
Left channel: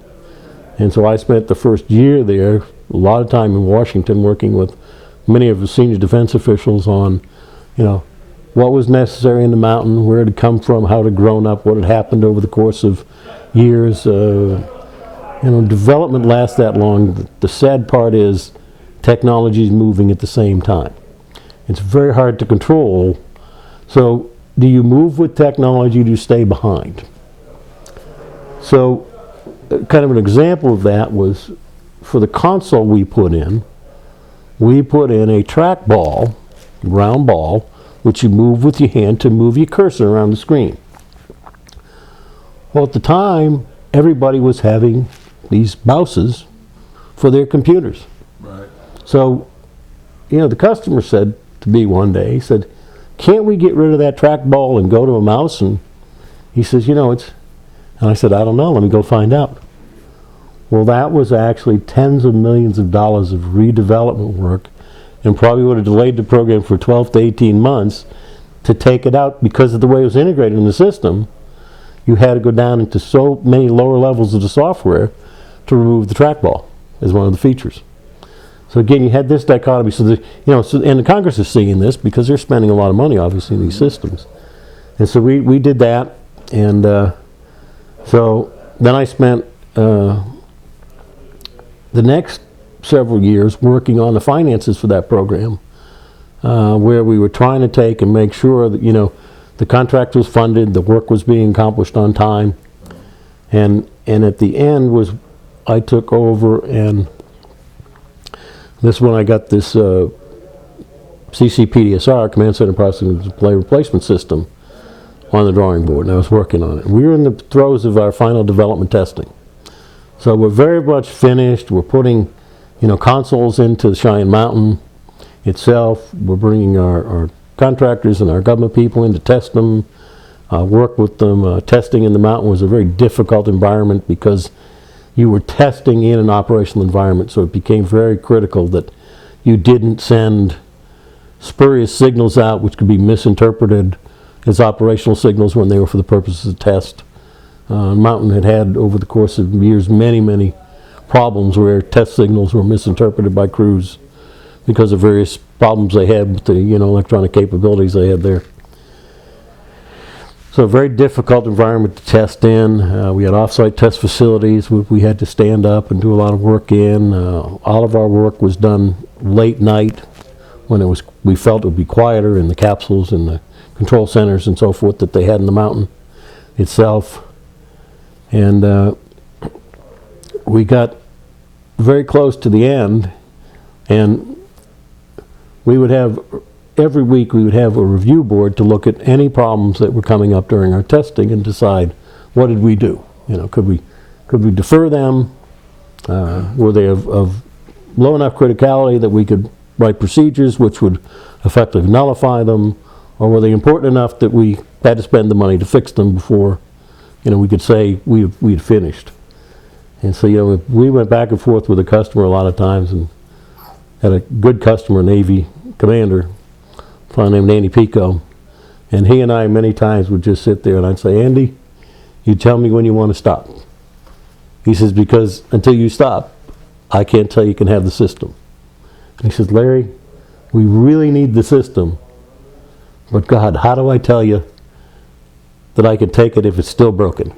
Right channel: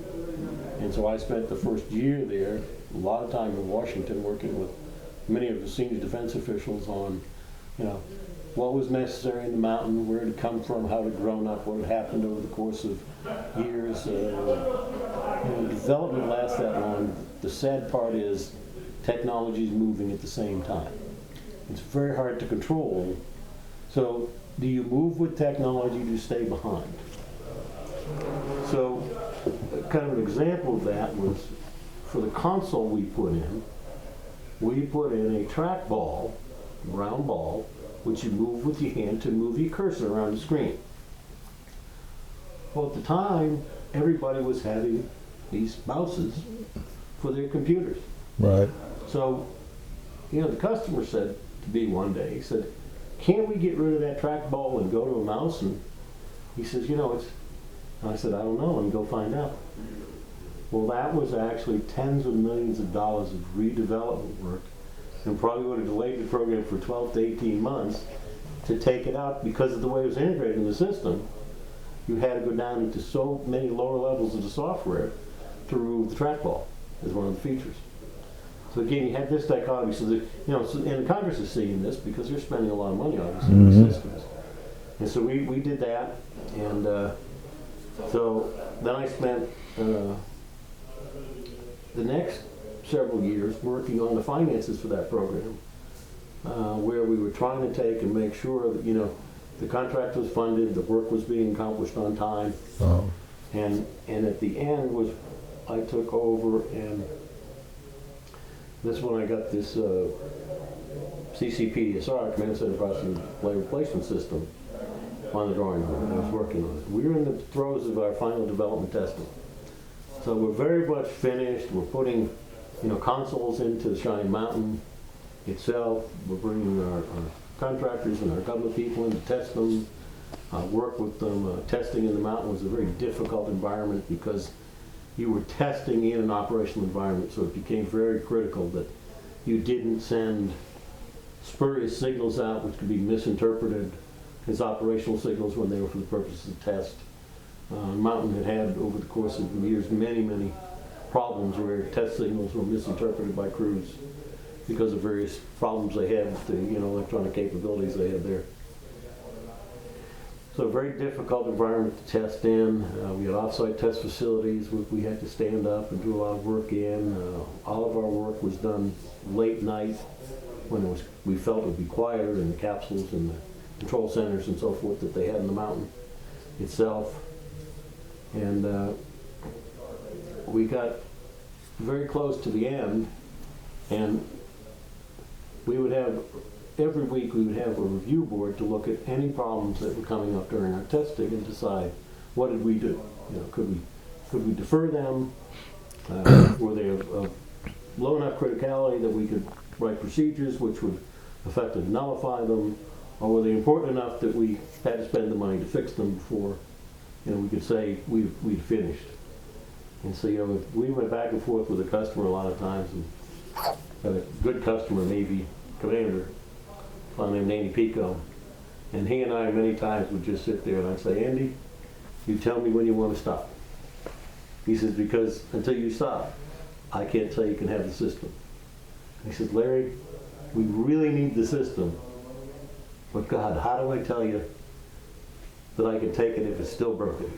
And so I spent the first year there, a lot of time in Washington, working with many of the senior defense officials on, you know, what was necessary in the mountain, where it had come from, how it had grown up, what had happened over the course of years. You know, development lasts that long. The sad part is technology is moving at the same time. It's very hard to control. So do you move with technology, or do you stay behind? So kind of an example of that was, for the console we put in a trackball, round ball, which you move with your hand to move your cursor around the screen. Well, at the time, everybody was having these mouses for their computers. Right. So, you know, the customer said to me one day, he said, "Can't we get rid of that trackball and go to a mouse?" And he says, "You know, it's..." And I said, "I don't know, let me go find out." Well, that was actually tens of millions of dollars of redevelopment work, and probably would have delayed the program for 12 to 18 months to take it out, because of the way it was integrated in the system. You had to go down into so many lower levels of the software to remove the trackball as one of the features. So again, you had this dichotomy. So the, you know, and the Congress is seeing this because they're spending a lot of money, obviously, in these systems. And so we did that, and so then I spent the next several years working on the finances for that program, where we were trying to take and make sure that, you know, the contract was funded, the work was being accomplished on time. Oh. And at the end was, I took over, and this one I got this CCPDSR, Command Center Processing Display Replacement System, on the drawing board, and I was working on it. We were in the throes of our final development testing. So we're very much finished. We're putting, you know, consoles into Cheyenne Mountain itself. We're bringing our contractors and our government people in to test them, work with them. Testing in the mountain was a very difficult environment because you were testing in an operational environment, so it became very critical that you didn't send spurious signals out which could be misinterpreted as operational signals when they were for the purposes of test. Mountain had over the course of years many problems where test signals were misinterpreted by crews because of various problems they had with the, you know, electronic capabilities they had there. So a very difficult environment to test in. We had off-site test facilities we had to stand up and do a lot of work in. All of our work was done late night when it was, we felt it would be quieter in the capsules and the control centers and so forth that they had in the mountain itself. And we got very close to the end, and we would have, every week we would have a review board to look at any problems that were coming up during our testing and decide, what did we do? You know, could we defer them? Were they of low enough criticality that we could write procedures which would effectively nullify them? Or were they important enough that we had to spend the money to fix them before, you know, we could say we'd finished? And so, you know, we went back and forth with the customer a lot of times, and had a good customer, Navy commander, a fellow named Andy Pico, and he and I many times would just sit there and I'd say, "Andy, you tell me when you want to stop." He says, "Because until you stop, I can't tell you can have the system." And he says, "Larry, we really need the system, but God, how do I tell you that I can take it if it's still broken?"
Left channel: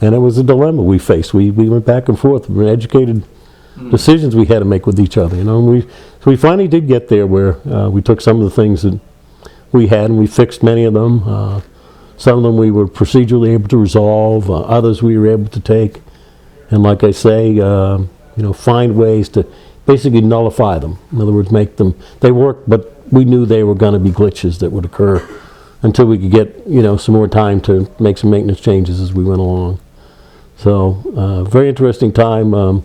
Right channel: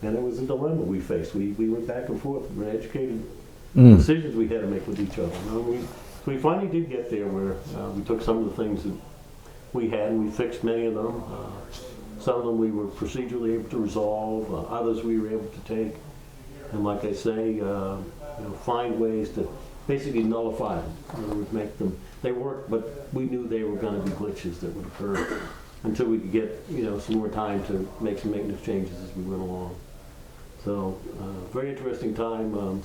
And it was a dilemma we faced. We went back and forth. We were educated decisions we had to make with each other, you know. And so we finally did get there where we took some of the things that we had and we fixed many of them. Some of them we were procedurally able to resolve. Others we were able to take and, like I say, you know, find ways to basically nullify them. In other words, make them, they worked, but we knew they were going to be glitches that would occur until we could get, you know, some more time to make some maintenance changes as we went along. So very interesting time.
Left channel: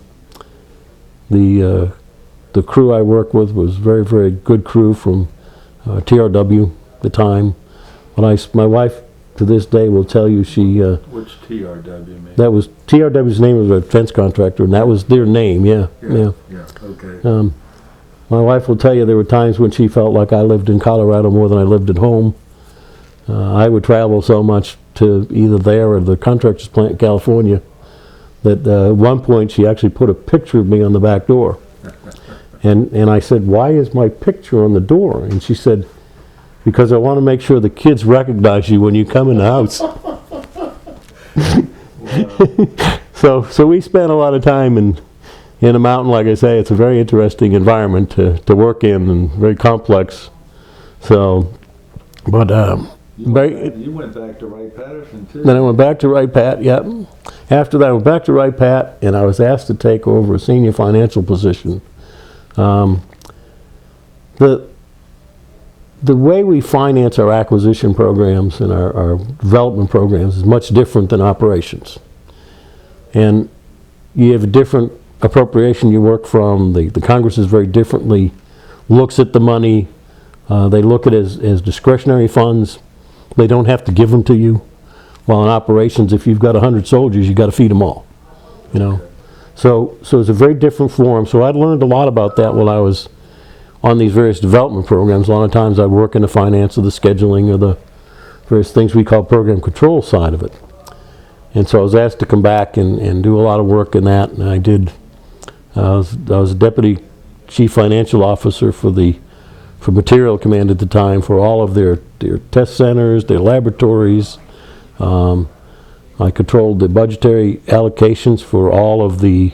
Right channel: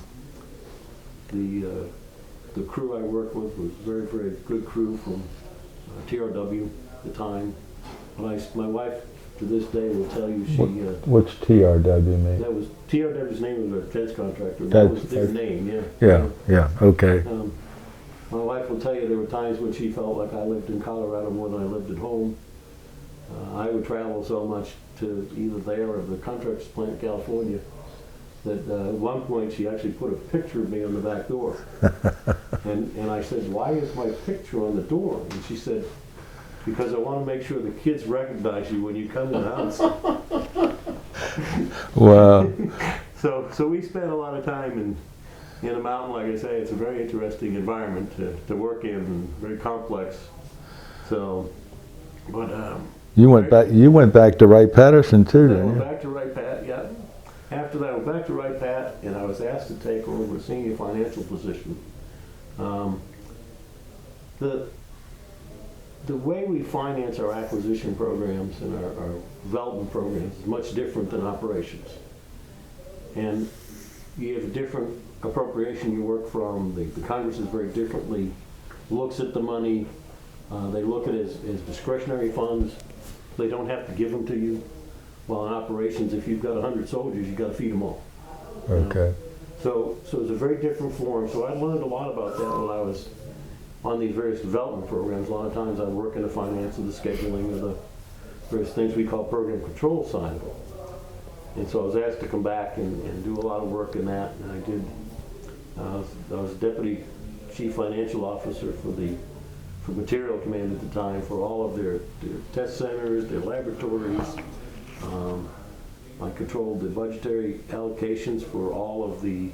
The crew I worked with was very good crew from TRW at the time. When my wife to this day will tell you she, What's TRW mean? that was, TRW's name was a defense contractor, and that was their name, yeah. Yeah, okay. My wife will tell you there were times when she felt like I lived in Colorado more than I lived at home. I would travel so much to either there or the contractor's plant in California that at one point she actually put a picture of me on the back door. and I said, "Why is my picture on the door?" And she said, "Because I want to make sure the kids recognize you when you come in the house." Wow. So we spent a lot of time in a mountain. Like I say, it's a very interesting environment to work in and very complex. So, but You went back to Wright-Patterson too. then I went back to Wright-Pat. Yep. After that, I went back to Wright-Pat, and I was asked to take over a senior financial position. The way we finance our acquisition programs and our development programs is much different than operations. And you have a different appropriation you work from. The Congress is very differently, looks at the money. They look at it as discretionary funds. They don't have to give them to you. While in operations, if you've got 100 soldiers, you've got to feed them all. You know? Okay. So it's a very different form. So I'd learned a lot about that while I was on these various development programs. A lot of times I work in the finance of the scheduling or the various things we call program control side of it. And so I was asked to come back and do a lot of work in that, and I did. I was a deputy chief financial officer for Material Command at the time for all of their test centers, their laboratories. I controlled the budgetary allocations for all of the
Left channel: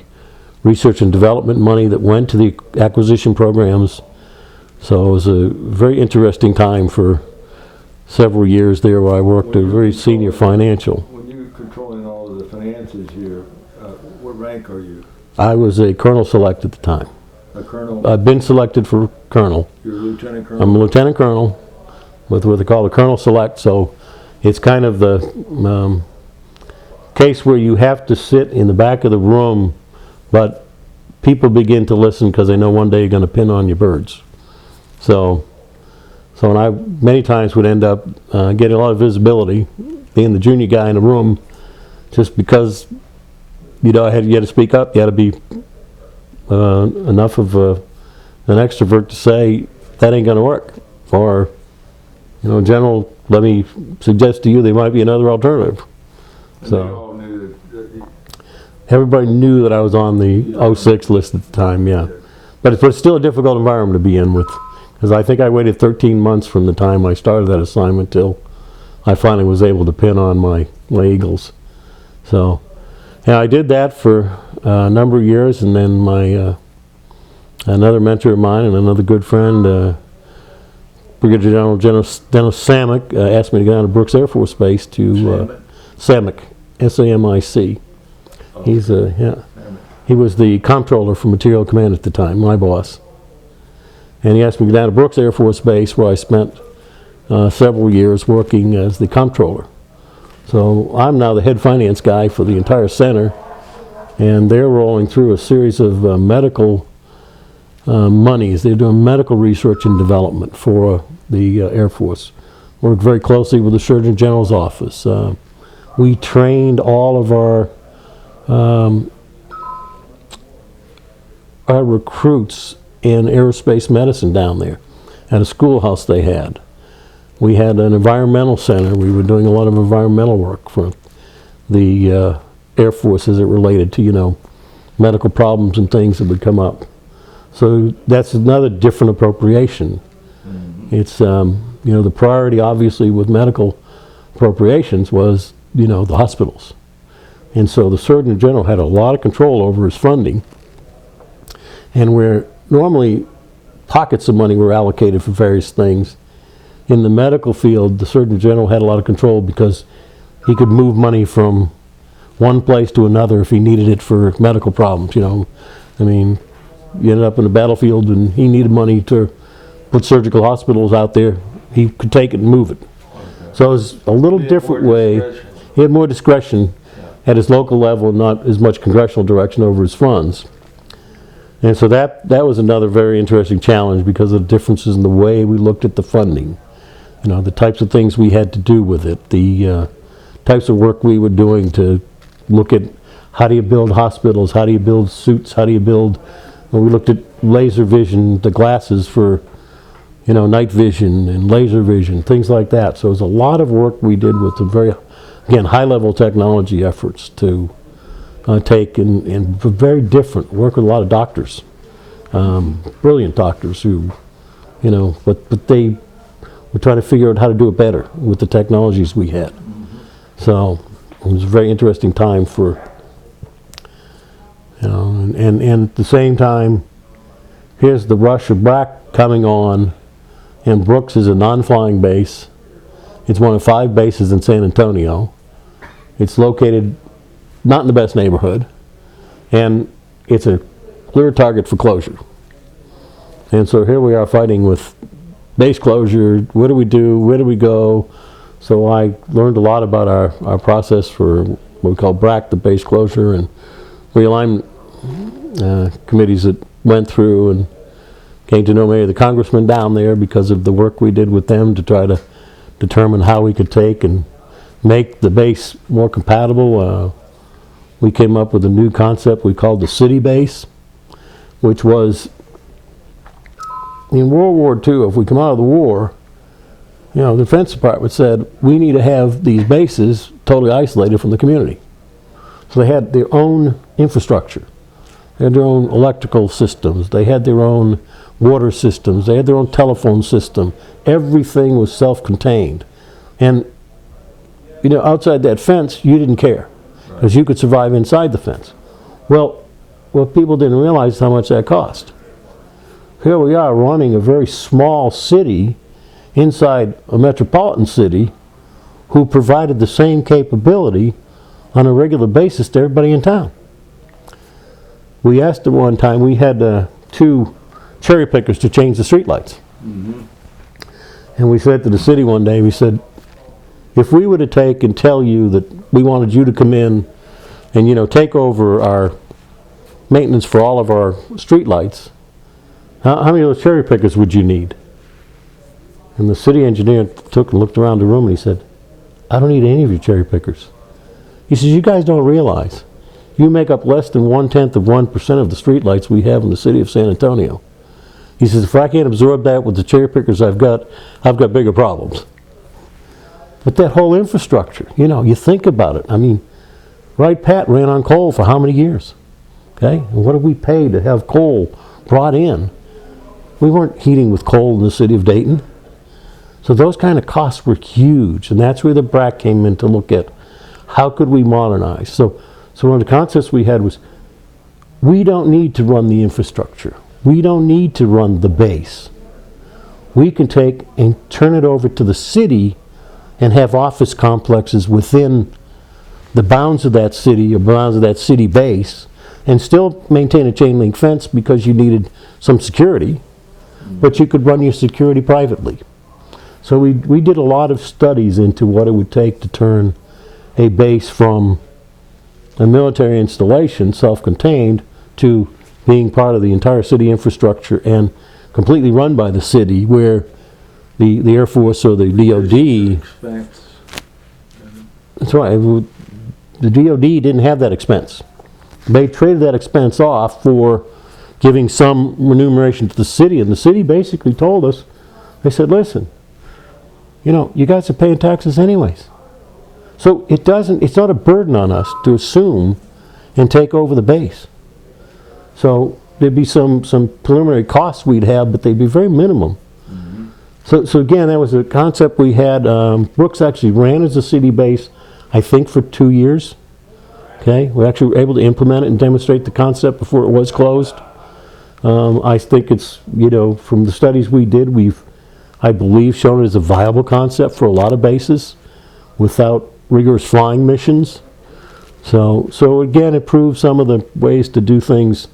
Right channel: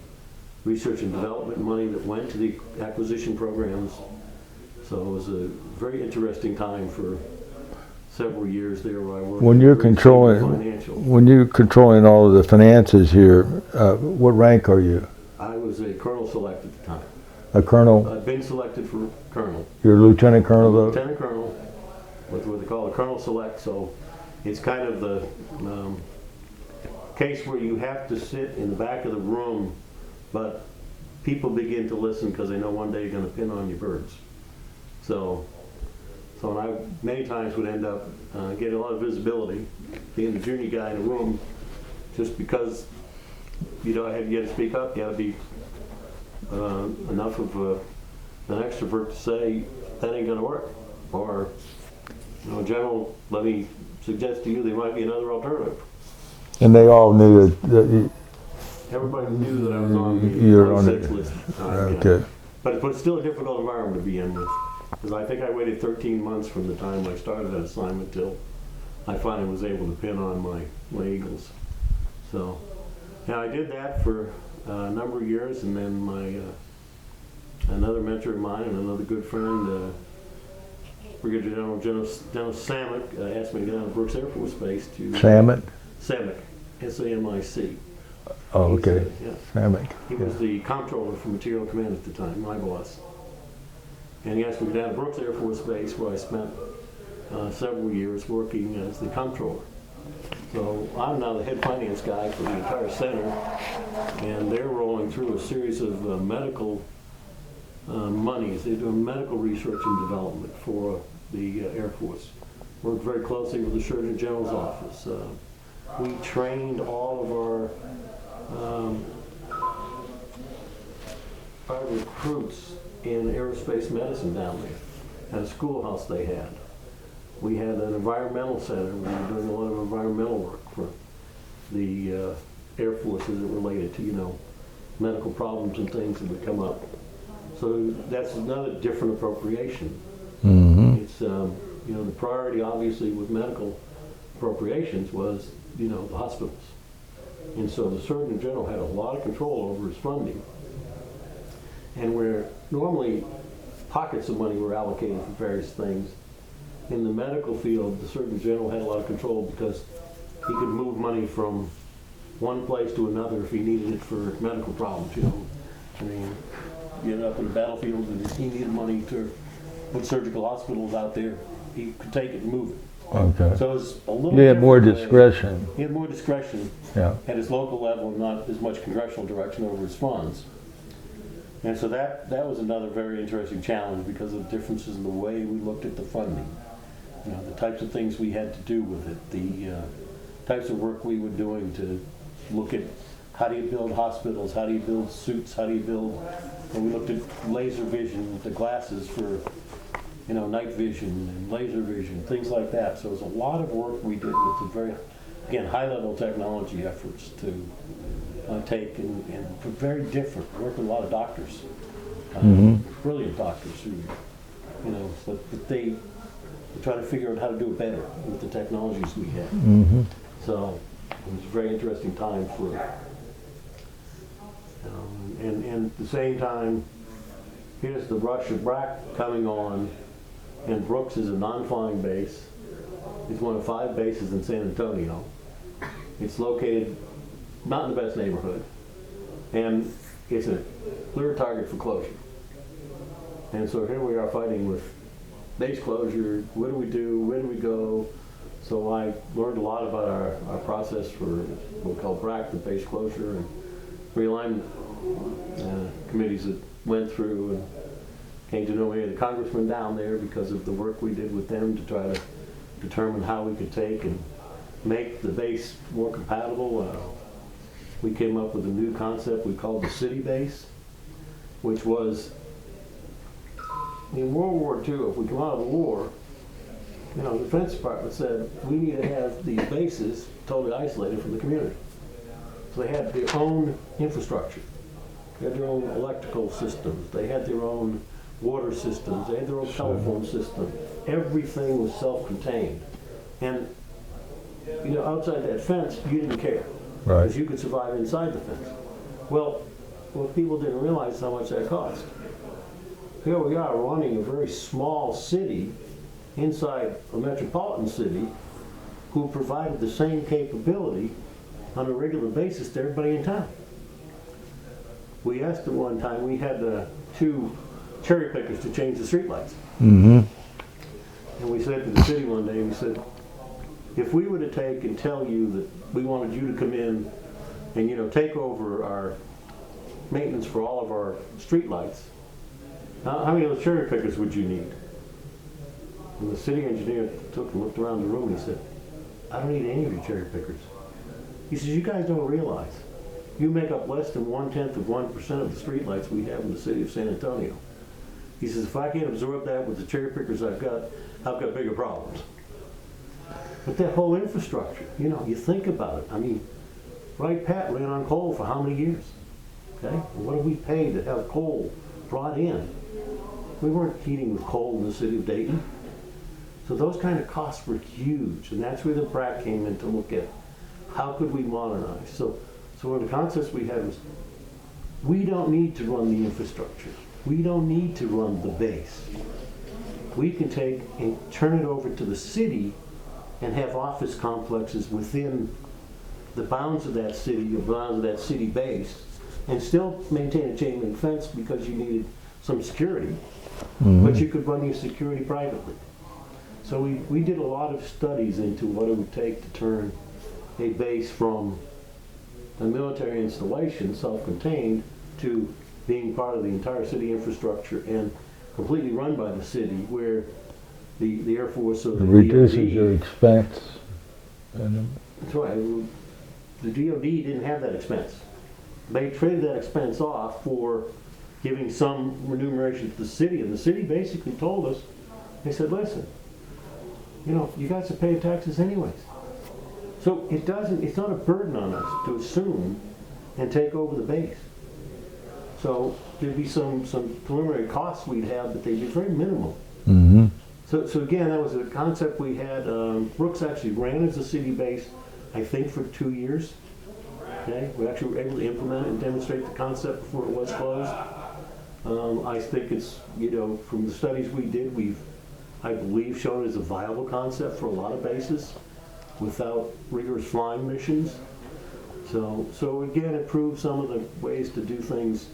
research and development money that went to the acquisition programs. So it was a very interesting time for several years there where I worked at very senior financial. When you're controlling all of the finances here, what rank are you? I was a colonel select at the time. A colonel? I've been selected for colonel. You're a lieutenant colonel? I'm a lieutenant colonel with what they call a colonel select. So it's kind of the case where you have to sit in the back of the room, but people begin to listen because they know one day you're going to pin on your birds. So and I many times would end up getting a lot of visibility, being the junior guy in the room, just because you had to speak up. You had to be enough of an extrovert to say that ain't going to work, or General, let me suggest to you there might be another alternative. And so, they all knew that everybody knew that I was on the 06 list at the time, yeah. Okay. But it's still a difficult environment to be in with, because I think I waited 13 months from the time I started that assignment till I finally was able to pin on my Eagles. So, yeah, I did that for a number of years, and then my another mentor of mine and another good friend, Brigadier General Dennis Samick, asked me to go down to Brooks Air Force Base to Samick, S-A-M-I-C. Oh, He's okay. Samick. He was the comptroller for Material Command at the time, my boss. And he asked me to go down to Brooks Air Force Base, where I spent several years working as the comptroller. So I'm now the head finance guy for the entire center, and they're rolling through a series of medical monies. They're doing medical research and development for the Air Force. Worked very closely with the Surgeon General's office. We trained all of our recruits in aerospace medicine down there at a schoolhouse they had. We had an environmental center. We were doing a lot of environmental work for the Air Force as it related to, medical problems and things that would come up. So that's another different appropriation. Mm-hmm. It's, the priority obviously with medical appropriations was, the hospitals. And so the Surgeon General had a lot of control over his funding. And where normally pockets of money were allocated for various things, in the medical field, the Surgeon General had a lot of control because he could move money from one place to another if he needed it for medical problems, I mean, you ended up in the battlefield and he needed money to put surgical hospitals out there, he could take it and move it. Okay. So it was a little different way. He had more discretion at his local level, not as much congressional direction over his funds. And so that was another very interesting challenge because of the differences in the way we looked at the funding. You know, the types of things we had to do with it, the types of work we were doing to look at how do you build hospitals, how do you build suits, how do you build, well, we looked at laser vision, the glasses for, you know, night vision and laser vision, things like that. So it was a lot of work we did with some very, again, high-level technology efforts to take and very different, work with a lot of doctors, brilliant doctors who, you know, but they were trying to figure out how to do it better with the technologies we had. So it was a very interesting time for, you know, and at the same time, here's the rush of BRAC coming on, and Brooks is a non-flying base. It's one of 5 bases in San Antonio. It's located not in the best neighborhood, and it's a clear target for closure. And so here we are fighting with base closure. What do we do? Where do we go? So I learned a lot about our process for what we call BRAC, the base closure, and realignment committees that went through, and came to know many of the congressmen down there because of the work we did with them to try to determine how we could take and make the base more compatible. We came up with a new concept we called the city base, which was, in World War II, if we come out of the war, you know, the Defense Department said, we need to have these bases totally isolated from the community. So they had their own infrastructure. They had their own electrical systems. They had their own water systems. They had their own telephone system. Everything was self-contained. And, you know, outside that fence, you didn't care, because you could survive inside the fence. Well, what people didn't realize is how much that cost. Here we are running a very small city inside a metropolitan city who provided the same capability on a regular basis to everybody in town. We asked at one time, we had 2 cherry pickers to change the streetlights. And we said to the city one day, we said, if we were to take and tell you that we wanted you to come in and, you know, take over our maintenance for all of our streetlights, how many of those cherry pickers would you need? And the city engineer took and looked around the room and he said, I don't need any of your cherry pickers. He says, you guys don't realize you make up less than 0.1% of the streetlights we have in the city of San Antonio. He says, if I can't absorb that with the cherry pickers I've got bigger problems. But that whole infrastructure, you know, you think about it. I mean, Wright Pat ran on coal for how many years? Okay, and what did we pay to have coal brought in? We weren't heating with coal in the city of Dayton. So those kind of costs were huge, and that's where the BRAC came in to look at how could we modernize. So one of the concepts we had was, we don't need to run the infrastructure. We don't need to run the base. We can take and turn it over to the city and have office complexes within the bounds of that city, or bounds of that city base, and still maintain a chain link fence because you needed some security, but you could run your security privately. So we did a lot of studies into what it would take to turn a base from a military installation, self-contained, to being part of the entire city infrastructure and completely run by the city, where the Air Force or the DOD... That's right. The DOD didn't have that expense. They traded that expense off for giving some remuneration to the city, and the city basically told us, they said, listen, you know, you guys are paying taxes anyways. So it's not a burden on us to assume and take over the base. So there'd be some preliminary costs we'd have, but they'd be very minimum. So again, that was a concept we had. Brooks actually ran as a city base, I think, for 2 years. Okay, we actually were able to implement it and demonstrate the concept before it was closed. I think it's, you know, from the studies we did, we've, I believe, shown it as a viable concept for a lot of bases without rigorous flying missions. So again, it proves some of the ways to do things,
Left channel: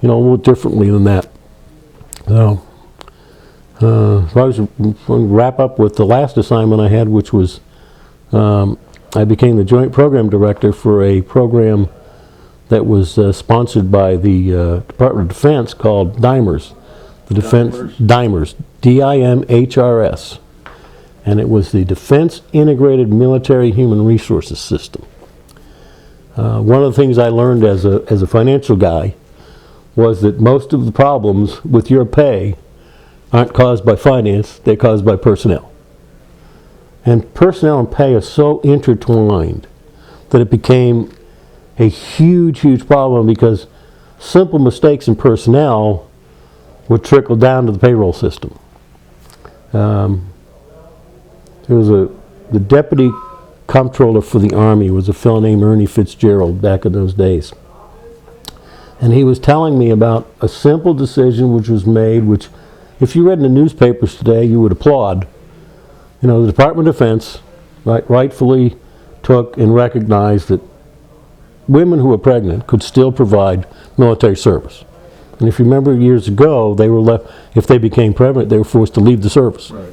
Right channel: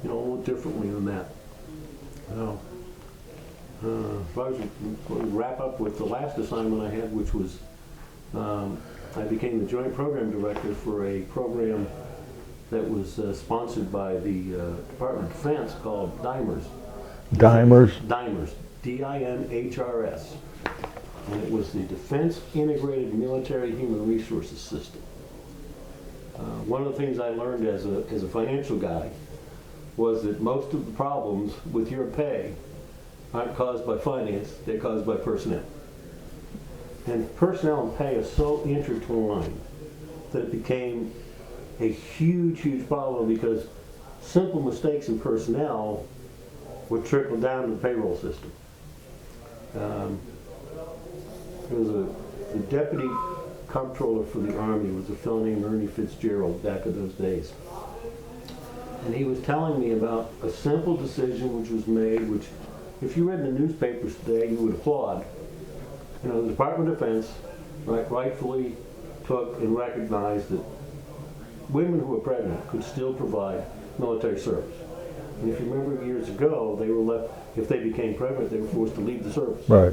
you know, a little differently than that. So I was going to wrap up with the last assignment I had, which was I became the joint program director for a program that was sponsored by the Department of Defense called DIMERS. DIMERS? DIMERS, D-I-M-H-R-S. and it was the Defense Integrated Military Human Resources System. One of the things I learned as a financial guy was that most of the problems with your pay aren't caused by finance, they're caused by personnel. And personnel and pay are so intertwined that it became a huge, huge problem, because simple mistakes in personnel would trickle down to the payroll system. There was the deputy comptroller for the Army was a fellow named Ernie Fitzgerald back in those days. And he was telling me about a simple decision which was made, which if you read in the newspapers today, you would applaud. You know, the Department of Defense rightfully took and recognized that women who were pregnant could still provide military service. And if you remember years ago, they were left, if they became pregnant, they were forced to leave the service. Right.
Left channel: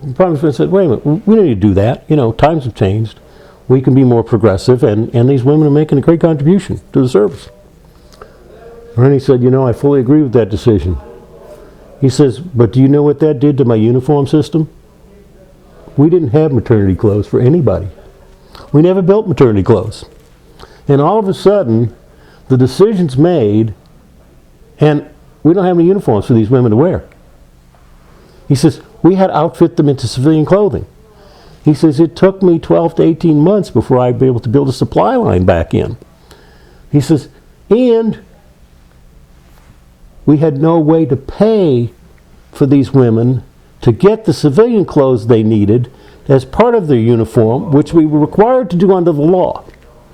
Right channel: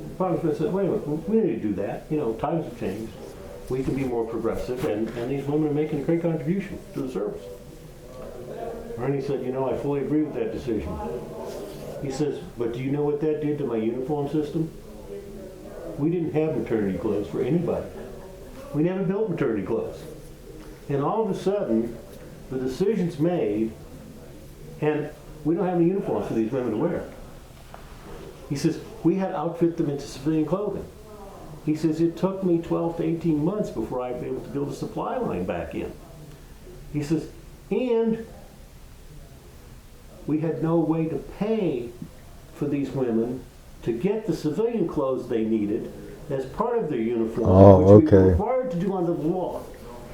The Department of Defense said, wait a minute, we don't need to do that. You know, times have changed. We can be more progressive, and these women are making a great contribution to the service. Ernie said, you know, I fully agree with that decision. He says, but do you know what that did to my uniform system? We didn't have maternity clothes for anybody. We never built maternity clothes. And all of a sudden, the decision's made, and we don't have any uniforms for these women to wear. He says, we had to outfit them into civilian clothing. He says, it took me 12 to 18 months before I'd be able to build a supply line back in. He says, and we had no way to pay for these women to get the civilian clothes they needed as part of their uniform, which we were required to do under the law.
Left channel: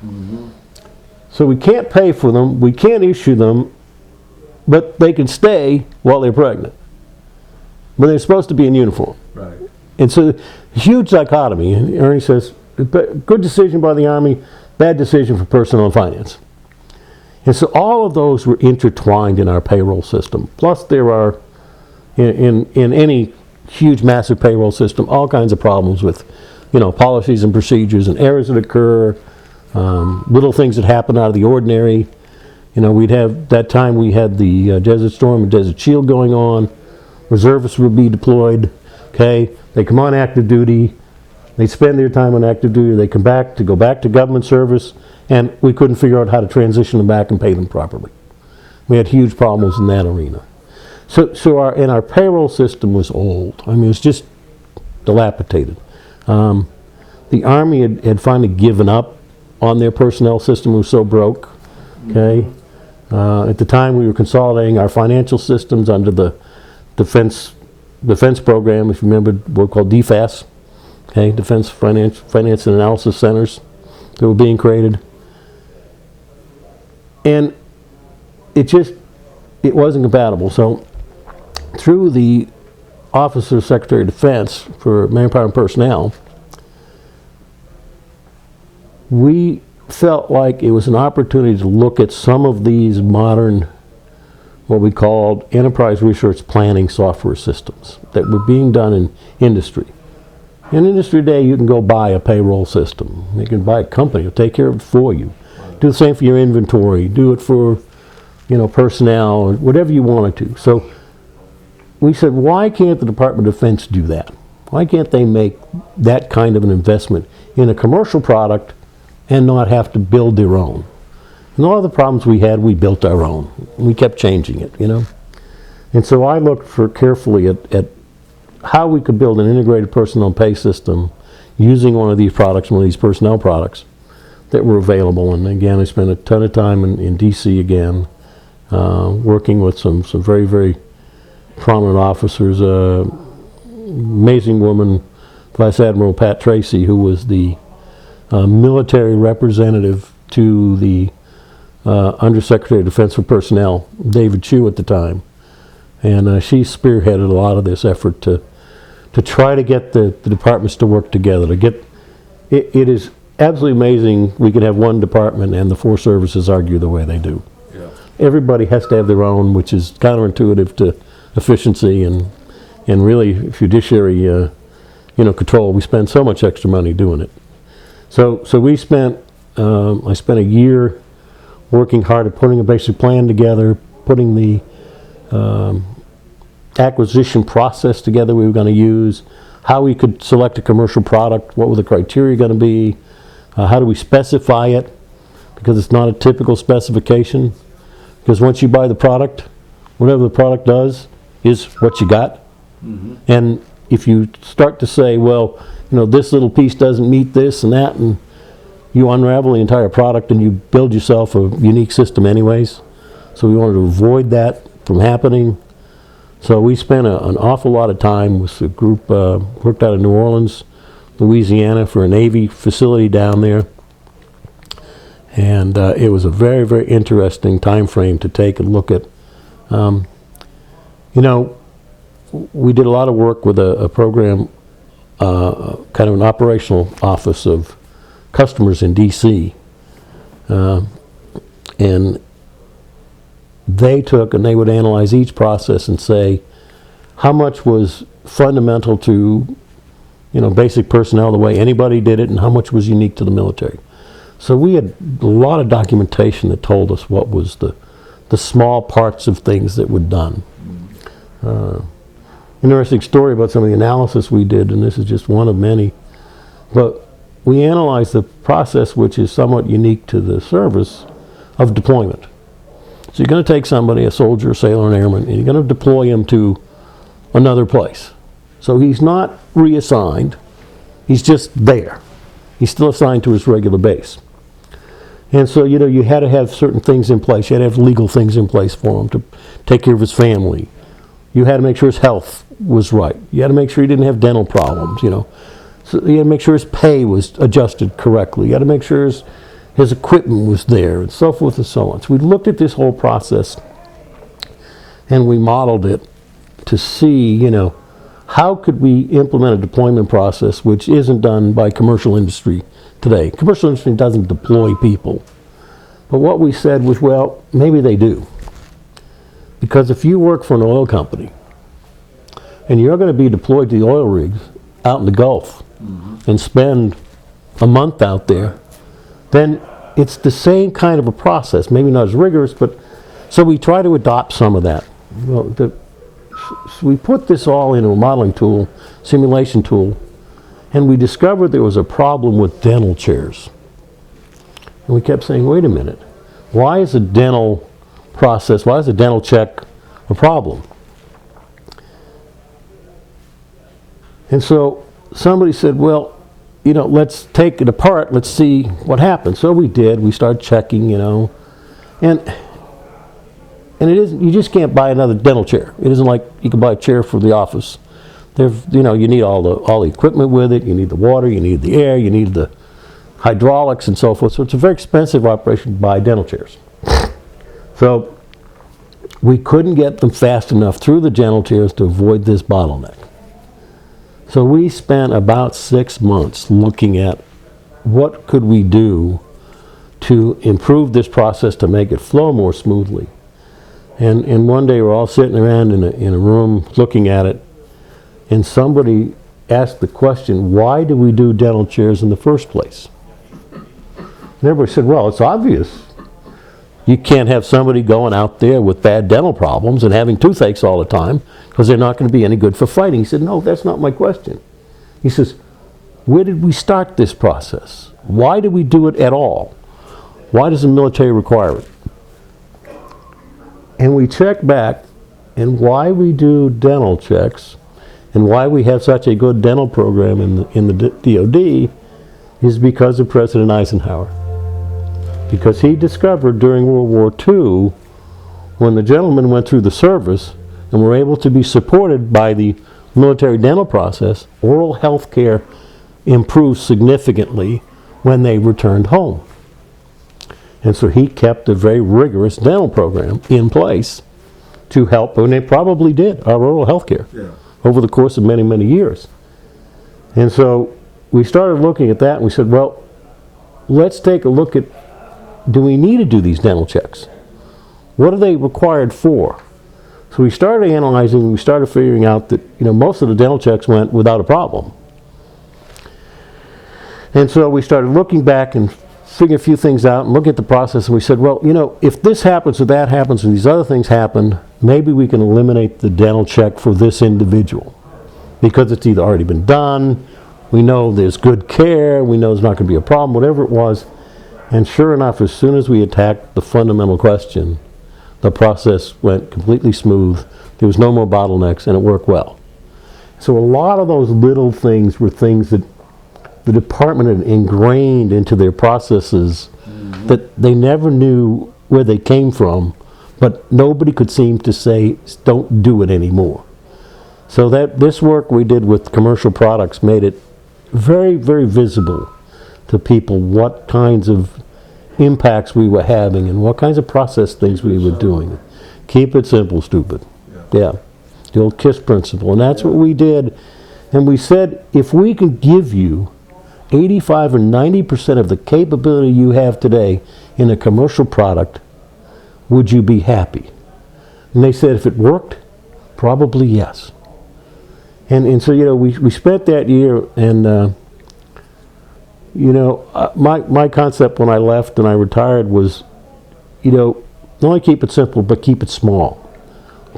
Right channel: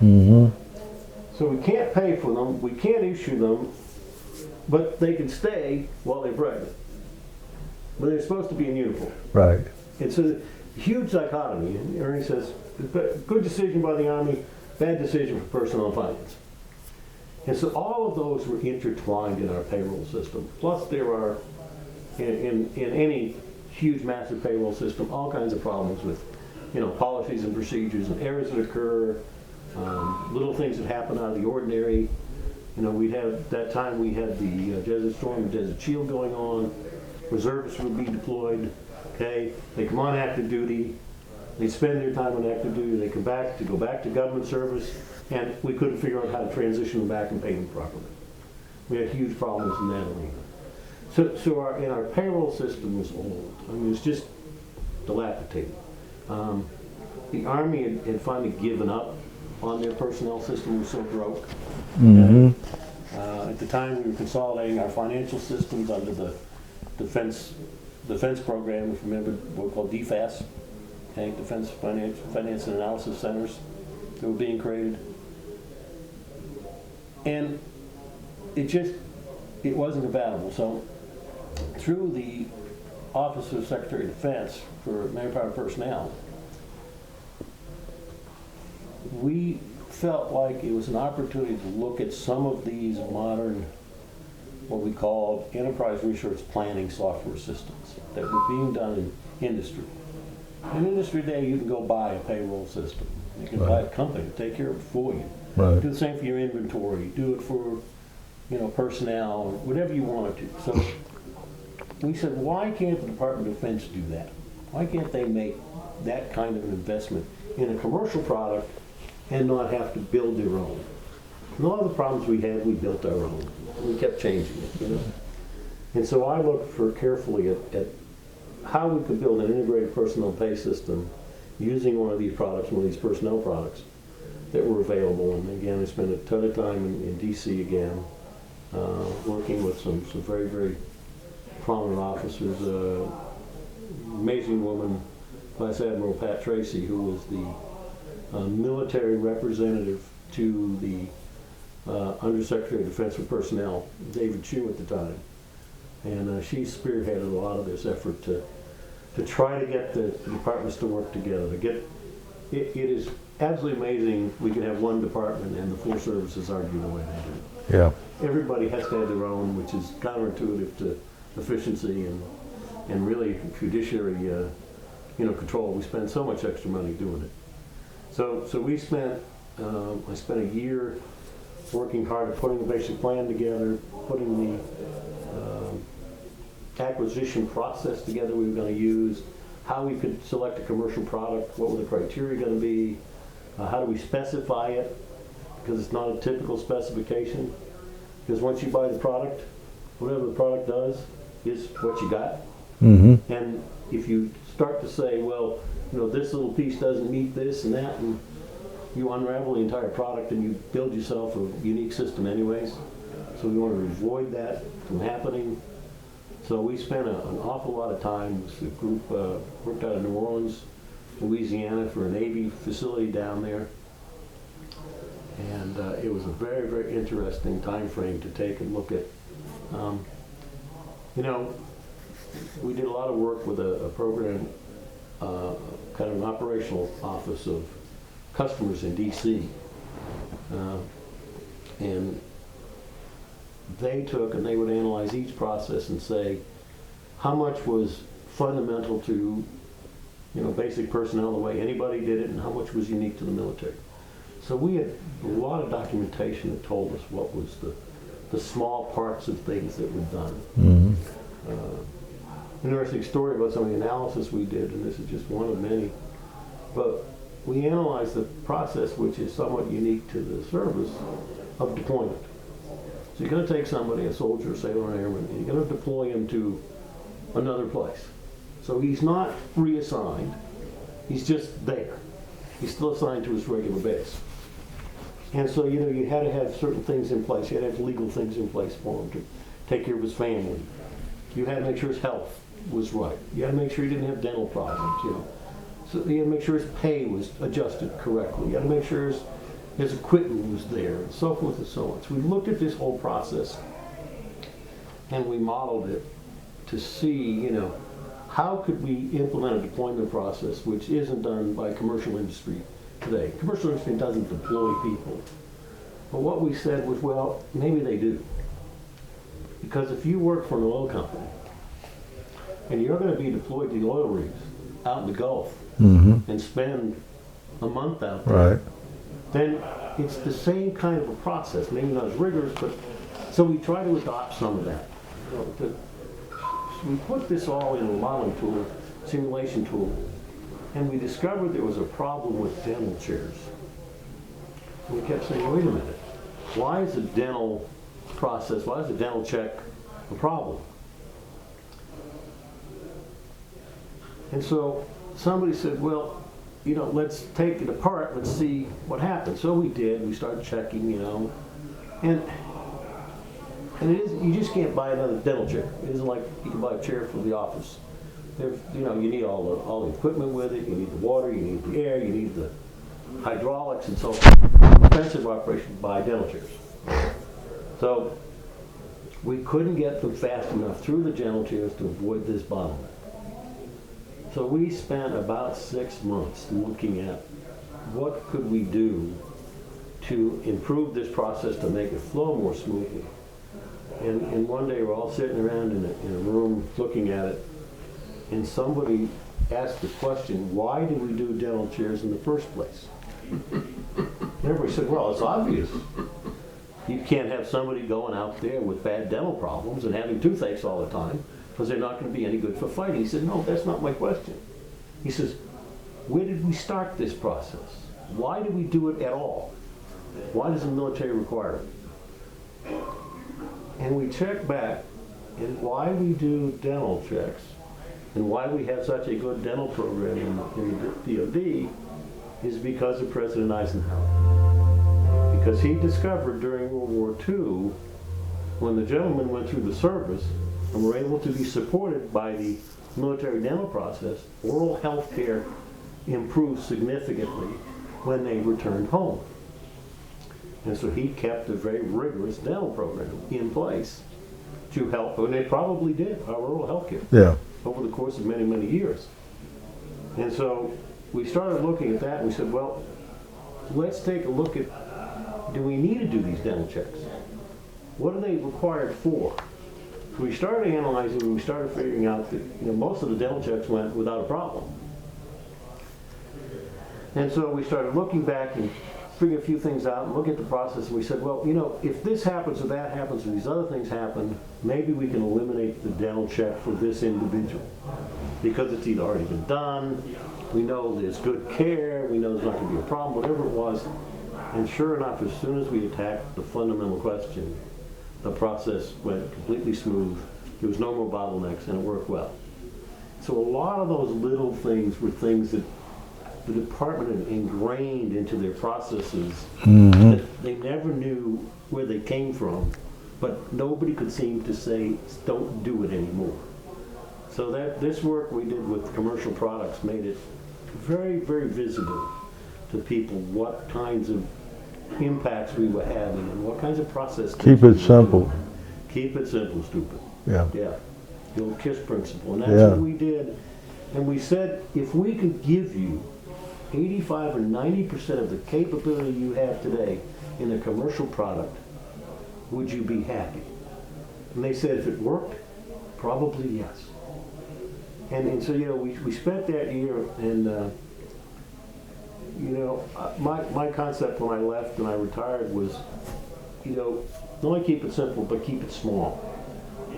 Mm-hmm. So we can't pay for them, we can't issue them, but they can stay while they're pregnant. But they're supposed to be in uniform. Right. And so, huge dichotomy. And Ernie says, good decision by the Army, bad decision for personnel and finance. And so all of those were intertwined in our payroll system. Plus there are, in any huge, massive payroll system, all kinds of problems with, you know, policies and procedures and errors that occur, little things that happen out of the ordinary. You know, we'd have, that time we had the Desert Storm and Desert Shield going on. Reservists would be deployed, okay? They come on active duty, they spend their time on active duty, they come back to go back to government service, and we couldn't figure out how to transition them back and pay them properly. We had huge problems in that arena. So our payroll system was old. I mean, it was just dilapidated. The Army had finally given up on their personnel system. It was so broke, okay? Mm-hmm. At the time we were consolidating our financial systems under the defense program, if you remember, what we called DFAS, okay, Defense Finance and Analysis Centers that were being created. And it wasn't compatible. So through the Office of Secretary of Defense for Manpower and Personnel, we felt like it was an opportunity to look at some of these modern, what we called enterprise resource planning software systems that were being done in industry. In industry today, you can go buy a payroll system. You can buy a company to take care of it for you. Right. Do the same for your inventory. Do it for, you know, personnel, whatever you wanted to. So we said, why can't the Department of Defense do that? Why can't they make that kind of an investment in a commercial product and not have to build their own? And all the problems we had, we built our own. We kept changing it, you know. And so I looked carefully at how we could build an integrated personnel pay system using one of these products, one of these personnel products that were available. And again, I spent a ton of time in D.C. again, working with some very, very prominent officers. Amazing woman, Vice Admiral Pat Tracy, who was the military representative to the Undersecretary of Defense for Personnel, David Chu at the time. And she spearheaded a lot of this effort to try to get the departments to work together. It is absolutely amazing we can have one department and the four services argue the way they do. Yeah. Everybody has to have their own, which is counterintuitive to efficiency and really fiduciary control. We spend so much extra money doing it. So we spent, I spent a year working hard at putting a basic plan together, putting the acquisition process together we were going to use, how we could select a commercial product, what were the criteria going to be, how do we specify it, because it's not a typical specification. Because once you buy the product, whatever the product does is what you got. And if you start to say, well, this little piece doesn't meet this and that, and you unravel the entire product and you build yourself a unique system anyways. So we wanted to avoid that from happening. So we spent an awful lot of time with a group worked out of New Orleans, Louisiana, for a Navy facility down there. And it was a very, very interesting time frame to take a look at. We did a lot of work with a program, kind of an operational office of customers in D.C. And they took and they would analyze each process and say how much was fundamental to basic personnel, the way anybody did it, and how much was unique to the military. So we had a lot of documentation that told us what was the small parts of things that were done. Interesting story about some of the analysis we did, and this is just one of many, but we analyzed the process, which is somewhat unique to the service, of deployment. So you're going to take somebody, a soldier, a sailor, an airman, and you're going to deploy him to another place. So he's not reassigned, he's just there. He's still assigned to his regular base. And so, you had to have certain things in place. You had to have legal things in place for him to take care of his family. You had to make sure his health was right. You had to make sure he didn't have dental problems, So you had to make sure his pay was adjusted correctly. You had to make sure his equipment was there, and so forth and so on. So we looked at this whole process, and we modeled it to see, how could we implement a deployment process which isn't done by commercial industry today. Commercial industry doesn't deploy people. But what we said was, well, maybe they do. Because if you work for an oil company, and you're going to be deployed to the oil rigs out in the Gulf and spend a month out there, then it's the same kind of a process, maybe not as rigorous, but so we try to adopt some of that. So we put this all into a modeling tool, simulation tool, and we discovered there was a problem with dental chairs. And we kept saying, wait a minute, why is a dental process, why is a dental check a problem? And so somebody said, well, let's take it apart, let's see what happens. So we did, we started checking, and it isn't, you just can't buy another dental chair. It isn't like you can buy a chair for the office. You need all the equipment with it, you need the water, you need the air, you need the hydraulics and so forth. So it's a very expensive operation to buy dental chairs. So we couldn't get them fast enough through the dental chairs to avoid this bottleneck. So we spent about 6 months looking at what could we do to improve this process to make it flow more smoothly. And one day we're all sitting around in a room looking at it, and somebody asked the question, why do we do dental chairs in the first place? And everybody said, well, it's obvious. You can't have somebody going out there with bad dental problems and having toothaches all the time, because they're not going to be any good for fighting. He said, no, that's not my question. He says, where did we start this process? Why do we do it at all? Why does the military require it? And we check back, and why we do dental checks and why we have such a good dental program in the DOD is because of President Eisenhower. Because he discovered during World War II, when the gentlemen went through the service and were able to be supported by the military dental process, oral health care improved significantly when they returned home. And so he kept a very rigorous dental program in place to help, and they probably did, our oral health care over the course of many, many years. And so we started looking at that, and we said, well, let's take a look at, do we need to do these dental checks? What are they required for? So we started analyzing, we started figuring out that most of the dental checks went without a problem. And so we started looking back and figuring a few things out and looking at the process, and we said, well, if this happens or that happens or these other things happen, maybe we can eliminate the dental check for this individual. because it's either already been done, we know there's good care, we know there's not going to be a problem, whatever it was. And sure enough, as soon as we attacked the fundamental question, the process went completely smooth. There was no more bottlenecks, and it worked well. So a lot of those little things were things that the department had ingrained into their processes that they never knew where they came from, but nobody could seem to say, don't do it anymore. So that this work we did with commercial products made it very, very visible to people what kinds of impacts we were having and what kinds of process things we were doing. Keep it simple, stupid. Yeah. The old KISS principle. And that's what we did. And we said, if we can give you 85 or 90% of the capability you have today in a commercial product, would you be happy? And they said, if it worked, probably yes. And so, you know, we spent that year, and you know, my concept when I left and I retired was, you know, not only keep it simple, but keep it small.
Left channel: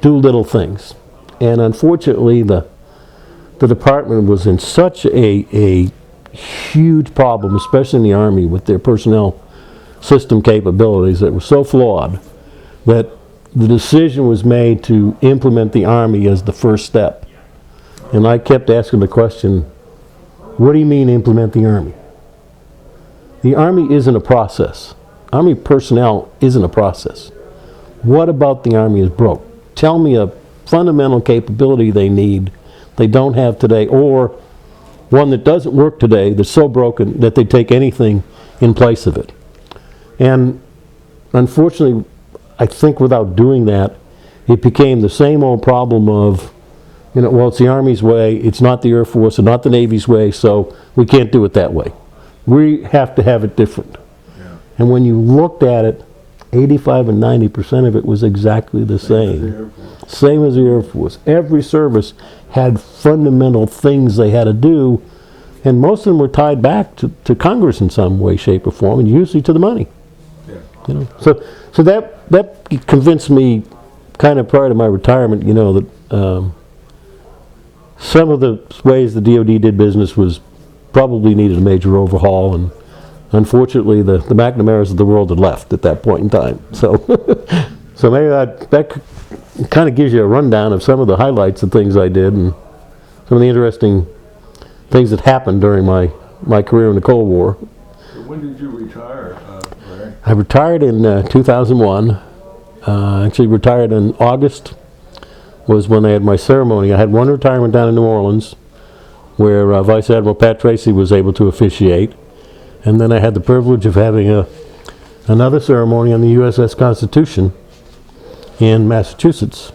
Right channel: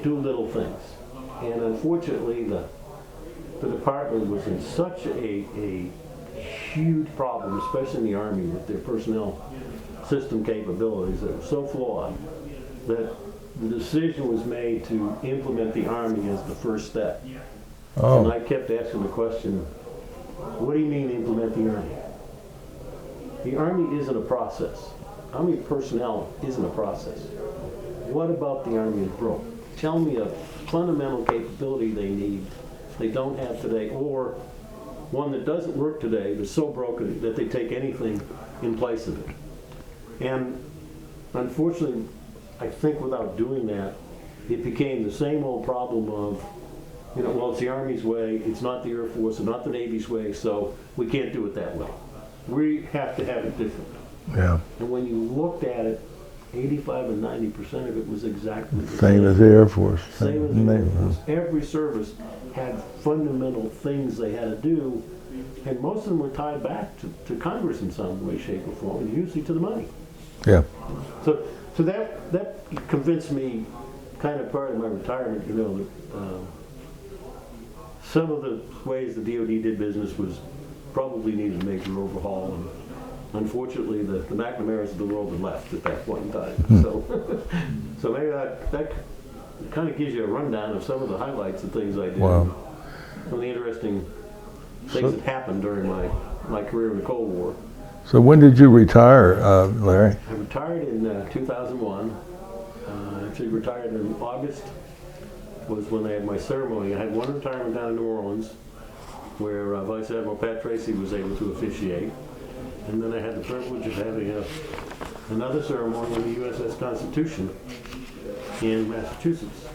Do little things. And unfortunately, the department was in such a huge problem, especially in the Army, with their personnel system capabilities that were so flawed that the decision was made to implement the Army as the first step. And I kept asking the question, what do you mean implement the Army? The Army isn't a process. Army personnel isn't a process. What about the Army is broke? Tell me a fundamental capability they need, they don't have today, or one that doesn't work today that's so broken that they take anything in place of it. And unfortunately, I think without doing that, it became the same old problem of, you know, well, it's the Army's way, it's not the Air Force, and not the Navy's way, so we can't do it that way. We have to have it different. And when you looked at it, 85 and 90% of it was exactly the same. Same as the Air Force. Same as the Air Force. Every service had fundamental things they had to do, and most of them were tied back to Congress in some way, shape, or form, and usually to the money. Yeah. You know? So that convinced me, kind of prior to my retirement, you know, that some of the ways the DoD did business was probably needed a major overhaul, and unfortunately the McNamara's of the world had left at that point in time. So maybe that kind of gives you a rundown of some of the highlights of things I did and some of the interesting things that happened during my career in the Cold War. So when did you retire, Larry? I retired in 2001. Actually retired in August was when they had my ceremony. I had one retirement down in New Orleans where Vice Admiral Pat Tracy was able to officiate. And then I had the privilege of having another ceremony on the USS Constitution in Massachusetts.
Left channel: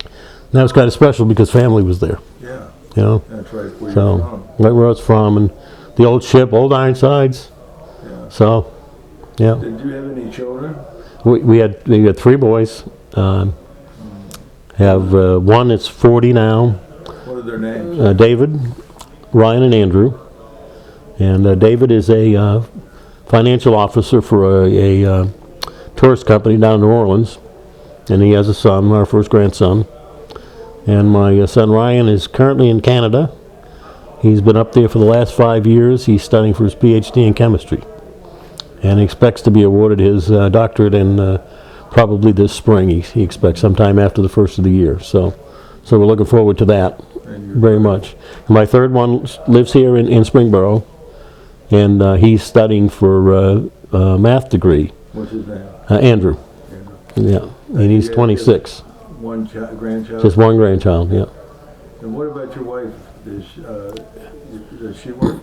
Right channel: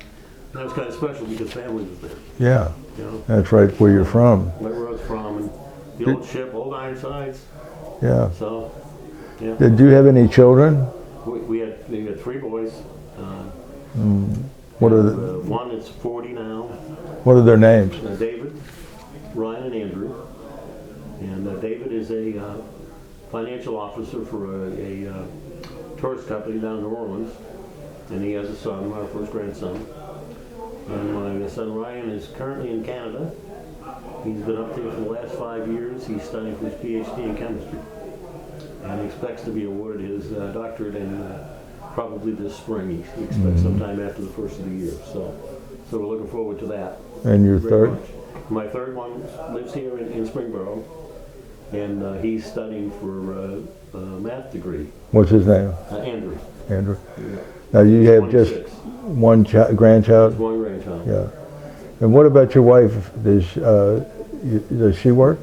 And that was kind of special because family was there. Yeah. You know? That's right where you're from. Right where I was from. And the old ship, Old Ironsides. Yeah. So, yeah. Did you have any children? We had 3 boys. Have one that's 40 now. What are their names? David, Ryan, and Andrew. And David is a financial officer for a tourist company down in New Orleans. And he has a son, our first grandson. And my son Ryan is currently in Canada. He's been up there for the last 5 years. He's studying for his PhD in chemistry. And he expects to be awarded his doctorate in probably this spring. He expects sometime after the first of the year. So we're looking forward to that very much. My third one lives here in Springboro. And he's studying for a math degree. What's his name? Andrew. Andrew. Yeah. And he's 26. One grandchild? Just one grandchild, yeah. And what about your wife? Does she work?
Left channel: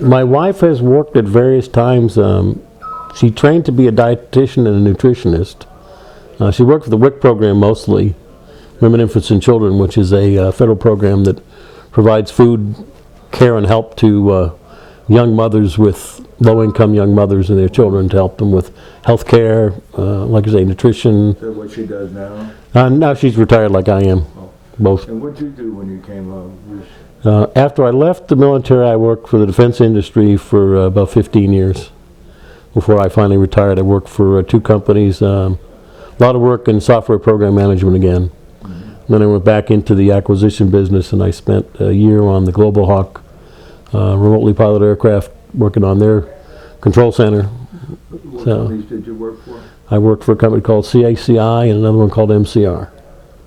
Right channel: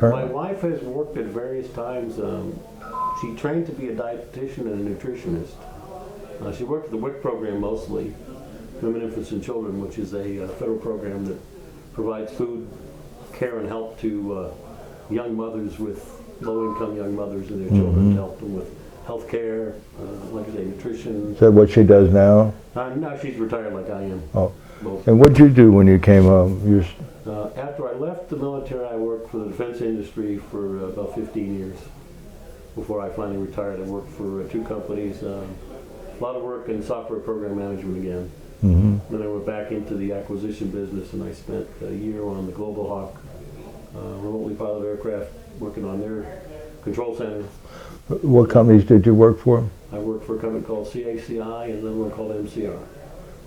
My wife has worked at various times. She trained to be a dietitian and a nutritionist. She worked for the WIC program mostly, Women, Infants, and Children, which is a federal program that provides food, care, and help to young mothers with low-income young mothers and their children to help them with health care, like I say, nutrition. Is that what she does now? Now she's retired like I am. Oh. Both. And what did you do when you came home? After I left the military, I worked for the defense industry for about 15 years. Before I finally retired, I worked for 2 companies. A lot of work in software program management again. Then I went back into the acquisition business, and I spent a year on the Global Hawk remotely piloted aircraft, working on their control center. What companies did you work for? I worked for a company called CACI and another one called MCR.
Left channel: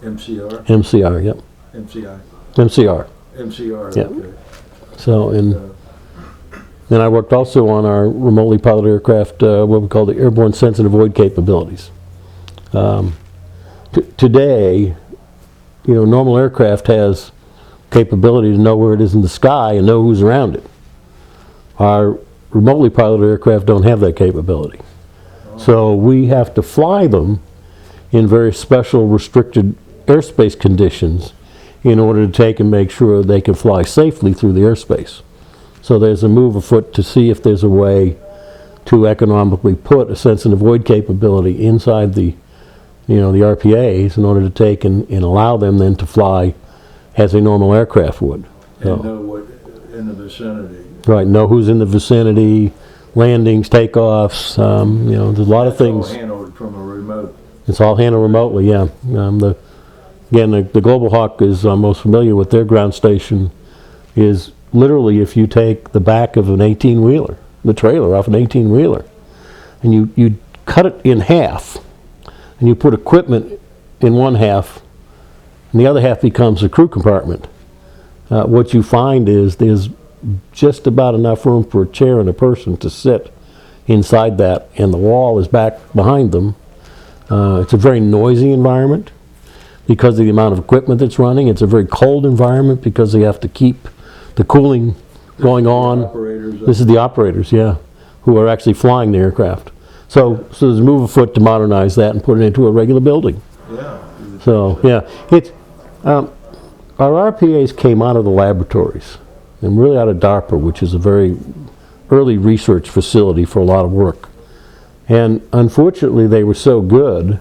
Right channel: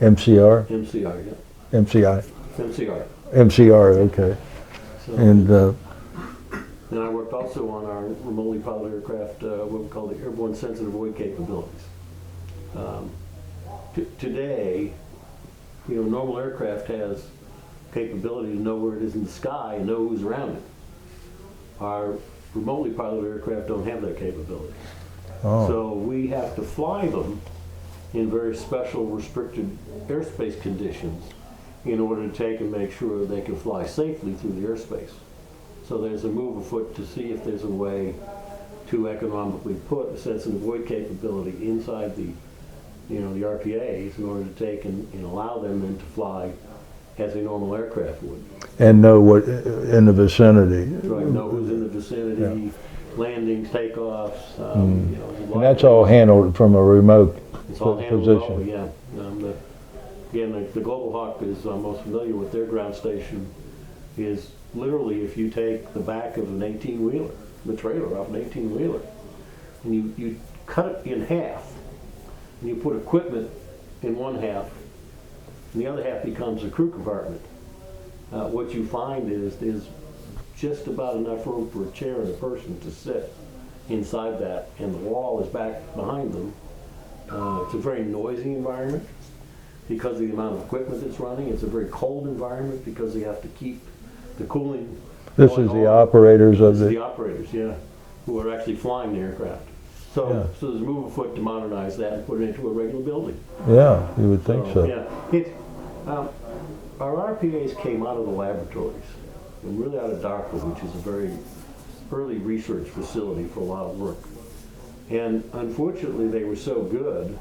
MCR? MCR, yep. MCI? MCR. MCR, Yeah. okay. So, And, and I worked also on our remotely piloted aircraft, what we call the airborne sense and avoid capabilities. Today, you know, normal aircraft has capability to know where it is in the sky and know who's around it. Our remotely piloted aircraft don't have that capability. Oh. So we have to fly them in very special restricted airspace conditions in order to take and make sure they can fly safely through the airspace. So there's a move afoot to see if there's a way to economically put a sense and avoid capability inside the, you know, the RPAs in order to take and allow them then to fly as a normal aircraft would. and know what in the vicinity. Right, know who's in the vicinity, landings, takeoffs, you know, there's a lot of That's all things. handled from a remote. It's all handled remotely, yeah. The Global Hawk is most familiar with their ground station is literally if you take the back of an 18-wheeler, the trailer off an 18-wheeler, and you cut it in half, and you put equipment in one half, and the other half becomes a crew compartment. What you find is there's just about enough room for a chair and a person to sit inside that, and the wall is back behind them. It's a very noisy environment because of the amount of equipment that's running. It's a very cold environment because they have to keep the cooling going on. The operators. This is the operators, yeah, who are actually flying the aircraft. So there's a move afoot to modernize that and put it into a regular building. Yeah. You would So, think so. yeah, it's our RPAs came out of the laboratories and really out of DARPA, which is a very early research facility for a lot of work. And unfortunately, they were so good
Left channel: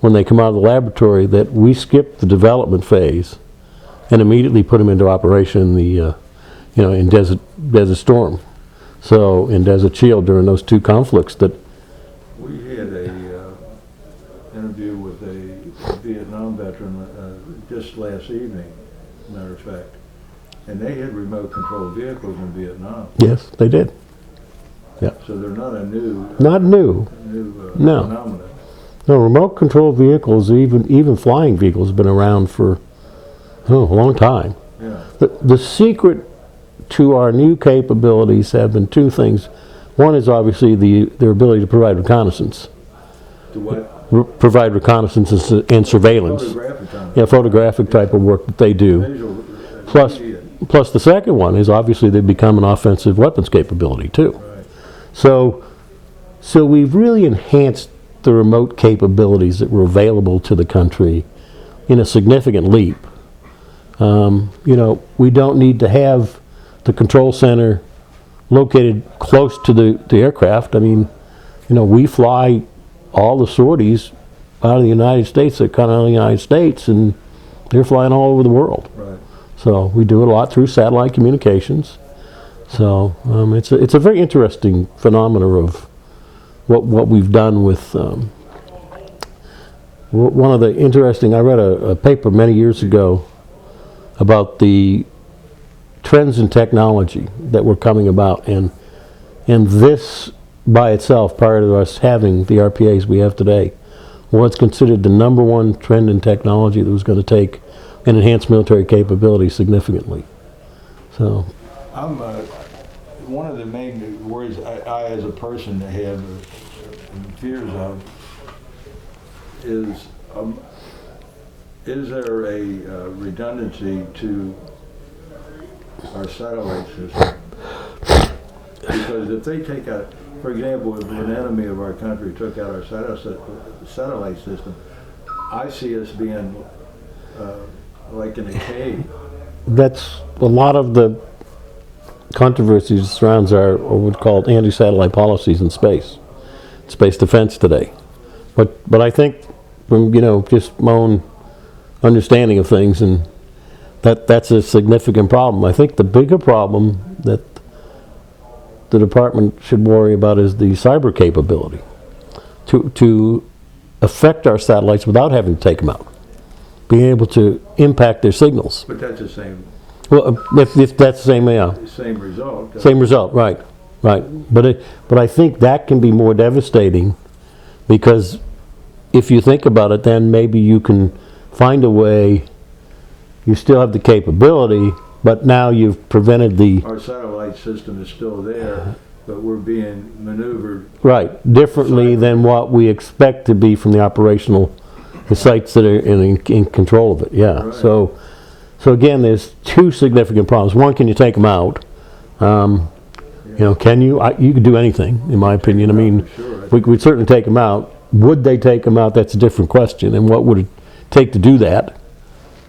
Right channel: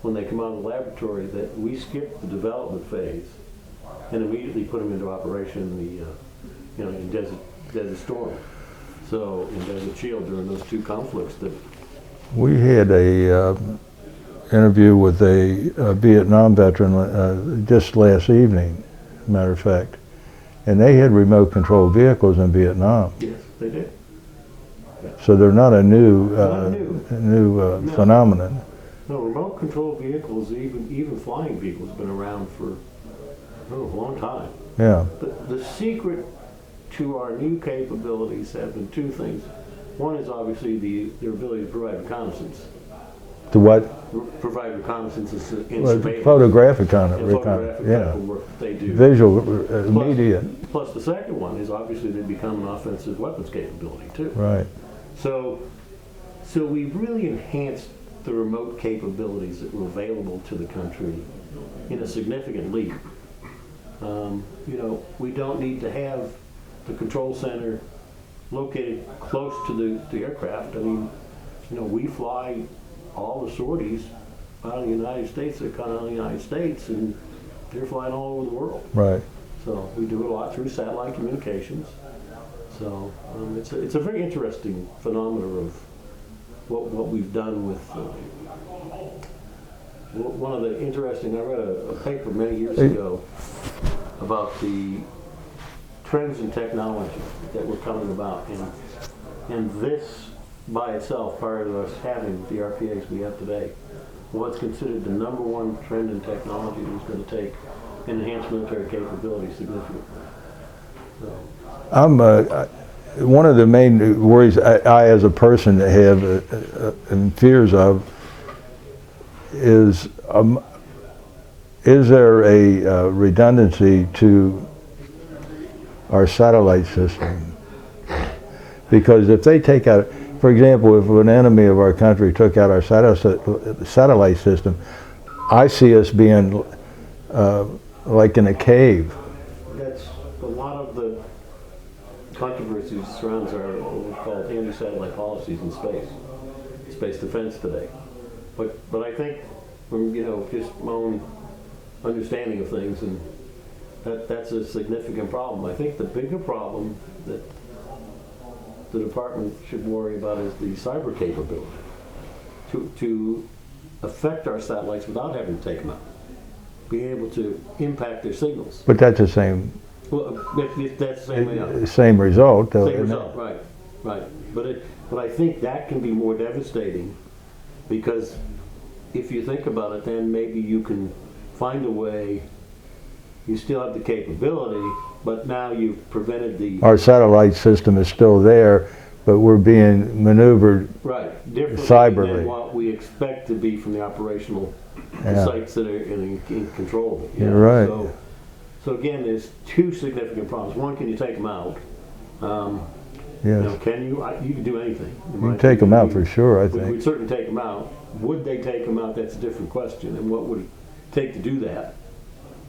when they come out of the laboratory that we skipped the development phase and immediately put them into operation in the, you know, in Desert Storm. So in Desert Shield during those two conflicts that. We had a interview with a Vietnam veteran just last evening, matter of fact, and they had remote control vehicles in Vietnam. Yes, they did. So they're not a new No. phenomenon. No, remote control vehicles, even flying vehicles, have been around for a long time. Yeah. The secret to our new capabilities have been two things. One is obviously their ability to provide reconnaissance. To what? Provide reconnaissance and surveillance. Photographic kind of. Yeah, photographic type of work that they do. Visual media. Plus the second one is obviously they've become an offensive weapons capability too. Right. So we've really enhanced the remote capabilities that were available to the country in a significant leap. You know, we don't need to have the control center located close to the aircraft. I mean, you know, we fly all the sorties out of the United States, that come out of the United States, and they're flying all over the world. Right. So we do it a lot through satellite communications. So it's a very interesting phenomena of what we've done with. One of the interesting, I read a paper many years ago about the trends in technology that were coming about, and this by itself, prior to us having the RPAs we have today, was considered the #1 trend in technology that was going to take and enhance military capability significantly. So, I'm one of the main worries I as a person have and fears of is there a redundancy to our satellite system? Because if they take out, for example, if an enemy of our country took out our satellite system, I see us being like in a cave. that's a lot of the controversy that surrounds our what's called anti-satellite policies in space defense today. But I think from, you know, just my own understanding of things, and that's a significant problem. I think the bigger problem that the department should worry about is the cyber capability to affect our satellites without having to take them out. being able to impact their signals. But that's the same Well, if that's the same, yeah. same result. Same result, right, right. But I think that can be more devastating, because if you think about it, then maybe you can find a way, you still have the capability, but now you've prevented the... Our satellite system is still there, but we're being maneuvered. Right, differently than Cyberly. what we expect to be from the operational, the Yeah. sites that are in control of it, yeah. Right. So again, there's two significant problems. One, can you take them out? Yes. You know, can you? You could do anything, in my Take opinion. them I out mean, for sure, I we think. would certainly take them out. Would they take them out? That's a different question. And what would it take to do that?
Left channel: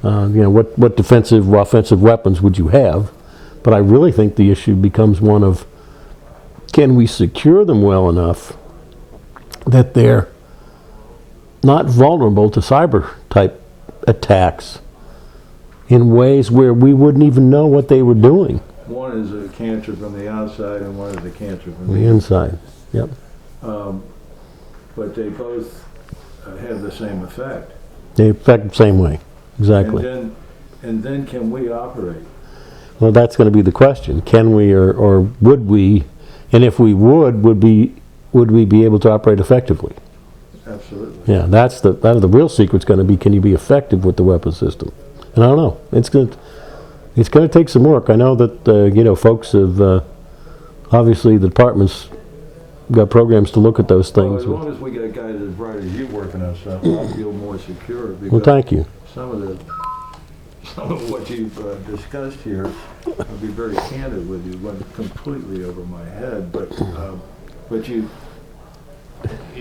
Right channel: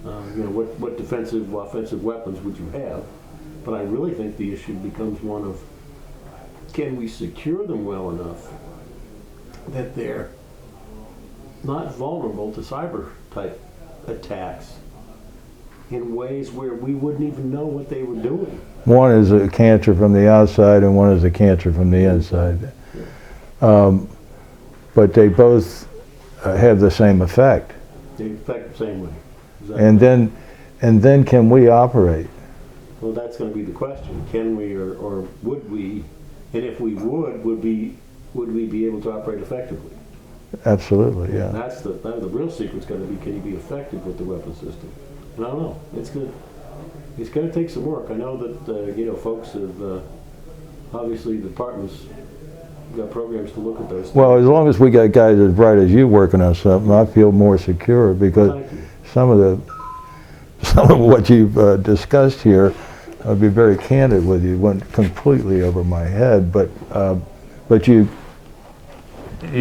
You know, what defensive or offensive weapons would you have? But I really think the issue becomes one of, can we secure them well enough that they're not vulnerable to cyber type attacks in ways where we wouldn't even know what they were doing? One is a cancer from the outside and one is a cancer from the inside. Yep. But they both have the same effect. They affect the same way. Exactly. And then can we operate? Well, that's going to be the question. Can we, or would we? And if we would we be able to operate effectively? Absolutely. Yeah, that's the real secret's going to be, can you be effective with the weapon system? And I don't know. It's going to take some work. I know that you know, folks have obviously the department's got programs to look at those things. Well, as long as we got guys as bright as you working on something, I feel more secure, because Well, thank you. some of what you've discussed here, I'll be very candid with you, went completely over my head. But you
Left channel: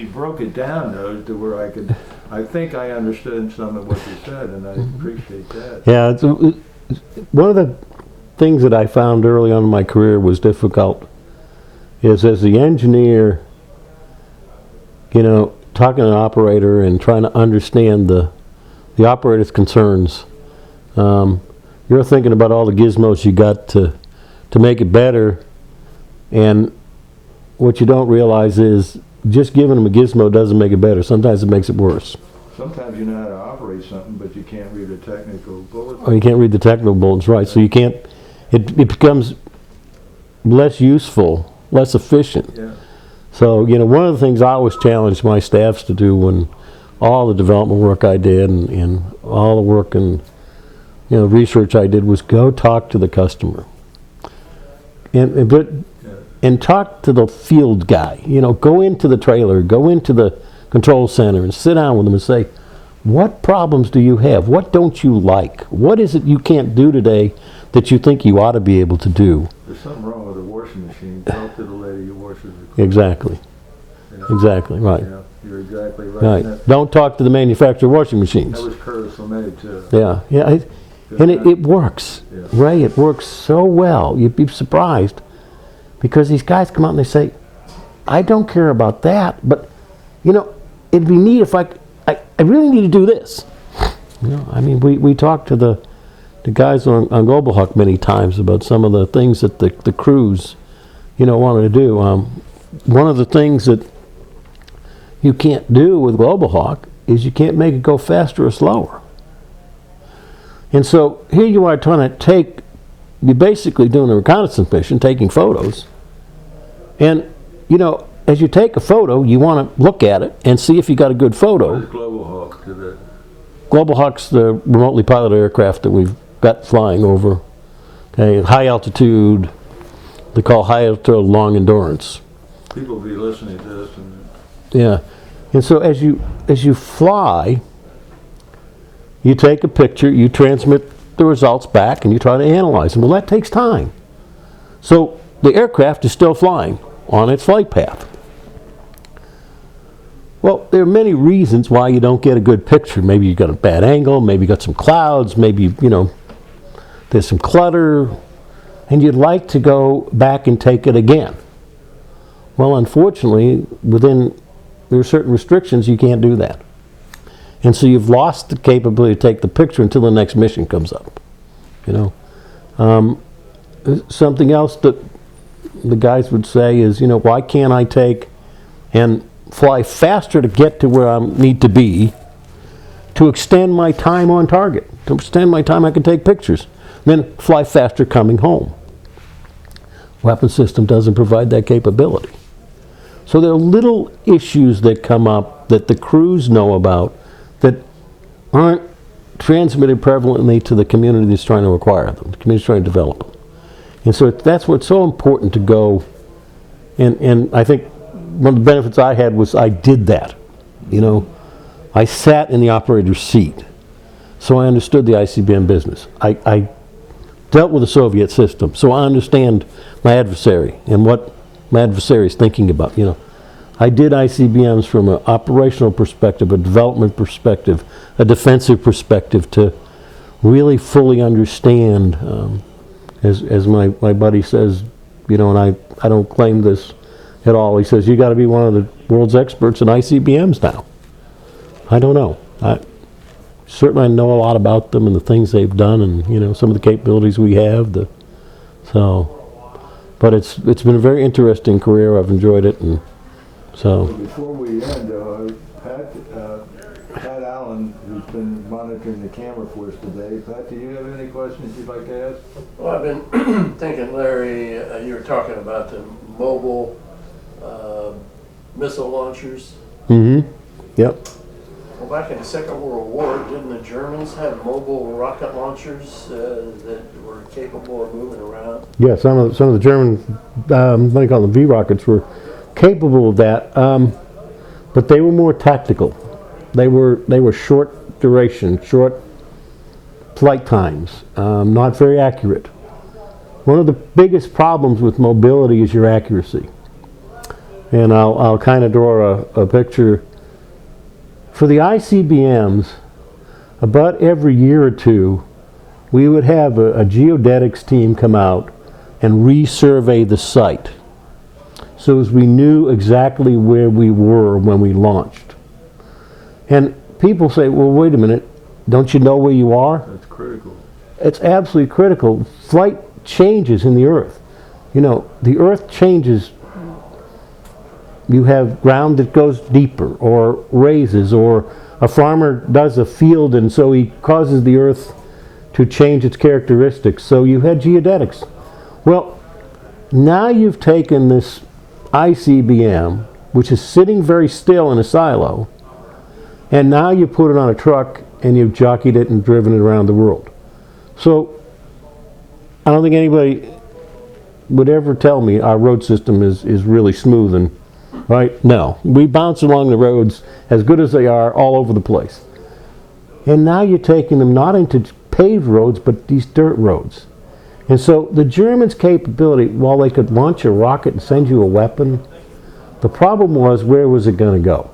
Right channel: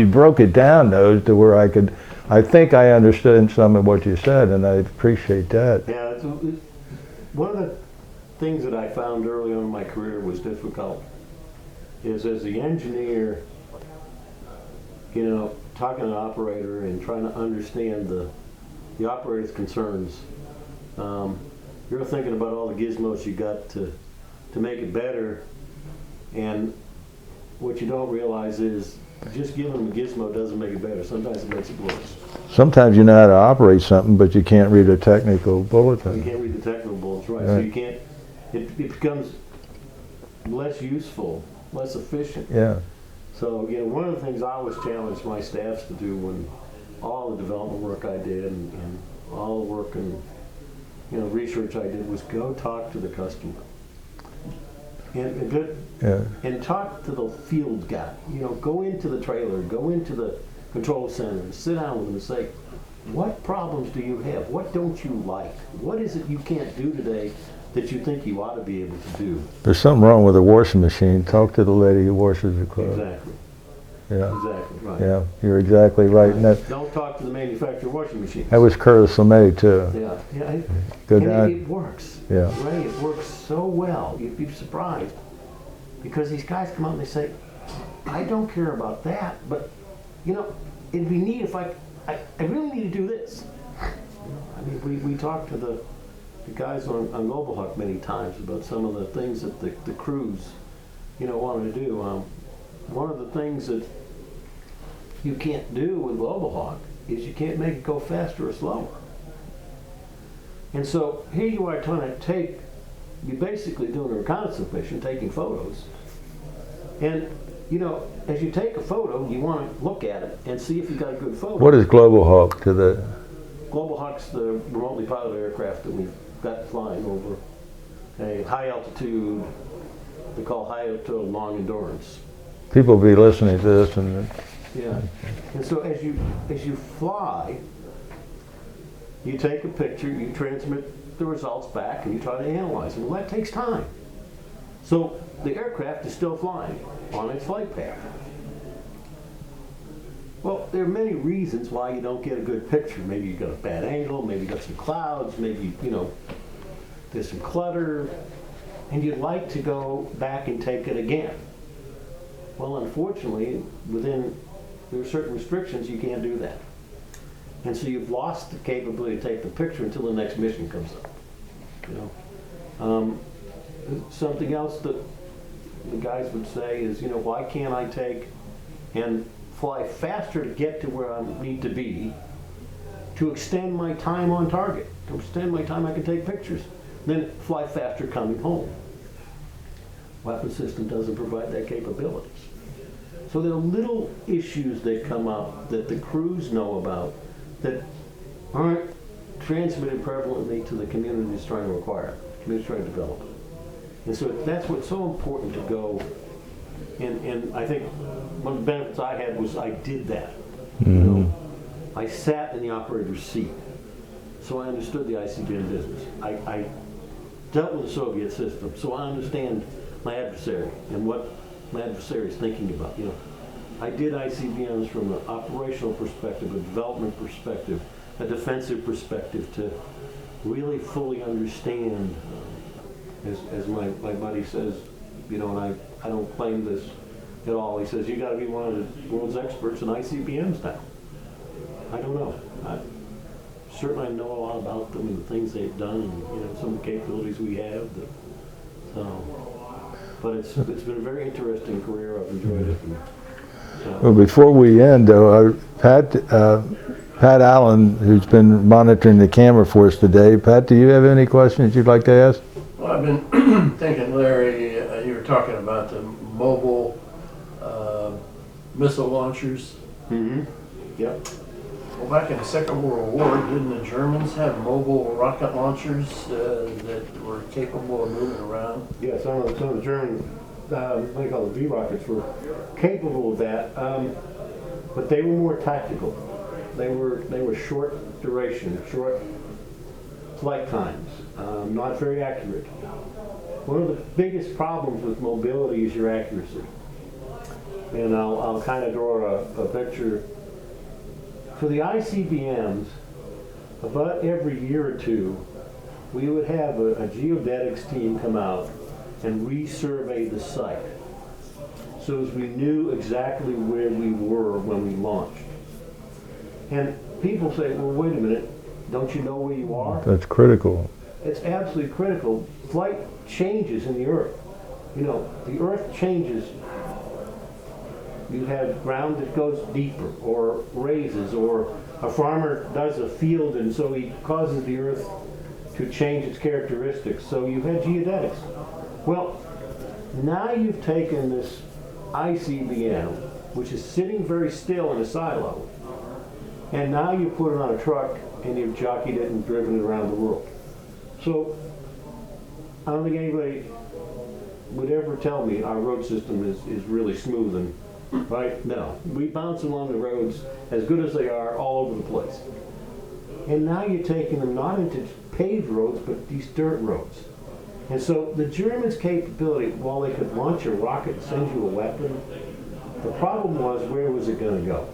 broke it down, though, to where I think I understood some of what you said, and I appreciate that. Yeah, one of the things that I found early on in my career was difficult is, as the engineer, you know, talking to an operator and trying to understand the operator's concerns. You're thinking about all the gizmos you got to make it better, and what you don't realize is just giving them a gizmo doesn't make it better. Sometimes it makes it worse. Sometimes you know how to operate something, but you can't read a technical bulletin. Or you can't read the technical bulletins, right? So you can't. It becomes less useful, less efficient. Yeah. So, you know, one of the things I always challenged my staffs to do, when all the development work I did and all the work and, you know, research I did, was go talk to the customer. And talk to the field guy. You know, go into the trailer, go into the control center and sit down with them and say, what problems do you have? What don't you like? What is it you can't do today that you think you ought to be able to do? There's something wrong with a washing machine. Talk to the lady who washes the clothes. Exactly. Yeah. Exactly, right. Yeah, you're exactly right. Right. Don't talk to the manufacturer of washing machines. That was Curtis LeMay, too. Yeah, yeah. Good And man. it works. Yeah. Ray, it works so well. You'd be surprised, because these guys come out and they say, I don't care about that, but, you know, it'd be neat if I really need to do this. You know, I mean, we talked to the guys on Global Hawk many times about some of the things that the crews, you know, wanted to do. One of the things that you can't do with Global Hawk is you can't make it go faster or slower. And so here you are trying to you're basically doing a reconnaissance mission, taking photos. And, you know, as you take a photo, you want to look at it and see if you got a good photo. What is Global Hawk to the... Global Hawk's the remotely piloted aircraft that we've got flying over. Okay, high altitude, they call high altitude long endurance. People will be listening to this and... Yeah. And so as you fly, you take a picture, you transmit the results back, and you try to analyze them. Well, that takes time. So the aircraft is still flying on its flight path. Well, there are many reasons why you don't get a good picture. Maybe you got a bad angle, maybe you got some clouds, maybe, you know, there's some clutter, and you'd like to go back and take it again. Well, unfortunately, there are certain restrictions, you can't do that. And so you've lost the capability to take the picture until the next mission comes up. You know, something else that the guys would say is, you know, why can't I take and fly faster to get to where I need to be, to extend my time on target, to extend my time I can take pictures, then fly faster coming home. Weapon system doesn't provide that capability. So there are little issues that come up that the crews know about that aren't transmitted prevalently to the community that's trying to acquire them, the community that's trying to develop them. And so that's what's so important to go, and I think one of the benefits I had was I did that. You know, I sat in the operator's seat, so I understood the ICBM business. I dealt with the Soviet system, so I understand my adversary and what my adversary is thinking about. You know, I did ICBMs from an operational perspective, a development perspective, a defensive perspective, to really fully understand, as my buddy says, you know, and I don't claim this at all. He says, you got to be one of the world's experts in ICBMs now. I don't know. Certainly I know a lot about them and the things they've done, and you know, some of the capabilities we have. But it's been a very interesting career. I've enjoyed it, and so. Well, before we end, though, Pat Allen, who's been monitoring the camera for us today. Pat, do you have any questions you'd like to ask? Well, I've been thinking, Larry, you were talking about the mobile missile launchers. Mm-hmm. Yep. Well, back in the Second World War, didn't the Germans have mobile rocket launchers that were capable of moving around? Yeah, some of the German, what do you call them, V-rockets, were capable of that, but they were more tactical. They were short duration, short flight times, not very accurate. One of the biggest problems with mobility is your accuracy. And I'll kind of draw a picture. For the ICBMs, about every year or two, we would have a geodetics team come out and resurvey the site, so as we knew exactly where we were when we launched. And people say, well, wait a minute, don't you know where you are? That's critical. It's absolutely critical. Flight changes in the Earth. You know, the Earth changes. You have ground that goes deeper or raises, or a farmer does a field and so he causes the Earth to change its characteristics. So you had geodetics. Well, now you've taken this ICBM, which is sitting very still in a silo, and now you put it on a truck and you've jockeyed it and driven it around the world. So I don't think anybody would ever tell me our road system is really smooth and right? No. We bounce along the roads as good as they are all over the place. And now you're taking them not into paved roads, but these dirt roads. And so the Germans' capability, while they could launch a rocket and send you a weapon, the problem was, where was it going to go?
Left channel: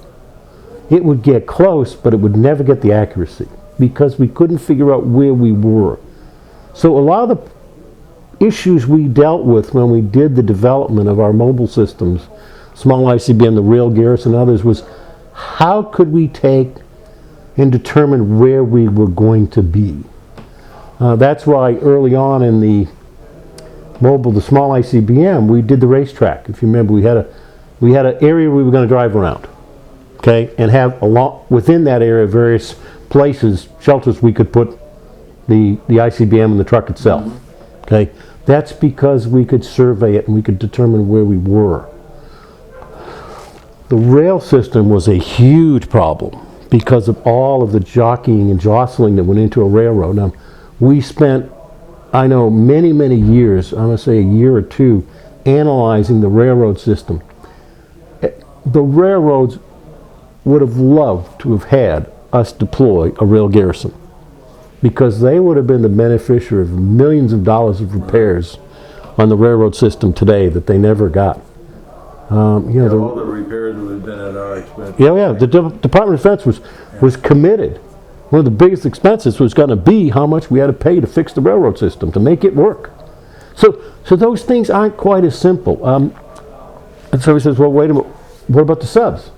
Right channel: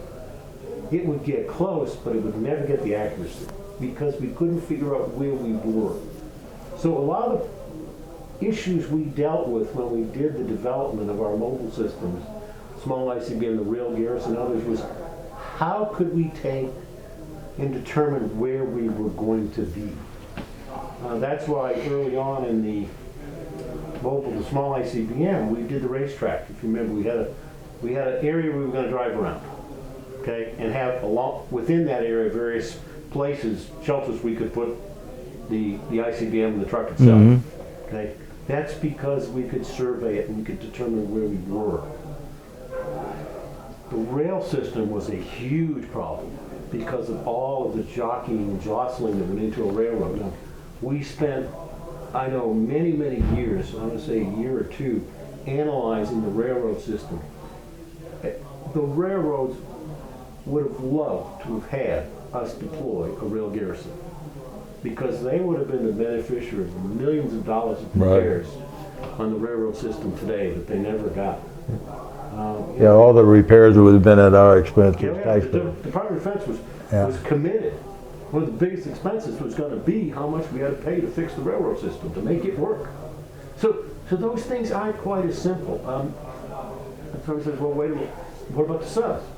It would get close, but it would never get the accuracy because we couldn't figure out where we were. So a lot of the issues we dealt with when we did the development of our mobile systems, small ICBM, the rail gears and others, was how could we take and determine where we were going to be. That's why early on in the small ICBM, we did the racetrack. If you remember, we had an area we were going to drive around, okay, and have within that area various places, shelters we could put the ICBM and the truck itself. Okay, that's because we could survey it and we could determine where we were. The rail system was a huge problem because of all of the jockeying and jostling that went into a railroad. Now, we spent, I know, many, many years, I'm going to say a year or two, analyzing the railroad system. The railroads would have loved to have had us deploy a rail garrison because they would have been the beneficiary of millions of dollars of repairs on the railroad system today that they never got. All the repairs would have been at our expense. Yeah. The Department of Defense was committed. One of the biggest expenses was going to be how much we had to pay to fix the railroad system, to make it work. So those things aren't quite as simple. And so he says, well, wait a minute, what about the subs?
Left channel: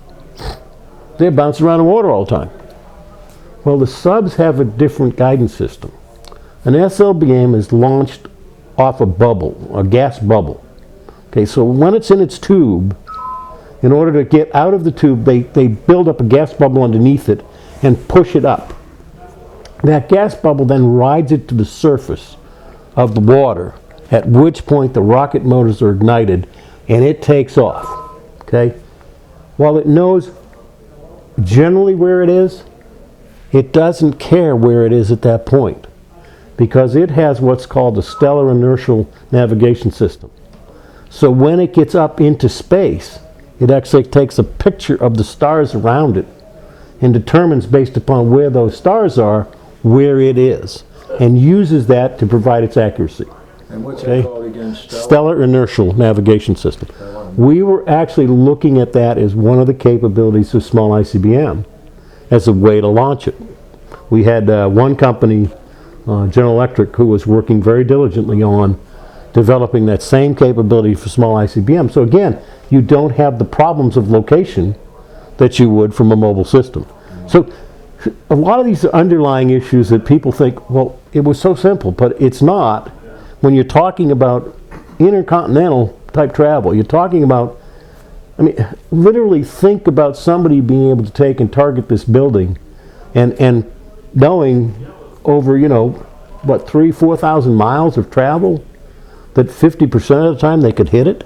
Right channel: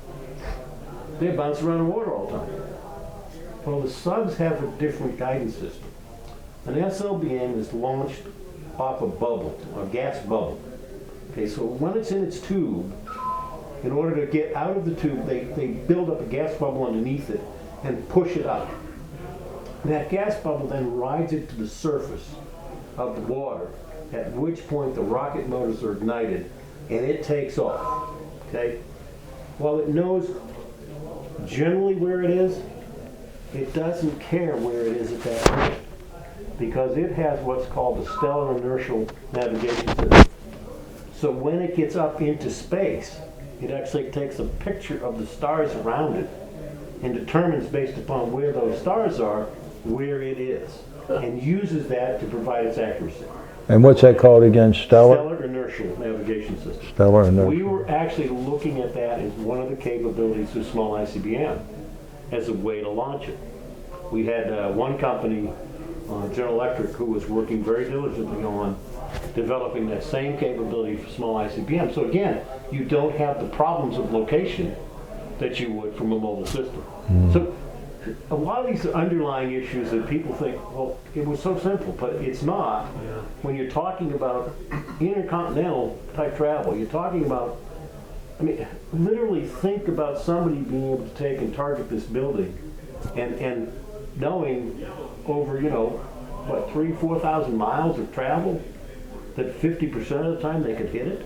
They bounce around the water all the time. Well, the subs have a different guidance system. An SLBM is launched off a bubble, a gas bubble. Okay, so when it's in its tube, in order to get out of the tube, they build up a gas bubble underneath it, and push it up. That gas bubble then rides it to the surface of the water, at which point the rocket motors are ignited and it takes off. Okay? While it knows generally where it is, it doesn't care where it is at that point, because it has what's called the stellar inertial navigation system. So when it gets up into space, it actually takes a picture of the stars around it and determines, based upon where those stars are, where it is, and uses that to provide its accuracy. And what's that called again? Stellar inertial navigation system. Stellar inertial. We were actually looking at that as one of the capabilities of small ICBM as a way to launch it. We had one company, General Electric, who was working very diligently on developing that same capability for small ICBM. So again, you don't have the problems of location that you would from a mobile system. So a lot of these are underlying issues that people think, well, it was so simple, but it's not. When you're talking about intercontinental type travel, you're talking about, I mean, literally think about somebody being able to take and target this building and knowing over, you know, what, 3,000-4,000 miles of travel, that 50% of the time they could hit it.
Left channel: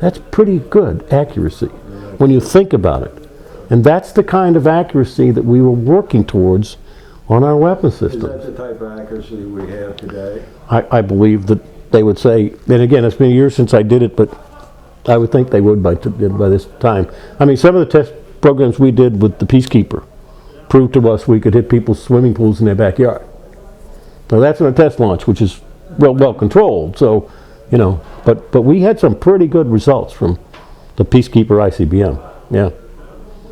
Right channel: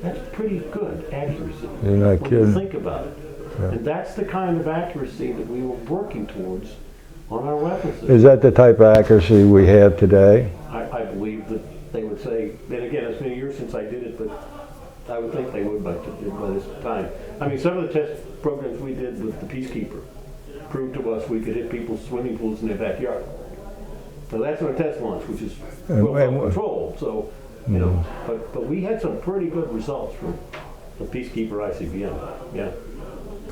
That's pretty good accuracy when you think about it. Yeah. And that's the kind of accuracy that we were working towards on our weapon system. Is that the type of accuracy we have today? I believe that they would say, and again, it's been years since I did it, but I would think they would by this time. I mean, some of the test programs we did with the Peacekeeper proved to us we could hit people's swimming pools in their backyard. Now that's in a test launch, which is well controlled. So, you know, but we had some pretty good results from the Peacekeeper ICBM. Yeah.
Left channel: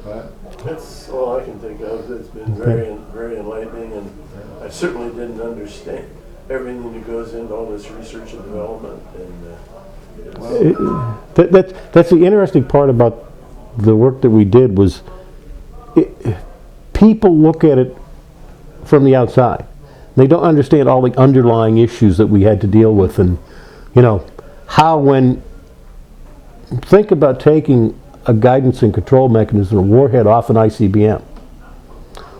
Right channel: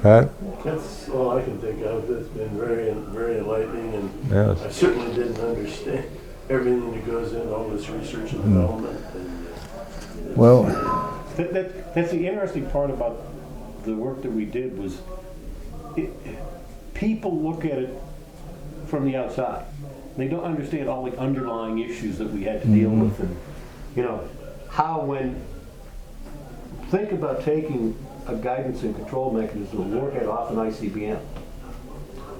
Pat? That's all I can think of. It's been very enlightening, and Yes. I certainly didn't understand everything that goes into all this research and development. And Well, that's the interesting part about the work that we did was people look at it from the outside. They don't understand all the underlying issues that we had to deal with, and you know how when think about taking a guidance and control mechanism, a warhead off an ICBM.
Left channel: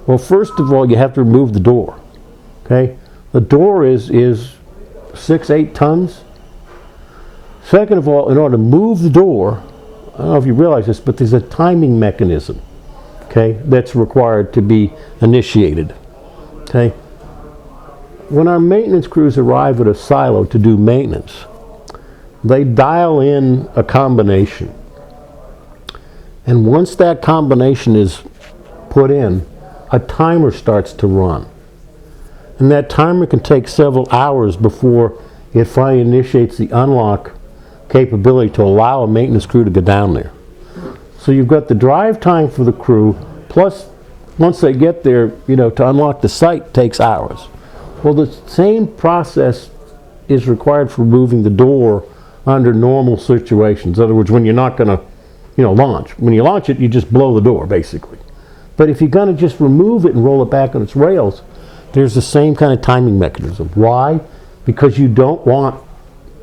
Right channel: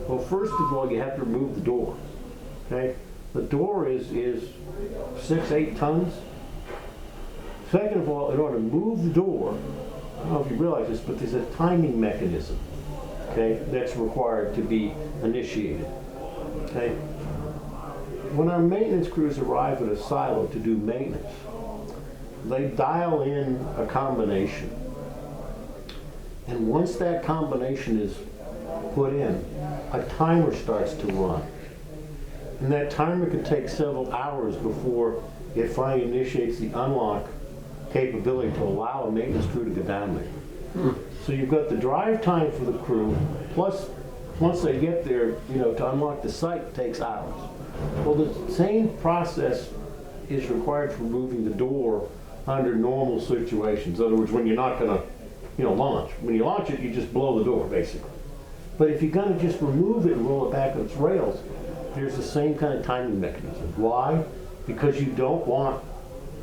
Well, first of all, you have to remove the door. Okay, the door is 6-8 tons. Second of all, in order to move the door, I don't know if you realize this, but there's a timing mechanism, okay, that's required to be initiated. Okay, when our maintenance crews arrive at a silo to do maintenance, they dial in a combination. And once that combination is put in, a timer starts to run. And that timer can take several hours before it finally initiates the unlock capability to allow a maintenance crew to go down there. So you've got the drive time for the crew, plus once they get there, you know, to unlock the site takes hours. Well, the same process is required for moving the door under normal situations. In other words, when you're not going to, you know, launch. When you launch it, you just blow the door, basically. But if you're going to just remove it and roll it back on its rails, there's the same kind of timing mechanism. Why? Because you don't want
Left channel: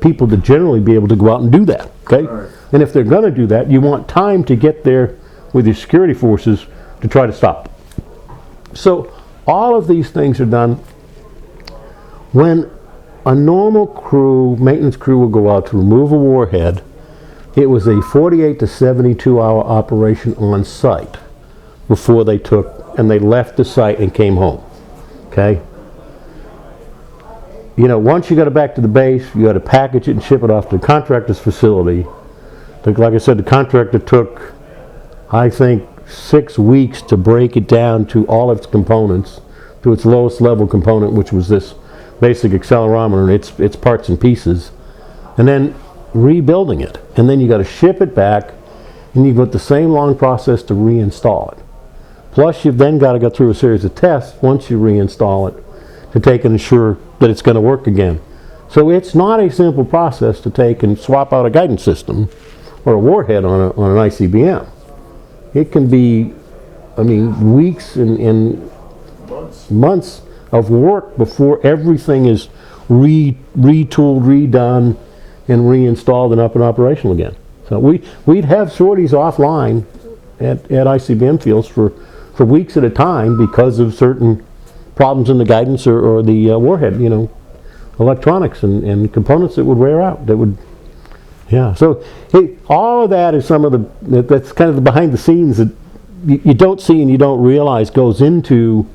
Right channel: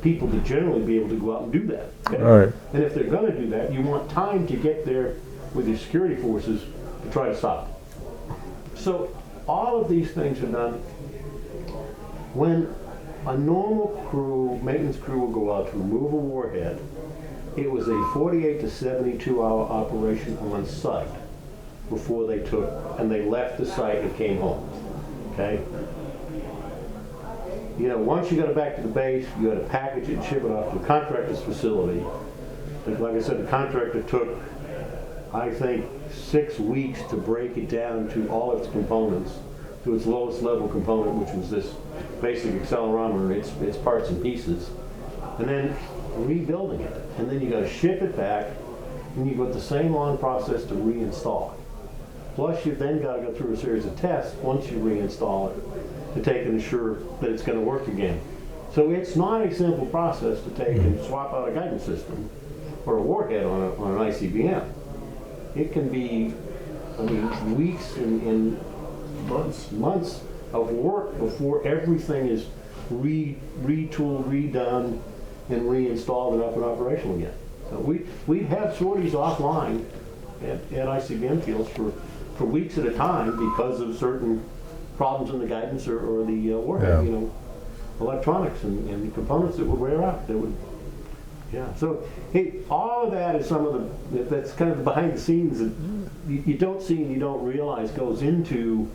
people to generally be able to go out and do that. Okay? Right. And if they're going to do that, you want time to get there with your security forces to try to stop it. So all of these things are done when a normal crew, maintenance crew, will go out to remove a warhead. It was a 48 to 72 hour operation on site before they left the site and came home. Okay? You know, once you got it back to the base, you had to package it and ship it off to the contractor's facility. Like I said, the contractor took, I think, 6 weeks to break it down to all of its components, to its lowest level component, which was this basic accelerometer and its parts and pieces, and then rebuilding it. And then you got to ship it back, and you've got the same long process to reinstall it. Plus, you've then got to go through a series of tests once you reinstall it to take and ensure that it's going to work again. So it's not a simple process to take and swap out a guidance system or a warhead on an ICBM. It can be, I mean, weeks and months of work before everything is retooled, redone, and reinstalled and up and operational again. So we'd have sorties offline at ICBM fields for for weeks at a time because of certain problems in the guidance or the warhead, you know, electronics and components that would wear out. That would, yeah. So hey, all of that is some of that's kind of the behind the scenes that you don't see and you don't realize goes into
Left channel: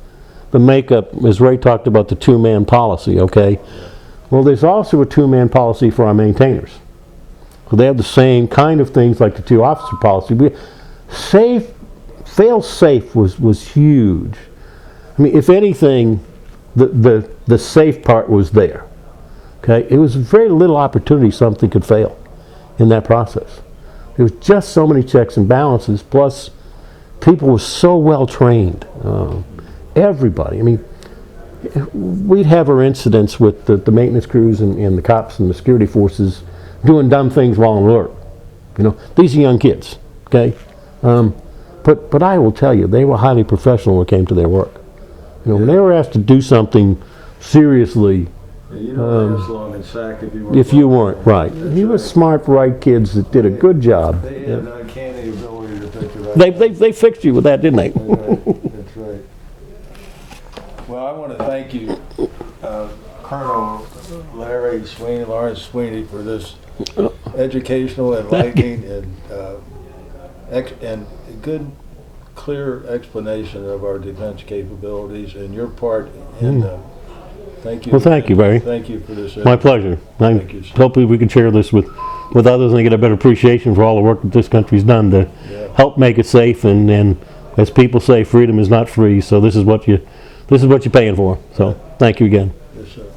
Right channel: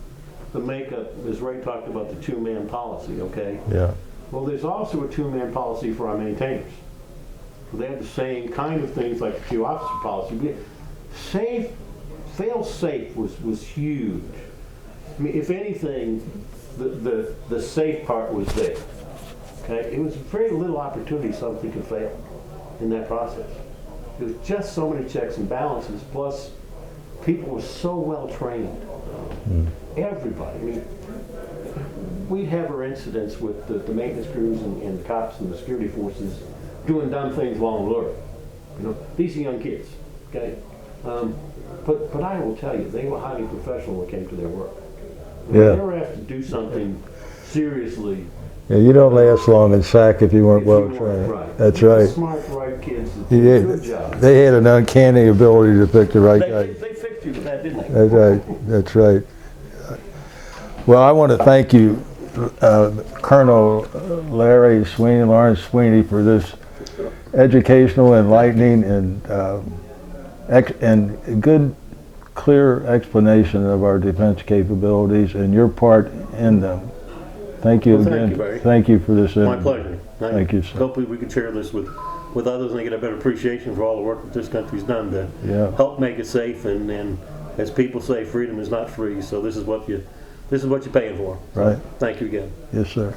the makeup, as Ray talked about, the two-man policy, okay? Yeah. Well, there's also a two-man policy for our maintainers. So they have the same kind of things like the two-officer policy. Fail-safe was huge. I mean, if anything, the safe part was there, okay? It was very little opportunity something could fail in that process. There was just so many checks and balances, plus people were so well trained. Everybody. I mean, we'd have our incidents with the maintenance crews and the cops and the security forces doing dumb things while on alert. You know, these are young kids, okay? But I will tell you, they were highly professional when it came to their work. You know, when they were asked to do something seriously. Yeah, you don't last long in SAC if you weren't. If you weren't, right. That's you right. were smart, right kids that did a good job. They had an uncanny ability to pick the right guy. They fixed you with that, didn't they? That's right. That's right. Well, I want to thank you, Colonel Larry Sweeney, Lawrence Sweeney, for this educational, enlightening, and good, clear explanation of our defense capabilities and your part in them. Thank you. Well, again. thank you, Barry. Thank you for this. My pleasure. Thank you, sir. Hopefully we can share this with others and they get a better appreciation for all the work that this country's done to help make it safe. And as people say, freedom is not free. So this is what you're paying for. So Right. thank you again. Yes, sir.